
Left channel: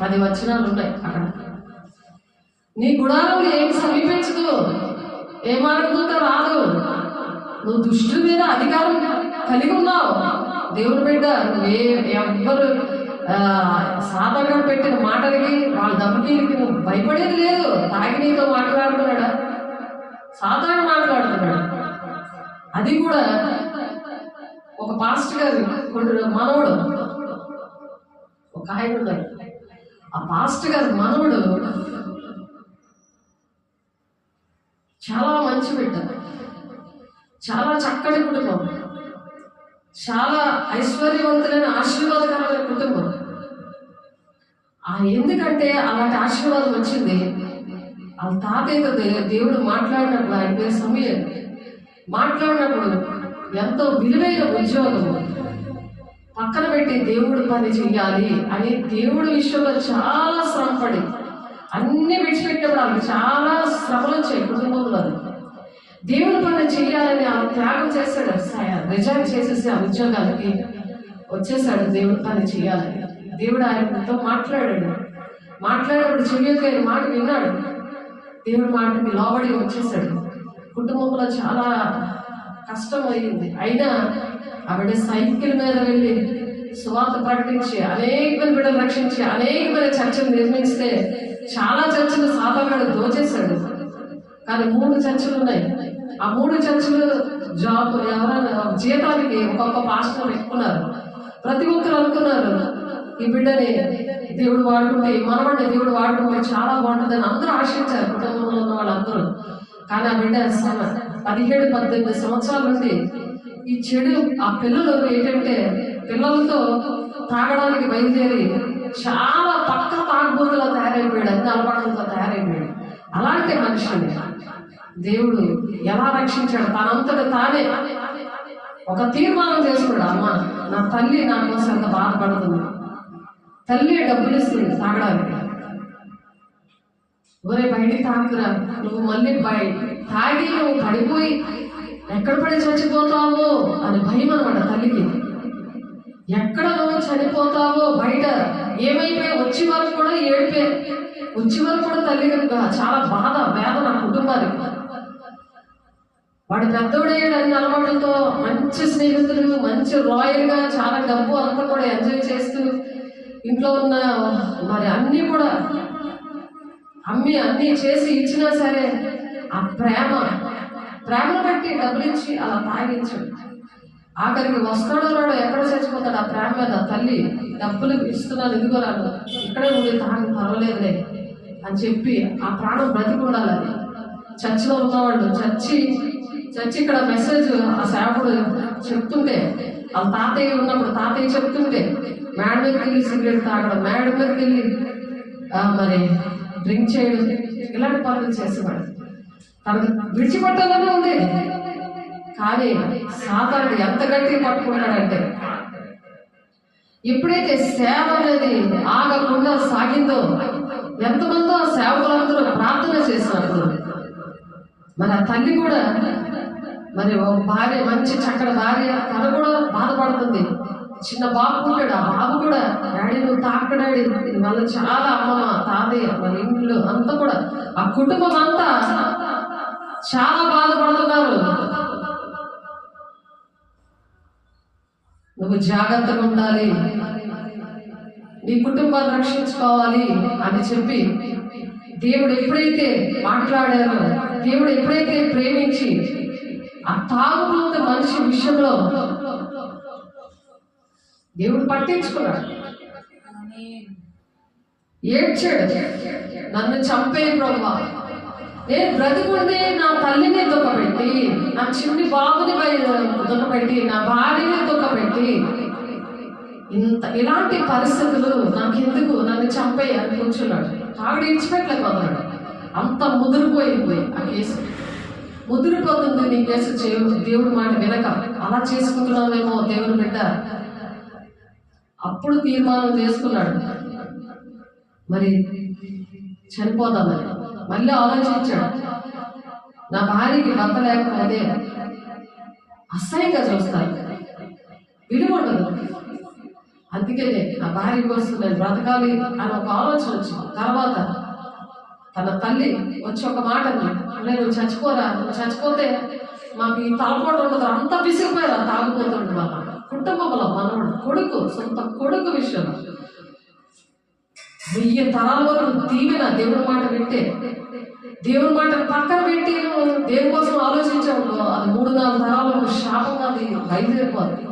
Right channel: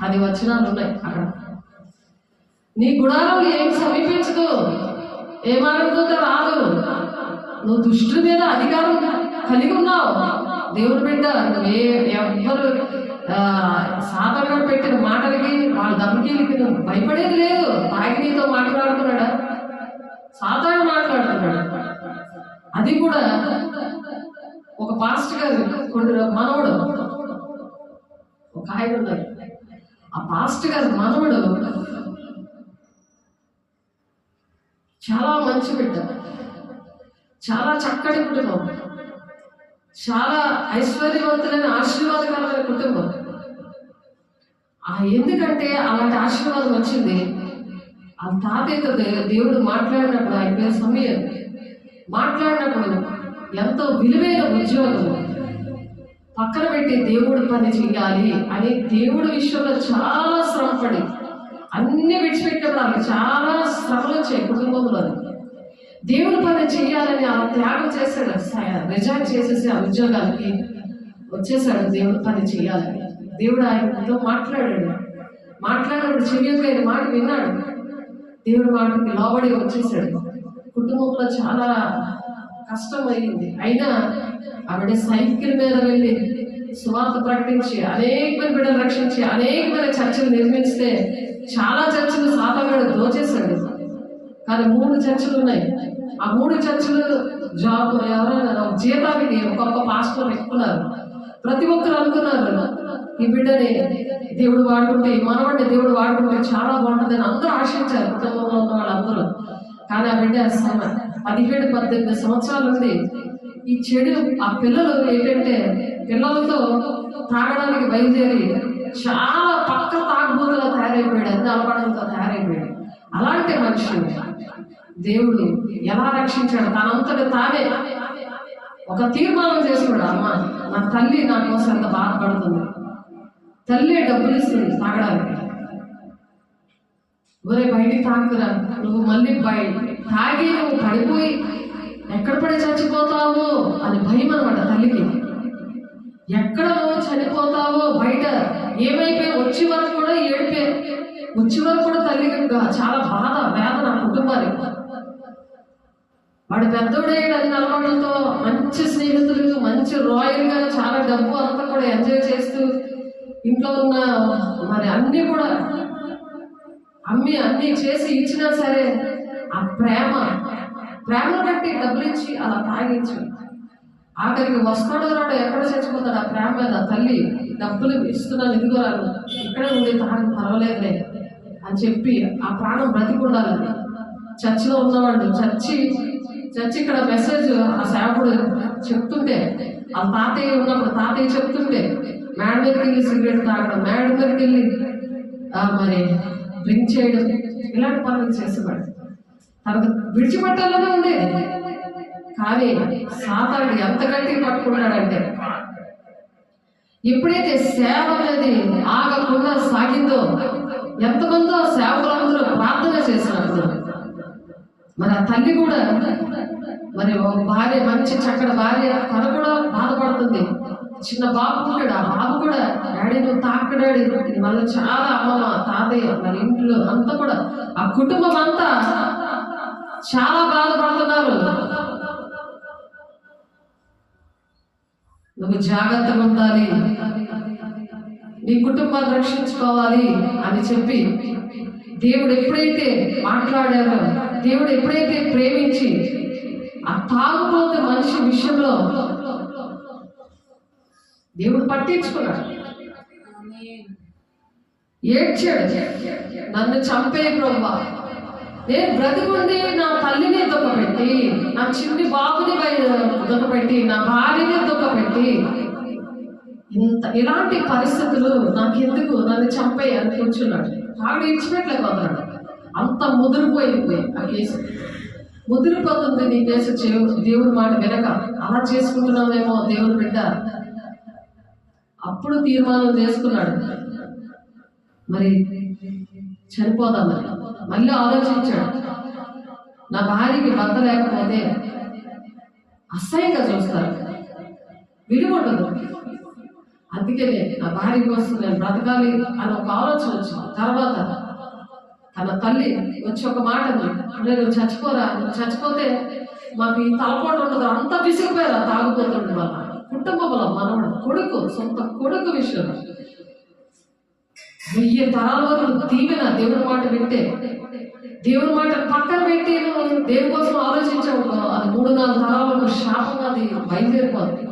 10 వచనాలు ఉన్నాయి అక్కడ. నీ గుడారం ఏం సమీపించదు, ఏ మార్గంతో రాదు. నువ్వు దుష్టుల మీద అధికారం కలిగి ఉన్నావు. దేవుని బిడ్డ, ఎవ్వరు సాధారణ పెట్టిన మాటలకి, వాళ్ళ దెబ్బకి నువ్వు భయపడేది లేదు. తాగి నీతో మాట్లాడుతున్నాడా? సాధారణ మాట్లాడుతున్నాడు. అది కూడా ఒక పాస్టర్ గారు మనవడు ఒక ఆయన ఉన్నారు. ఆ పాస్టర్ గారు మనవడు చాలా మంచి బిడ్డ, చాలా చక్కటి కుటుంబం, చాలా ఐశ్వర్యవంతులైన ఆశీర్వాదకరమైన కుటుంబం. ఎందుకంటే అలాంటి ఆశీర్వాదం వచ్చింది. ఆ తాతయ్యతో దేవుడు మాట్లాడినప్పుడు, ఆయన పేరు సమయం, మాట్లాడినప్పుడు ఎంతో విలువైన ఉద్యోగం పక్కన పెట్టి దేవుడు పని చెయ్యాలి అని దేవుడి విషయంలో చాలా శ్రమపడి అన్ని విడిచిపెట్టినప్పుడు ఆమె చాలా శ్రమలు వచ్చాయి కుటుంబంలో. దేవుడి పని చెయ్యాలని అలా త్యాగం చేశాడు. రిజైన్ చేసేసి ఆ ఉద్యోగానికి వచ్చేసాడు. దేవుడి పని చెయ్యాలని దేవుడు ఆయనతో మాట్లాడినప్పుడు చెయ్యగలిగిన మాట విన్నాడు. దేవుడి మాటకి లోబడి వచ్చేసాడు. కుటుంబంలో చాలా కష్టం అయింది. అయినా ఆవిడ సైకిల్ మీద వెళ్ళి సువార్త ప్రకటించి అనేక మంది బిడ్డలు రక్షించి అనేక మంది చర్చలు నిర్మిస్తే చాలా చర్చలు సాధారణ దోచేశాడు. కానీ 3 చర్చలు ఉన్నాయి. ఆ 3 చర్చలు జాబ్ ఎవరైనా జీతానికి ఒక్కొక్క పాస్టర్ పెట్టుకున్నారు. ప్రతి ఒక్కరు అనుకున్నారు ఈ బిడ్డని దేవుడు వాడుకుంటే, ఈ మనవాడిని దేవుడు వాడుకుంటే చాలా బాగుంటుందని అందరూ ఆశించారు కుటుంబంలో ఉన్న వాళ్ళందరూ. కానీ ఆ బిడ్డ 17-18 సంవత్సరాల నుండి ఈ చెడు, ఆ పిల్లలు ఏంటంటే పిల్లలతో తాగడానికి బయలుదేరి చాలా పక్క తాగుబోతులా తయారైపోయాడు, అన్ని అలవాట్లతో తయారైపోయాడు. అలాంటి మనిషిని దేవుడు ఎలా రక్షించాడు? తనంతటి తానే ఒక తీర్మానం చేసుకున్నాడు. అమ్మ, నా తల్లి నా కోసం ఎంత బాధపడుతుంది, తల్లి డబ్బులు ఇస్తుంది తాగడానికి. ఒరే బయటికి తాగురా, నువ్వు మళ్ళీ తాగి నువ్వు పడిపోయి ఎక్కడ పడి చచ్చిపోతావు అని భయం అనమాట తల్లికి. ఎక్కడ నువ్వు చనిపోతావో, బయట ఏమైపోయి వచ్చే వరకు కూడా ఏడిపే, వచ్చే వరకు కూడా తల్లికి చాలా బాధ, వేదన కుటుంబానికి. వాడు పెద్దోడేడు అన్ని అలవాట్లతో, మంచి స్నేహితులు, మంచి రాయల్గా చాలా డబ్బు అంతా కూడా ఎంజాయ్ చేస్తూ ఇంట్లో ఉన్న మరి అన్నీ కూడా అన్నీ చేసి ఇచ్చినా సరే ఆ ప్రేమను బట్టి డబ్బులు ఇచ్చి అలా తాగించాడు. ఆఖరికి వస్తాడో రాడో ఎక్కడ చచ్చిపోతాడు ఆ ప్రేమ మీద. తల్లి డబ్బులు ఇస్తున్నాను, ఇదిగో రాను, ఇక్కడే ఉండి తాగి పర్వాలేదులే అని చెప్పి ఆ ప్రాణం బ్రతికి ఉండాలని చర్చిలో ఉన్నవాళ్ళు చర్చి ఇక్కడ మెసేజ్ ఆ సేవకుడు చెప్తుంటే, ఆ తాతయ్య ఉన్నప్పుడు తాతయ్య చెప్తుంటే మేడ మీదకి వెళ్ళి సిగరెట్ తాగడం, మేడ మీదకి వెళ్ళి మరి డ్రింక్ చేయడం, ఇలాంటి పనులు చేసేవాడు. తనకు విడిచిపెట్టాలని ఉండేది. కానీ సాతానుడు ఎంత గట్టిగా పట్టుకుంటాడంటే, ఎప్పుడైతే సేవ అనేది ఆగకుండా సాగిందో, ఎంతమందో మరి ఆ తల్లి కూడా మరి ఒక భార్య, మంచి చక్కటి భార్య, తను కూడా బాధపడుతుంది. చిన్న బాబు ఉంటాడు, ఆ బాబు కూడా డాడీ నువ్వు తాకు డాడీ, మళ్ళీ చాలా అమ్మమ్మ తాతయ్య మరి ఇంట్లో అంతా కూడా ఆ కుటుంబం అంతా చాలా బాధపడుతున్నారు. నువ్వు జాగ్రత్తగా ఉండాలి, నీ కుటుంబాన్ని రక్షించుకోవాలి అని చెప్పి దేవుడు ఎప్పుడైతే మాట్లాడారో, దేవుడు ఎప్పుడైతే ప్రేమించి ఆ తాగుబోతే మనిషి విషయంలో దేవుడు పట్టించుకున్నాడు, ఏడ్చాడు, నన్ను చంపే ప్రభువా, నేను బ్రతుకుండి నా తల్లిని దుఃఖపెట్టి, నా చిన్ని బాబుని దుఃఖపెట్టి, నా భార్యని దుఃఖపెట్టి, ఇలాంటి పరిస్థితులు నాకెందుకు, నన్ను చంపే అని కూర్చున్నాడు. ఆవిడ ఇచ్చిపెట్టలేకపోతున్నాడు. అంత ముదిరిపోయింది ఆ కేసు, ముదిరిపోతుంది నీ కేసు. దేవుడి మాట వినక అలా చేసుకుంటున్నామేమో దేవుడు బిడ్డ. అప్పుడు తీర్మానం చేసుకున్నాడు, మరి చనిపోదామని. మళ్ళీ ఆలోచించాడు, నా భార్యకి భర్త లేకపోతే అసహ్యంగా చూస్తారు, విలువ ఉండదు, అందుకే నా భార్య కోసం నేను బ్రతకాలి అని ఒక ఆలోచన వచ్చింది. తర్వాత తన తల్లి వచ్చి ఒక మాట నేను చచ్చిపోరా, చచ్చిపోతే మాకు ఈ తలపోటు ఉండదు, అంత విసిగిపోయారు తాగుపోతుండదు వాళ్ళ కుటుంబంలో. మనవడు కొడుకు, సొంత కొడుకు విషయంలో 1000 తరాల వరకు దీవెన దేవుడి మాట వింటే, దేవుడి మాట పక్కన పెట్టి నువ్వు దేనికోసం ఆలోచించావు, అది 3-4 తరాలకు శాపంగా అది బయలుదేరిపోతుంది.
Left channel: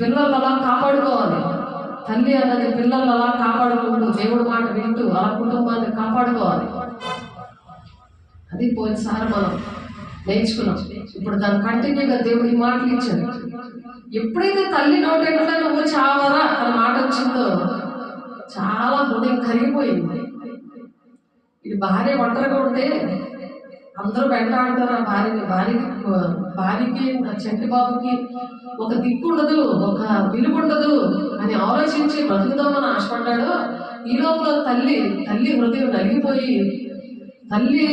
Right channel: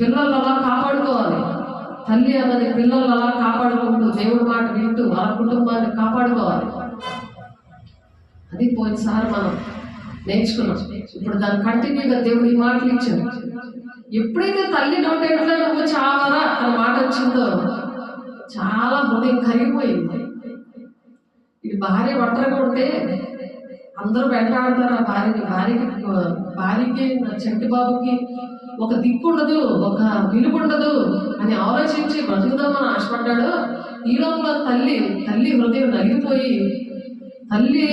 పిల్లలు అలా కాపాడుకోవాలి, తల్లి అన్నది పిల్లలు అలా కాపాడుకుంటూ దేవుడి మాట వింటూ ఆ కుటుంబాన్ని కాపాడుకోవాలి. అది పోయినసారి మనం నేర్చుకున్నాం. ఇప్పుడు దాని కంటిన్యూగా దేవుడి మాటలు ఇచ్చాడు. ఎప్పుడైతే తల్లి నోటెంట్లో నువ్వు చావరా అనే మాట వచ్చిందో చాలా హృదయం కరిగిపోయింది. ఇది భార్య ఒంటరిగా ఉంటే అందరూ వెంటాడుతారు ఆ భార్యకి చెట్టు బాబుకి ఒక దిక్కు ఉండదు, ఒక విలువ ఉండదు అని ఆలోచించి బ్రతుకుదామని ఆశపడ్డాడు. ఈ లోపల తల్లి హృదయం నలిగిపోయి, తల్లి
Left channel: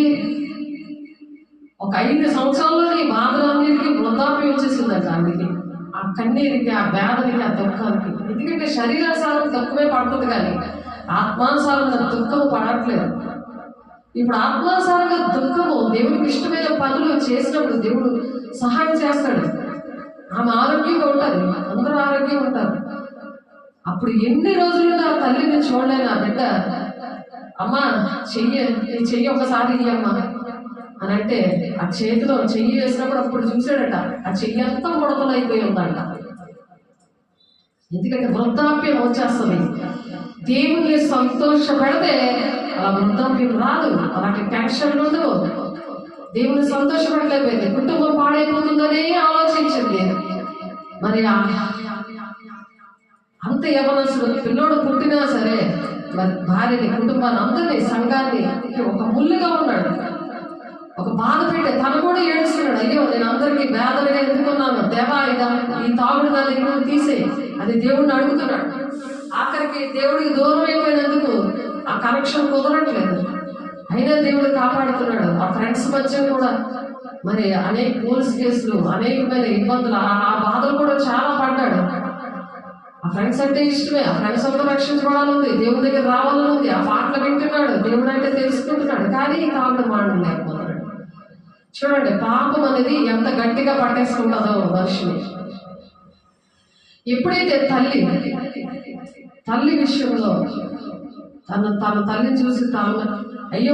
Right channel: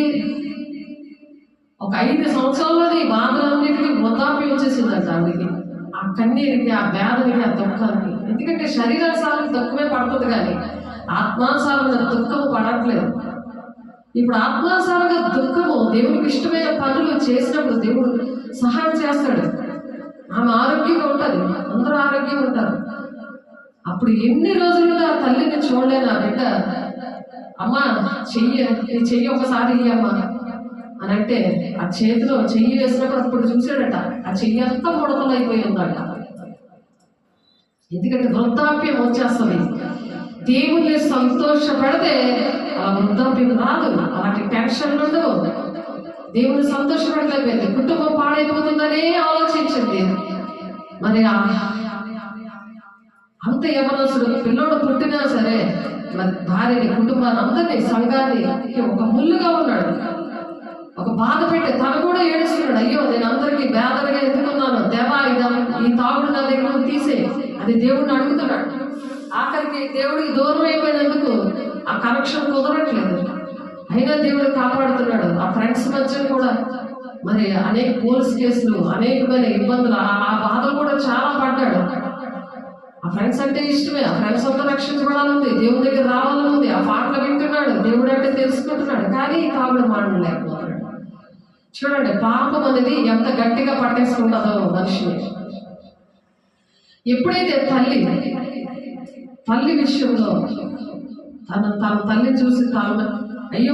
ఒక 5 సంవత్సరాల్లోని బాధలన్నిటికీ వృద్ధాప్యం వచ్చేసిందంట ఆవిడికి. ఆ కన్నీరికి, ఆ వేదనకి, ఆ దుఃఖానికి. ఎందుకంటే శరీరానుసారం దుఃఖమే పడుతుంది కానీ ఆత్మానుసారంగా దుఃఖము పడట్లేదు. ఇప్పుడు ఆత్మానుసారంగా దుఃఖము, దేవునికి ఇష్టమైన పనులు చేసినప్పుడు దేవుడు సహాయం చేస్తాడు. ఆమె ఆరోగ్యంగా ఉంటుంది, అందరూ ఆరోగ్యంగా ఉంటారు. అప్పుడు ఎన్ని రోజులుగా తల్లిని చూడలేను ఆ బిడ్డ, అమ్మ చెయ్యి ఒకసారి అమ్మ అని అంటే ఆ చేతిలో చెయ్యి వేసినప్పుడు అప్పుడు చూసాడట ఆ చెయ్యి అంతా ముడతలు అయిపోయి ఉందట. ఎందుకంటే వృద్ధాప్యం వచ్చేస్తుంది. దేవుణ్ణి సంతోషపెడితే ఆ వృద్ధాప్యం రాదు, అలాంటి టెన్షన్ ఉండదు. దేవుని సంతోషపడలేకపోయింది, కుటుంబం పాడైపోతుందనే ఆలోచించింది. మరి అంత యవనసుడు పిల్లోడు పుట్టినా సరే మరి భార్యని, కుటుంబాన్ని, అందరినీ, సంఘాన్ని ఒక ముళ్ళుగా ఉన్నాడు, ఒక బాధ పెట్టే. తను కూడా ఏడుస్తున్నాడు, అయ్యో నేను అందరికీ వేదనగా ఎందుకున్నాను దేవా, ఈ తాగుడు నా దగ్గర తీసే అది దేవుడిని అడుగుతున్నాడు. ఆఖరికి దేవుడికి దూరం అయిపోయినందుకు ఆ కనెక్షన్ కుదరట్లేదు, అయినా దేవుడు కాపాడుతున్నాడు. ఆ ఫ్రెండ్స్ మధ్య కూడా మరి అనేక పోలీస్ కేసులు, అనేకమైన ఇబ్బందులు, ఆ బాధలు కూడా చాలా పడ్డాడు. ఆ ఫ్రెండ్స్ అంటే ఇష్టమే, ఆ ఫ్రెండ్స్ అంతా రక్షించబడాలని, దేవుడి దగ్గర రావాలని ఉంది. ఆ పాటలు వింటున్నాడు, దేవుడు అంటే తెలుసుకుంటున్నాడు, కానీ తాగుడు మానలేకపోతున్నాడు. చూడండి, పాపం అనేది ఎంత గట్టిగా పట్టేసుకుంటుందో మనిషిని. ఎప్పుడైతే తల్లి విషయంలో తన తల్లిని చూసి అయ్యో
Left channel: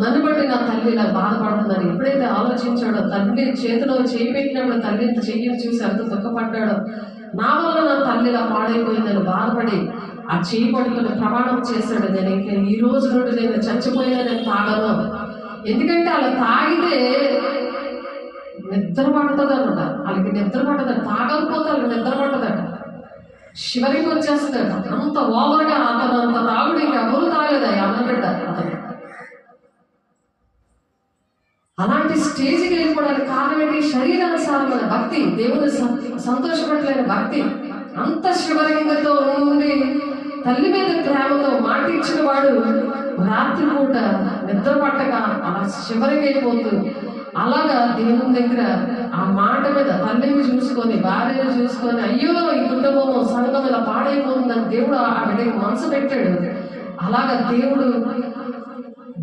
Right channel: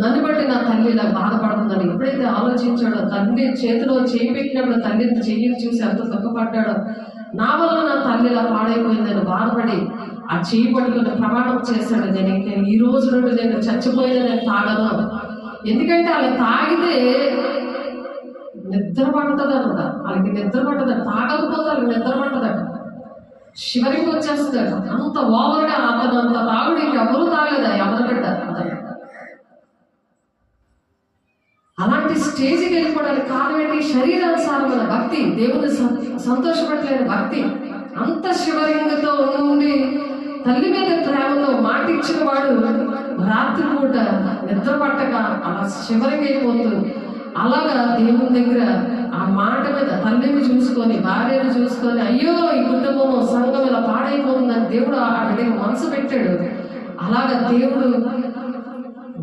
నన్ను బట్టి నా తల్లి ఇలా బాధపడుతుందని ఎప్పుడైతే ఆలోచించాడో, తల్లి చేతిలో చేయి పెట్టినప్పుడు తల్లిని చెయ్యిని చూసి ఎంత దుఃఖపడ్డాడో, నా వల్ల నా తల్లి ఇలా పాడైపోయిందని బాధపడి ఆ చేయి పట్టుకుని ప్రమాణం చేశాడు, నేను ఇంకా ఈ రోజు నుండి నేను చచ్చిపోయినా నేను తాగను. ఎందుకంటే అలా తాగితే నిద్ర పడుతుంది అనమాట, వాళ్ళకి నిద్ర పట్టదట, తాగకపోతే వాళ్ళకి నిద్ర పట్టదట, శివరికి వచ్చేస్తుందట. అంత ఓవర్గా అతను అంత తాగుడు ఇంకెవరూ తాగలేదా అమ్మబిడ్డ అతను. అలాంటి స్టేజ్కి వెళ్ళిపోవడానికి కారణం ఏంటి? శరీరానుసారమైన భక్తి, దేవుని సంతోషపడలేని భక్తి. అంత శివలింగంతో ఉండి తల్లి మీద ప్రేమతో మాట ఇచ్చిన వాడు రాత్రిపూట నిద్ర పట్టక అలా శివరికి అయిపోతూ అలాగా దేవుని దగ్గర ఆ మాట మీద తల్లిని చూసుకొని భార్యను చూసుకొని అయ్యో ఈ కుటుంబం సంఘం ఇలా పాడైపోతుందని దేవుడు ఆ బిడ్డకి మనసు పెట్టాడు. అలాగా దేవుడు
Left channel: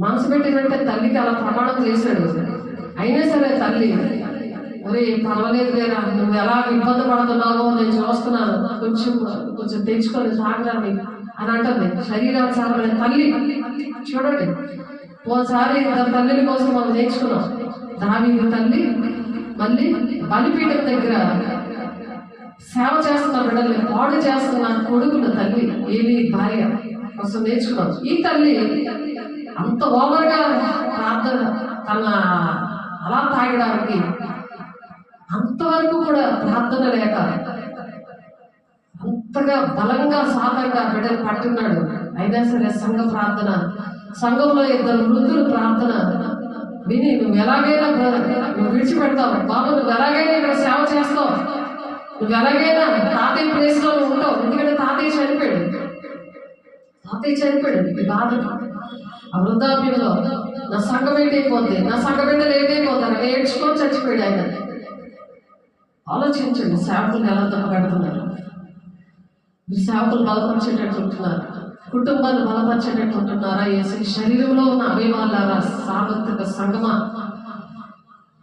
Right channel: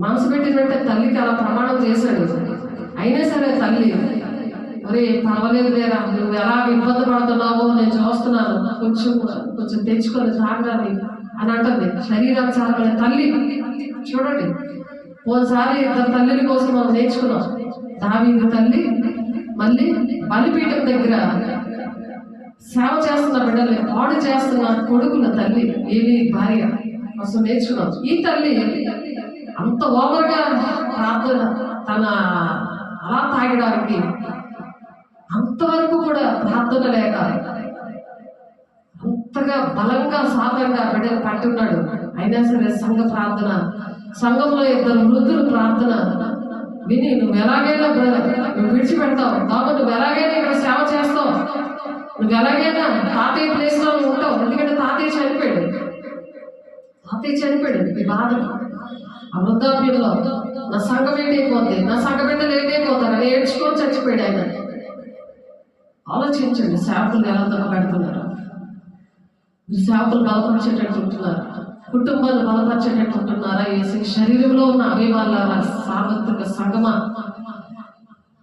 మనసు పెట్టినట్టే తల్లికి అలా ప్రమాణం చేశాడు. అయినా సరే తల్లి మరి పర్వాలేదు లేరా, నువ్వు ఎలా ఇబ్బంది పడుతున్నావో నేను చూస్తున్నాను, కొంచెం కొంచెం తెచ్చుకొని తాగడానికి అని అంటుంది. శరీరానుసారమైన తల్లి చూడండి, పోసారి ఇద్దరు తల్లిల కోసం మనం నేర్చుకున్నాం. దావీదు తల్లి మళ్ళీ బలిపీఠం దగ్గర సేవ చేస్తున్న బిడ్డల్ని పాడు చేస్తున్న కొడుకుల తల్లి ఏలి భార్య కోసం నేర్చుకున్నాం. ఈ తల్లి అంత ఓవర్గా ప్రార్థన తన అలా తాగడానికి అంతవరకు కూడా ప్రార్థన లేక అంతగా బలంగా సాతంగా బిడ్డలు పట్టున్నాడు. అయినా సరే సంఘ ప్రార్థన, సంఘంలో ఇద్దరు వృద్ధులు ప్రార్థన విని నువ్వు ఎలాగైనా నువ్వు విడిచిపెడతావు బాబు, నువ్వు ఎలాగైనా ఇక్కడ సేవ చేస్తావు, నువ్వు ఎలాగైనా తాతయ్య ప్లేస్లో నువ్వు ఉంటావు. ఎందుకంటే తాతయ్య చనిపోయాడు ఈ బాధ ఆ వృద్ధాప్యంలో నా సంఘం ఏంటైపోద్ది, నా సంఘ బిడ్డలు ఏంటైపోతారు అని ఏడ్చుకొని చచ్చిపోయాడు ఆయన. ఆలోచించండి, సేవకులు ఎలా పెడుతున్నారు. మీరు సేవకులు బలపరిచేటట్టు ఉంటున్నారు, కుటుంబాలు బలపరిచేటట్టు ఉంటున్నారా? శరీరంలో ఉన్న అవయవాల సార్వత్రిక సంగమా,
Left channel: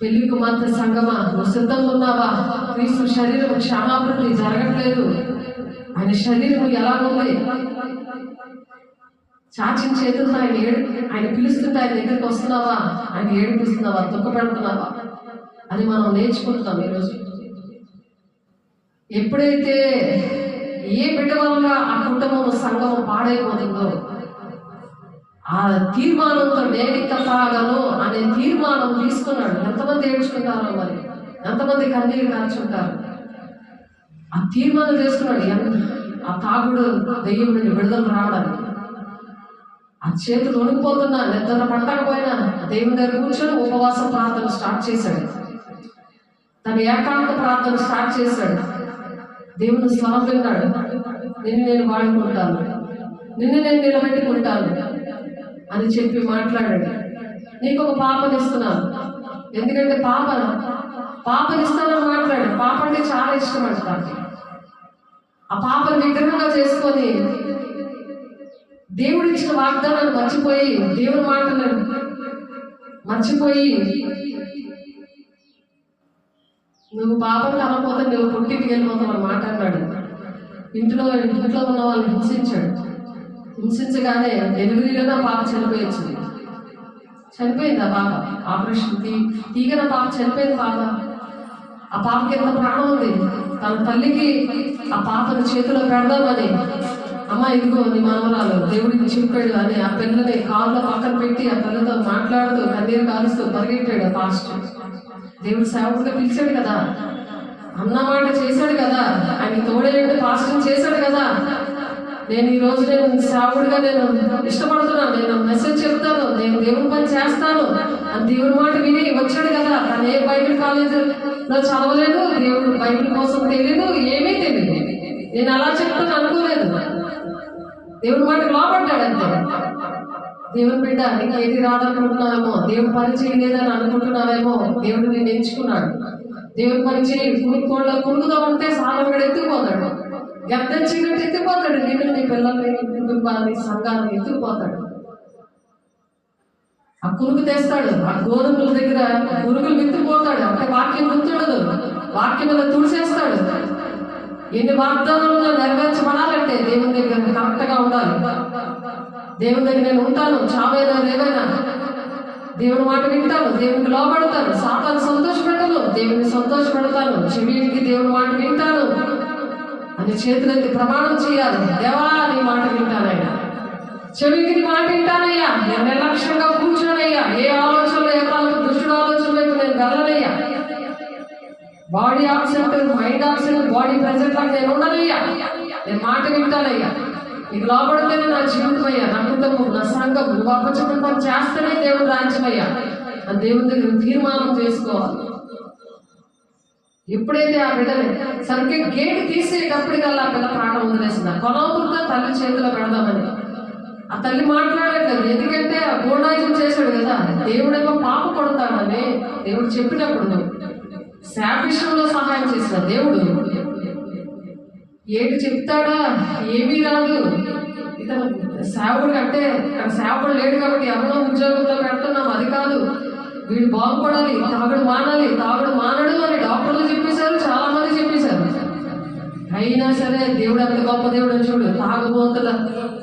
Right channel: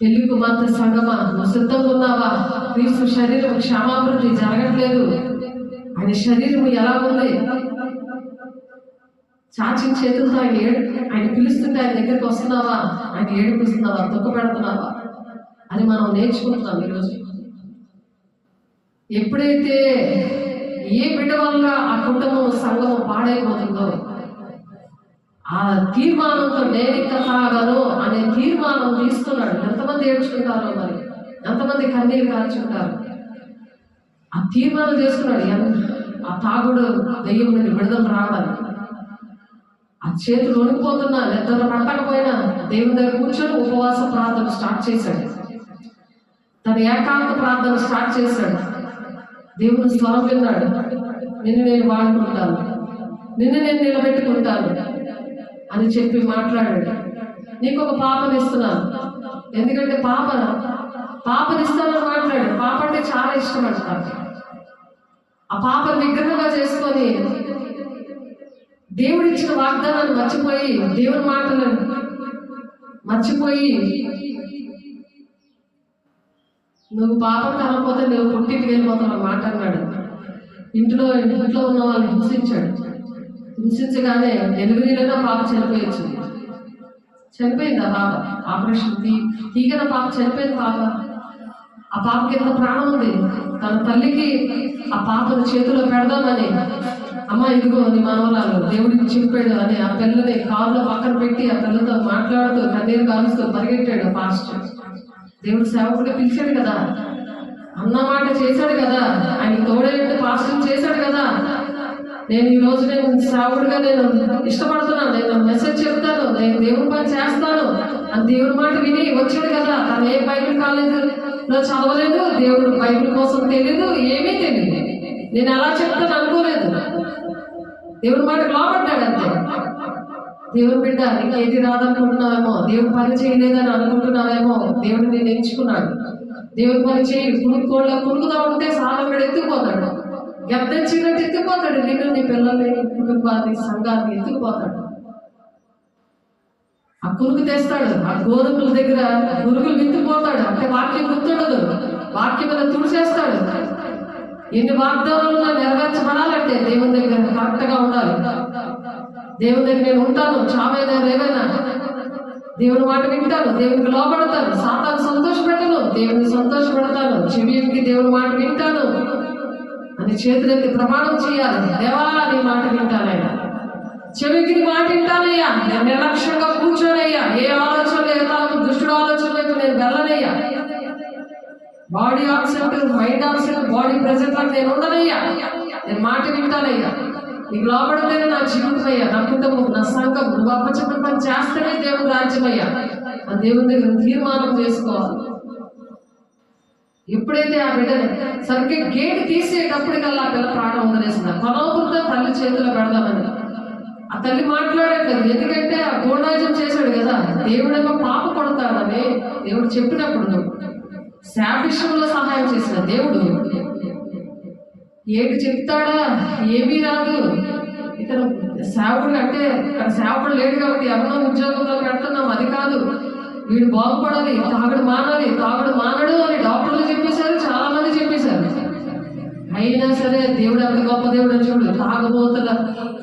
పెళ్లి కుమార్తె సంగమా, నువ్వు సిద్ధంగా ఉన్నావా? క్రీస్తు శరీరం క్షమాభివృద్ధి జరగట్లేదు. ఆయన శరీరం ఎలా ఉంది? చాచిన చేతులతో ఆయన పిలుస్తుంటే ఆయన దగ్గరికి వస్తున్నావా? ఆయన ఏడిపిస్తున్నావా? దుఃఖ పెడుతున్నావా అని మనం నేర్చుకుంటున్నాం ఈరోజు. ఎప్పుడైతే ఏ బిడ్డ వల్ల ఆ కుటుంబం సంఘం పాడైపోతుందో ఆ తీర్మానంతో నేనింక తాగను అనే తీర్మానం తీసుకున్నాడు. ఎంతమంది ఏడ్చుకుంటారో మరి, ఎంతమంది కన్నీరు కార్చుంటారు. ఆ తీర్మానం చేసుకున్నాడు ఆ తాగుడు దెయ్యం నుండి విడుదల రావడానికి. ఆ చేతులు వణికిపోతున్నా, నిద్ర పట్టకపోయినా దేవుని దగ్గర కూర్చొని ఉపవాస ప్రార్థన స్టార్ట్ చేశాడు. తన ఏకాంత ప్రార్థన స్టార్ట్ చేశాడు. దేవుని స్వరం విన్నాడు. నిన్ను నేను వాడుకుంటాను, నిన్ను నేను నిలబెట్టుకుంటాను అని చెప్పి మాట్లాడాడు. నీకు ఒక పాపనిస్తున్నాను, ఎందుకంటే పాపనిస్తానని మాట్లాడాడు. పాప అంటే చాలా ఇష్టం అంటారు. ఆ పాపను విగ్రహంగా చేసుకొని దేవుడు ఇచ్చిన వాగ్దానాన్ని మర్చిపోయి, దేవుని మాటలను మర్చిపోయి, నువ్వు పాపం కనకపోతే నువ్వు పుట్టింటికి వెళ్ళిపోతావు మాట అన్నాడు. ఇంట్లో ఉన్న వాళ్ళని హింసించగానే డెలివరీలోనే పాప చనిపోయింది ఆ పాప. ఆపరేషన్ తీగన పాప చనిపోయింది. ఆ పాపకి ఎంత ప్రాణం ఉంది. తన తల్లికి ఆ పాపను చేతిలో పెడదామని, అమ్మ ఇదిగో నీ మనవరాలు దేవుడికి చెప్పాడు అని ఆ పిల్లని కాళ్ళలో పక్కన పెట్టి ఆ పిల్లతో మాట్లాడుతూ కన్నీరు కాలుస్తూ పరిగెట్టాడు పాస్టర్. దేవుడు సేవకుడిగా పిలిచాడు కదా, అన్నమాట చేశాడు కదా, ఆయన తోడేంటి పాస్టర్ చేశాడు కదా. నేను ఈ రోజు నేను సేవకుడిగా నేను ఇష్టపడుతున్నాను, నేను మెసేజ్ చెప్తాను, నేను దేవుని పని చేస్తాను అని దేవుడి మాట విని వచ్చాడు కదా. తను ఏ బైబిల్ కాలేజీలో చదవలేదు, దేవుడు బైబిల్ కోసం తెలియదు, ఏమీ తెలియదు. నేను అలా చెప్తాను అనుకోలేదు. దేవుడి మాట లోపడ్డాడు అంతే. దేవుని బిడ్డ ఇంకా ఏది రాదనుకుంటున్నావేమో, దేవుని పని చేయలేదని అనుకుంటున్నావేమో, దేవుడు నేను ఎంచుకున్నాడు. దేవుని పని చేయి. పురుగుగా ఉంటే సాధకుడు ఎత్తుకుపోతాడు, గద్దెచ్చినట్టు ఎత్తుకుపోతాడు. నిన్ను నీ పిల్లల్ని, కుటుంబాన్ని, సంఘాన్ని ఎత్తుకుపోతాడు. ఆ కురుగు తెస్తాడు. ఆ గోధుమల దగ్గర పురుగులు విత్తుకుపోతాడు. అంటే వాక్యం గుర్తుండదు, వాక్యం మీద తుడిచేస్తాడు. ఎన్ని వాగ్దానాలు నెరవేర్చబడాలంటే దేవుని దగ్గర కరెక్ట్గా ఉండాలి. దేవుని దగ్గర నేను ఉంటాను, చావైనా రేవైనా దేవుని మాట వింటాను, దేవునికి లోపడతాను, సాతాన్ని సంతోషపెట్టను, దేవుని సంతోషపెడతాను, చెవికి దేవుని మాట వింటాను అని చేతులెత్తి ప్రమాణం చేయాలి. దేవా నీ మాట వింటానయ్యా, చెవికి నీ మాట వింటానయ్యా, నేను నిర్లక్ష్యంగా కూర్చోనయ్యా, ఏ ఆలోచనలు ఏ కాలం దుష్టుడు ఆలోచన వైపు నేను వెళ్ళనయ్యా, body absent mind absent body present లాగా నేను ఉండనయ్యా, నేను మాట వింటానయ్యా, నీకు లోపడలేదు నా జీవితం అయ్యా, నా కుటుంబం, నా సంఘం, నువ్వు అప్పచెప్పిన పని చేస్తేనే దేవుడు రాజ్యమయ్యా అని దేవుని దగ్గర తీర్మానం చేసుకోవాలి. ఎప్పుడైతే ఆ బిడ్డని సరిగ్గా గేట్ తీసేటప్పటికల్లా పిల్ల ప్రాణం వదిలేసింది. కొనవృత్త తల్లి చేతిలో పెడదామని ఆ తల్లి మాట్లాడట్లేదు, ఎందుకంటే ఆ గూఢాయుధం చేశాడు కదా. దేవుడేమో పాప కొడతాడని దేవుడు చెప్పినప్పుడు శాపిషంలో సహాయం చేసిన దేవుడు ఏంటి చెప్తాడా, ఏమీ రాదు. ఇతను సేవకుడు అంటే ఇక్కడ సేవకుడు లేడు కాబట్టి ఎవరో ఉద్యోగంలో పెడుతున్నాం, అది కాదు. వీడు బాగుపడాలి, తాగుడు మానాలి, తాగుడు మానడు అని డాక్టర్లు చెప్పేశారు, చాలా మంది చెప్పేశారు. అయినా సరే దేవుడు అంత గొప్ప దేవుడు చూడు. తాగుబోతుల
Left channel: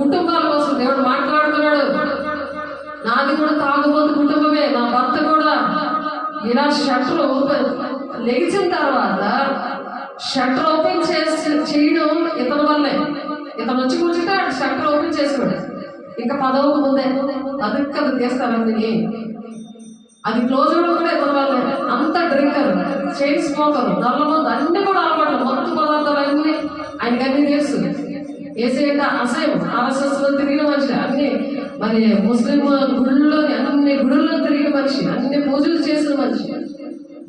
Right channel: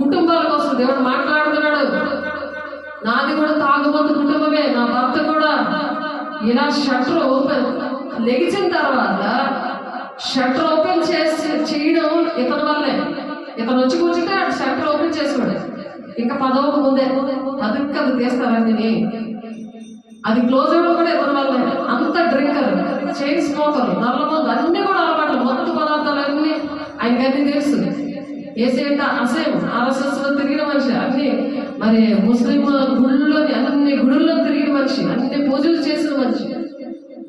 కుటుంబాల కోసం దేవుడు మాట్లాడుతున్నాడు. నాది కూడా తాగుబోతు కుటుంబమే, నా భర్త కూడా. ఇలా షట్టర్ ఓపెన్ లెగిసిన తర్వాత షట్టర్ ఓపెన్ చేయడం ఇతని వల్లే. ఇతను వచ్చి కూర్చుంటే షట్టర్ ఓపెన్ చేసుకోడు. ఇంకా 10వ ముందే 10 తీస్తారండి. అది క్లోజ్ అవ్వడం కూడా ఇతని వల్లే. అంత డ్రింకర్, చైన్ స్మోకర్, నల్లమందు అన్ని కూడా అలవాట్లు, మత్తు పదార్థాలు అన్ని ఆయనకన్నీ తెలుసు. ఏసేట అసహ్యం, RSS లో తిరిగిన మనిషి, అన్ని మరి ముస్లిం గుళ్ళలోని అన్ని గుడుల్లో తిరిగిన మనిషి, అన్ని పూజలు చేసిన మనిషి.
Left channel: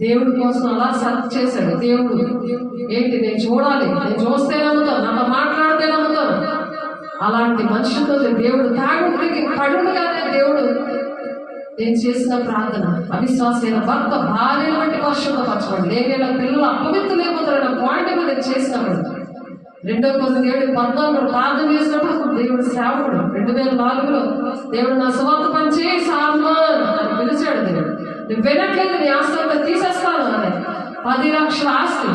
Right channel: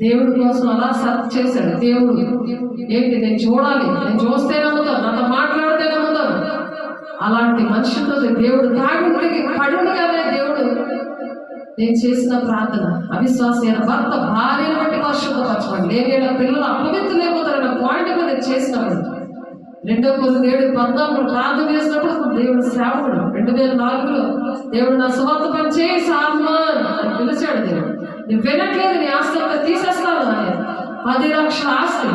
దేవుడి కోసం అలా సర్చ్ చేశాడు. దేవుడు ఏంటి, నేను చూడాలి, నేను చూస్తే నమ్ముతాను, నాతో మాట్లాడితే నమ్ముతాను. అలాంటి మనిషితో దేవుడు తాగుడికి పడుగానే దేవుడు నేను చేసిన ప్రార్థన, అవిశ్వాసైన భర్త భార్యను బట్టి పరిశుద్ధపరచండి, నేను ఇలా పిల్లలు అపవిత్రులైపోతారన్న పాయింట్ మీద నేను చేసినప్పుడు 2వ కొరింథీయులు 14 ప్రార్థన చేసినప్పుడు దేవుడు సేవకుడు 2004లో దేవుడు నా స్వార్థ పని చేయి సామాన్ అని పిలిచాడు. దేవుడు నువ్వు వినట్లేదు, నీ ఆస్తి అంతా తీసేస్తాను అని. 10 లక్షల ఆస్తి,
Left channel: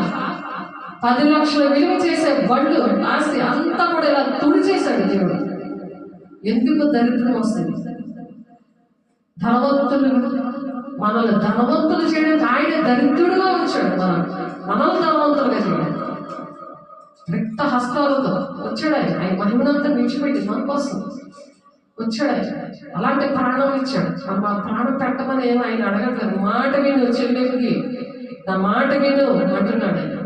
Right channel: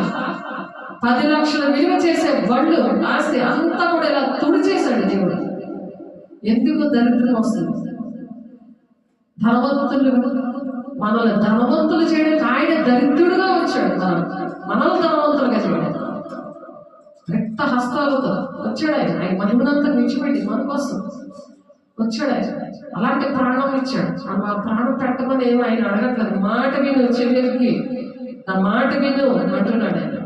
10 లక్షల విలువ చేసే బళ్ళు ఆస్తి అంతా కూడా ఇలా తుడిచేశాడు దేవుడు. ఎందుకు దరిద్రం వస్తుంది? ధనవంతులు మనల్ని ధనవంతులు చేయడానికి ఆయన దరిద్రుడుగా వచ్చాడు. మనల్ని ధనవంతులుగా చేయడానికి రక్త హస్తాలతో వచ్చాడు. ఆయన మహిమనంతా విడిచిపెట్టి మన కోసం వచ్చాడు. అలాంటి ప్రాణం ఇచ్చాడు. ఆ ప్రాణం పెట్టమని ఏమో ఆయన అడగట్లేదు. మాట విను చెల్లెకి, నా మాట విను అంటున్నాడు ఆయన.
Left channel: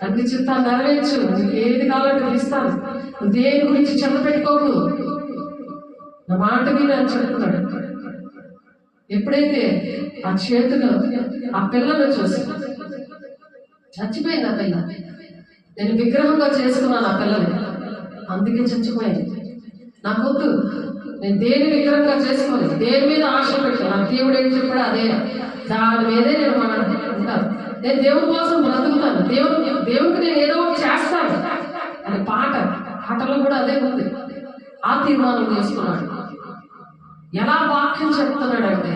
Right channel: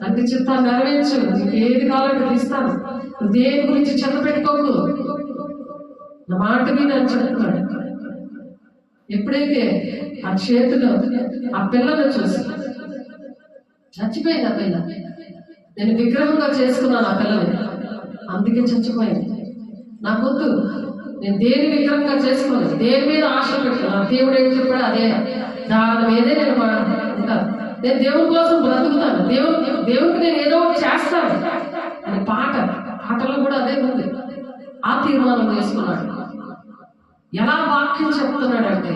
తండ్రి చిత్తాన్ని నెరవేర్చు, నీకు ఏది కావాలంటే ఇస్తాను, నువ్వు దేని గురించి చెత్త పెట్టుకోకు, నా మాట విను అని చెప్తున్నాడు. ఎప్పుడైతే ఆ చేతిలో ఆ పిల్లను చూసి చచ్చిపోయింది. ఆ పిల్ల నేను విగ్రహంగా చేసుకున్నాను ఆ పిల్లని, అందుకే చచ్చిపోయింది. నాకొద్దు, నేను దేని విగ్రహంగా చేసుకోలేదు, దేని మీద ఆశ పెట్టాను. నాకు దేవుడు ఏం చెప్పాడు అదే, దాని మీదే నేను ఉంటాను. నేను దేవుడి కోసం బ్రతుకుతాను, దేవుడికి నేను ఏదో ఒకటి చేస్తాను అని పాటలో కూడా అదే ఉంది. ఆ తీర్మానం చేసుకున్నాడు. ఎలా వాక్యం చెప్తున్నాడంటే,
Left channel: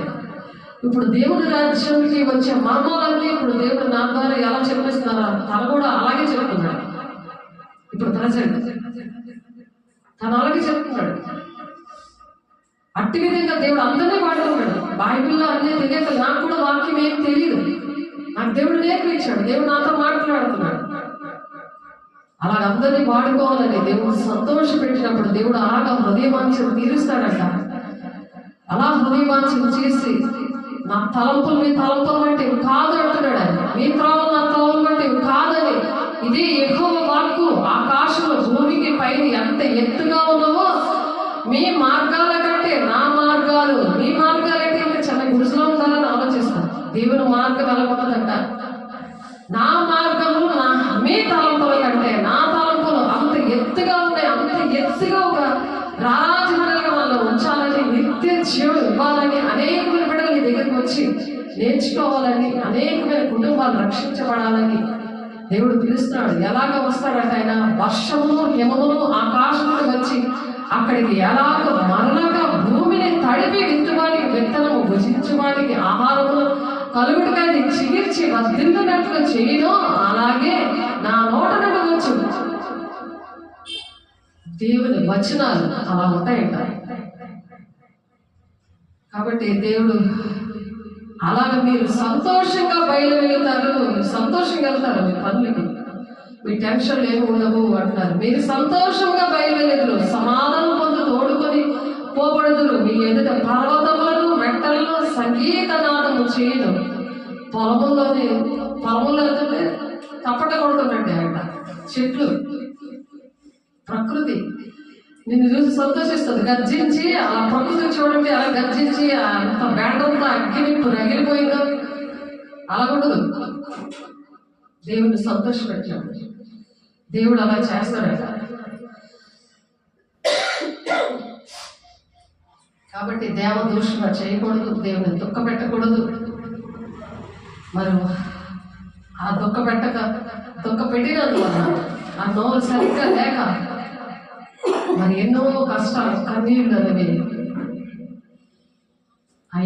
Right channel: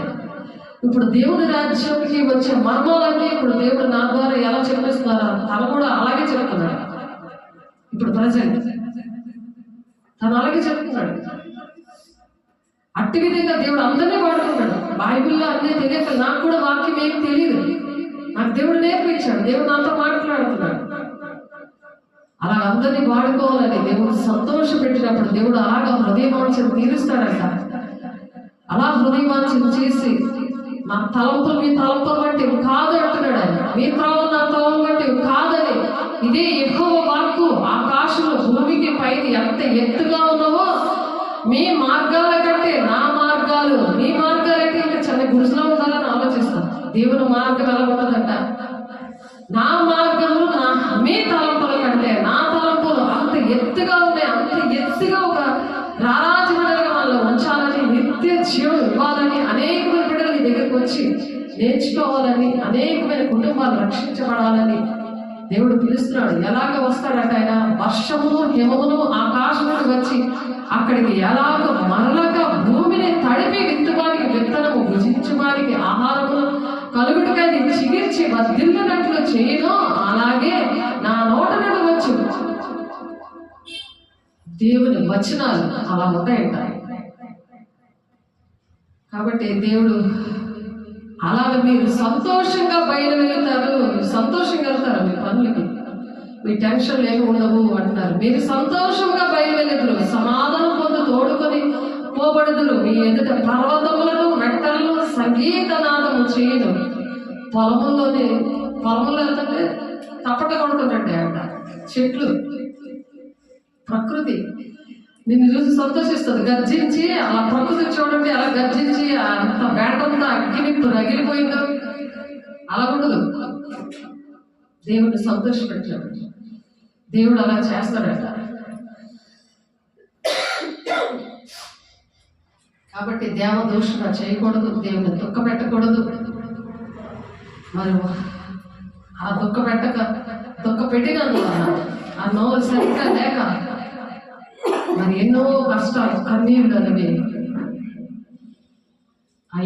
ఇప్పుడు దేవుడి రాజ్యానికి వచ్చే మర్మాలన్నీ ఇప్పుడు దేవుడు నా ద్వారా ఎలా చెప్పిస్తున్నారో తను కూడా అలాగే చెప్తున్నాడు. ఇప్పుడు ప్రజెంట్ తను అలాగే చెప్తున్నాడు. అట్టి విధంగా దేవుడు అందరినీ వాడుతున్నాడు. బైబిల్లో అన్నీ తెలియక నాకు కూడా వాక్యం ఏం తెలియదు, నాకు దేవుడు నేర్పించాడు, దేవుడు నాతో మాట్లాడుతున్నాడు. అలా అందరినీ వాడుకోవాలని దేవుడు సంతోష పెట్టినప్పుడు దేవుడు అలాగా హృదయవాంఛను తీరుస్తాడంట. అలా హృదయవాంఛను చేసి నా తలంపులు మీ తలంపులు బట్టి కాదు అంటున్నాడు ఆయన. మీ త్రోవలు నా త్రోవలు బట్టి కాదని. ఇదే యెహోవా వాక్కు. ఆకాశంలో భూమికి పైన ఎంత ఎత్తుగా ఉన్నావో మీ మార్గాల కంటే నా మార్గాలు, మీ మార్గాలైతే ఇంకా చిన్న గుడిసెలో ఉండాలని ఆలోచిస్తాను. దేవుని మార్గం ఎలా ఉంటుందంట, నా మార్గములు మీ తలంపుల కంటే నా తలంపులు అంత ఎత్తుగా ఉన్నాయి. అంత ఎత్తుగా ఒక రారాజులుగా మనల్ని ఉంచాలని, నిత్య జీవం ఇవ్వాలని, అనేకమైన బిడ్డలు నీ దగ్గరికి వచ్చి నేర్చుకోవాలని, అనేకమైన కుటుంబాలు రక్షించబడాలని దేవుడు పిలుస్తున్నాడు. ఎలాగ వస్తాడంటే ఆయన వర్షమును హిమమును ఆకాశమును వచ్చి అక్కడికి ఎలాగ మరలగా భూమిని తడిపి విత్తువానికి విత్తనము, భుజించువానికి ఆహారము కలుగుటకై చిగిర్చి వర్ధిల్లునట్లు చేయను, అలాగే నా నోట నుండి వచ్చు దేవుని వచనాలు అలా ఉంటాయంట. కాబట్టి దేవుడు అలాగ మీరు సంతోషంగా బయలు వెళ్తారు, సంతోషంగా వెళ్తారు మీ పనులకి, మీ టెన్షన్లు ఏమి ఉండవు అంటున్నారు. మీరు సంతోషంగా బయలు వెళ్ళదురు, సమాధానం పొందు తోడుకొని పోబడుదురు. మీ ఎదుట పర్వతములను మెట్టలను సంగీతనాదము చేయను. పొలంలో వెళ్తుంటే తపట కొడుతుందండి అంట. చెట్లు, ప్రకృతి నిన్ను చూసి సంతోషిస్తుంది. గర్జించి అలా ప్రకృతి చూడండి, అలా గర్జించి అంత బేడంతా అగ్గినిప్పు రగిలిపోయిందో అలా ఉండదు. దేవుడిని సంతోషపెట్టాడు. దేవుడు అలా చేస్తాడట. కాబట్టి దేవదూషణ చేయకూడదు, దేవుని దుఃఖ పెట్టకూడదు. మరి ఆ దుఃఖ పెట్టినందువల్ల ఆ నోరు సరిగ్గా లేక మరి ఎన్నో కష్టాలు కన్నీళ్ళు అనేవి ఆ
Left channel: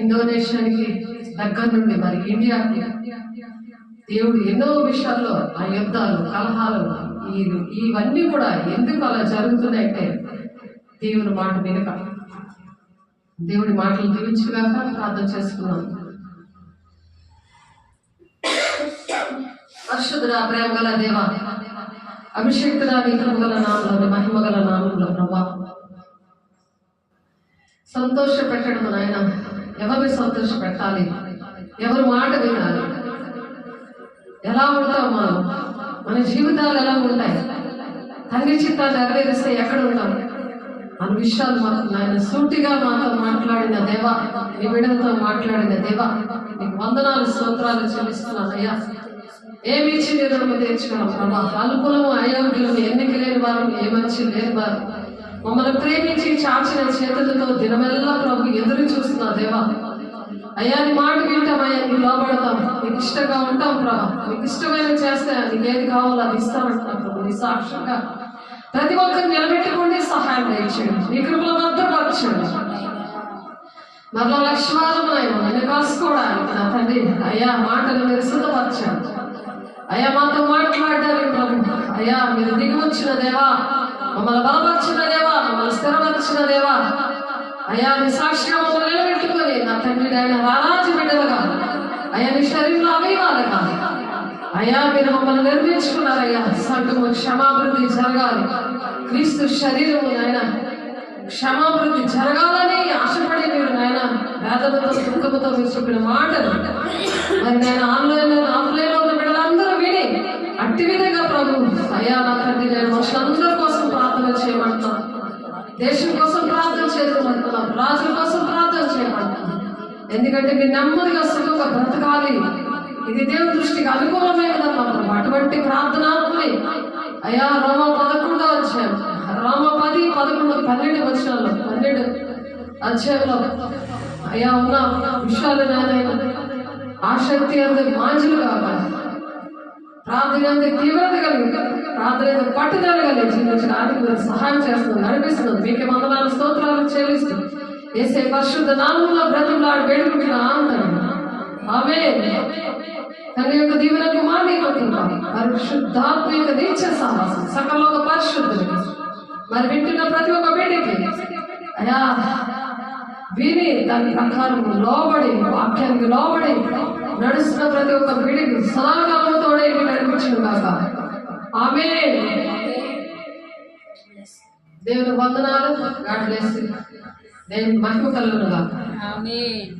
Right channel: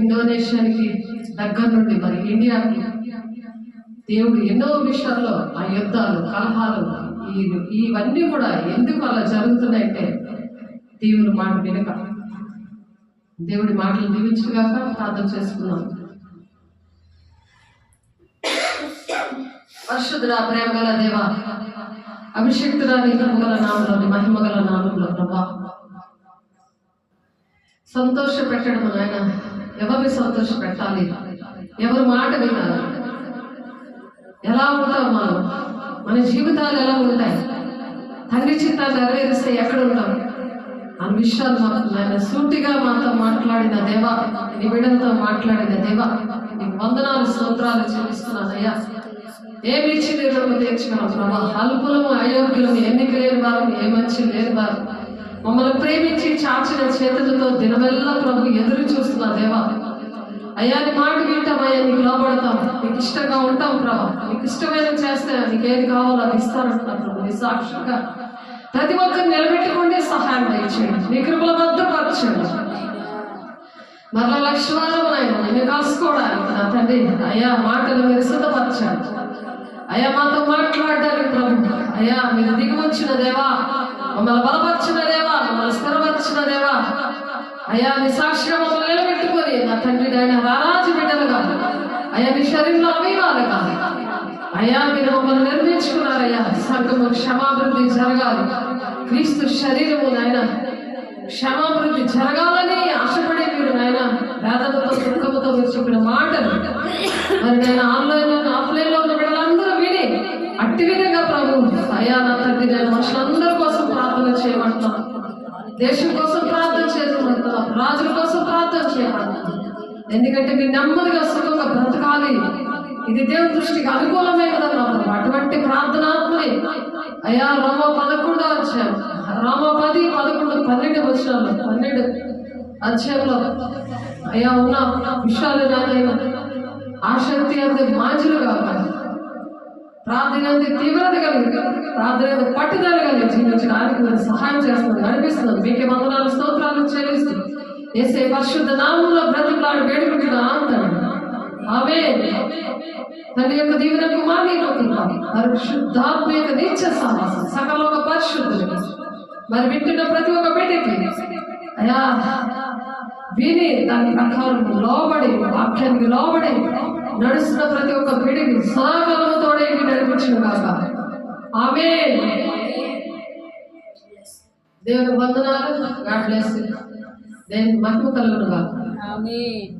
ఇండోనేషియానికి దగ్గర నుండి మరి ఇండియాకి దేవుడు ఎన్నో విషయాల్లో ఆ యుద్ధాలు, కలహాలు ఇవన్నీ కూడా ఎందుకు అలా జరుగుతున్నాయంటే దేవుని మాట వినక. దేవుడి మాటలు దీవించుగాక ప్రార్థన చేసుకున్నాం. పరిశుద్ధుడా, ప్రేమ గల దేవా, అభిషేక్తుడా, నీ కృపగల నామంలో, మహిమగల నామంలో ప్రభా సంతోష పెట్టడం నాయన. ఎవరిని సంతోష పెట్టాలి, ఎవరి మాట వినాలి, ఎలా ఉంటాం మనం, మన జీవితాలు ఎలా ఉంటాయి, తండ్రి చిత్తాన్ని నెరవేరిస్తే ఎక్కడ ఉంటాం అన్న విషయాలు మాకు నాయన సూటిగా మాతో మాట్లాడిన దేవా, నీ బిడ్డలతో మాట్లాడిన దేవా, నీకు వందనాలు స్తోత్రాలు చెల్లిస్తున్నాను అయ్యా. ఏమి ఇచ్చి నేను తెచ్చుకున్నాం ప్రభా. అల్పులము, అయోగ్యులము, ఎన్నిక లేని వారు, ఏ మంచి లేని వారు, మమ్మల్ని ప్రేమించి చాచిన చేతులతో దినమెల్లా ప్రభు ఎదురు చూస్తున్నా దేవా. అయ్యా నీ మాట వింటాం అయ్యా, నీకు లోపడతాం, నీకు ఇష్టంగా ఉంటాం ప్రభా. నీకు ఇష్టమైన చేస్తే నీకు ఏది కావాలో అది ఇస్తానంటున్నాను ప్రభు. నీ సాక్షిగా ప్రతి ఒక్కరు నిలబెట్టుకుంటే సహాయం దయచేయండి, నీ కృపల భద్రపరచండి. మరలా లక్ష్మాలను ఆయన కాసుకోవడానికి నా తండ్రి అయ్యా మాటలు మీరు సిద్ధపరచండి. అయ్యా మాతో మాట్లాడడానికి ప్రభు అయ్యా మీరు దిగి వచ్చిన దేవా, మమ్మల్ని బలపరిచిన దేవా, మమ్మల్ని స్థిరపరిచిన దేవా. అయ్యా నీ సాక్షిగా మమ్మల్ని నిలబెట్టుకొని నా తండ్రి ఆయన రారాజు బిడ్డలుగా అయ్యా నీ శరీరంలో అవయవాలుగా అయ్యా మీరు మమ్మల్ని నిర్మించుకున్నారయ్యా. సంఘము క్షమాభివృద్ధి జరగాలి, క్రీస్తు శరీరము నాయన క్షమాభివృద్ధి జరగాలని ఆశపడి మీరు నాయన వేదనతో దుఃఖముతో మీరు చెప్పిన మాటలు మరి నేను ఆఫ్లైన్లో ఉన్న బిడ్డలందరూ విని అట్టి విధంగా ప్రభు అయ్యా నా తండ్రి నేను మనుషులందరి కోసం ప్రార్థన చేయమంటున్నాను, దేశం కోసం ప్రార్థన చేయమంటున్నాను, రాజుల కోసం ప్రార్థన చేయమంటున్నాను. ఎందుకంటే మీరు నెమ్మదిగా సుఖంగా బ్రతకాలి, ఇది దేవుని దృష్టికి అనుకూలమే కదా మాత్రం. అటువంటి ప్రార్థనాత్మని అయ్యా రోమ 11వ అధ్యాయం, రోమ 10, 11, 12 వచనాల్లో 12 అధ్యాయంలో అయ్యా ఉన్న విషయాలు నాయన ఆసక్తి అంత మాంజులు కావాలి, ప్రార్థన అంత తీవ్రత కలిగి, ప్రార్థన అంత పట్టుదల కలిగి జీవించడానికి మీరు సహాయం చేస్తుంది, నడిపిస్తుంది. మీకే వందనాలు స్తోత్రాలు చెల్లిస్తూ యేసే పరిశుద్ధ నామములో బ్రతిమలాడి వేడుకుంటున్నాను. ఆమేన్. తన యొక్క దీవెనకు పరిశుద్ధాత్మ యొక్క నిత్య సహవాసం సకల ఒక పరిశుద్ధులకి మరి వింటున్న ప్రతి ఒక్క బిడ్డకి అయ్యా విని దాని ప్రకారం లోబడి వాక్యానికి లోబడి నడుస్తున్న ప్రతి ఒక్క బిడ్డకి సదాకాలముతోడే నడిపించును కాక. ఆమేన్. దేవుని వందనాలు. God bless you. దేవుని మహిమ కలుగును గాక. ఆమేన్.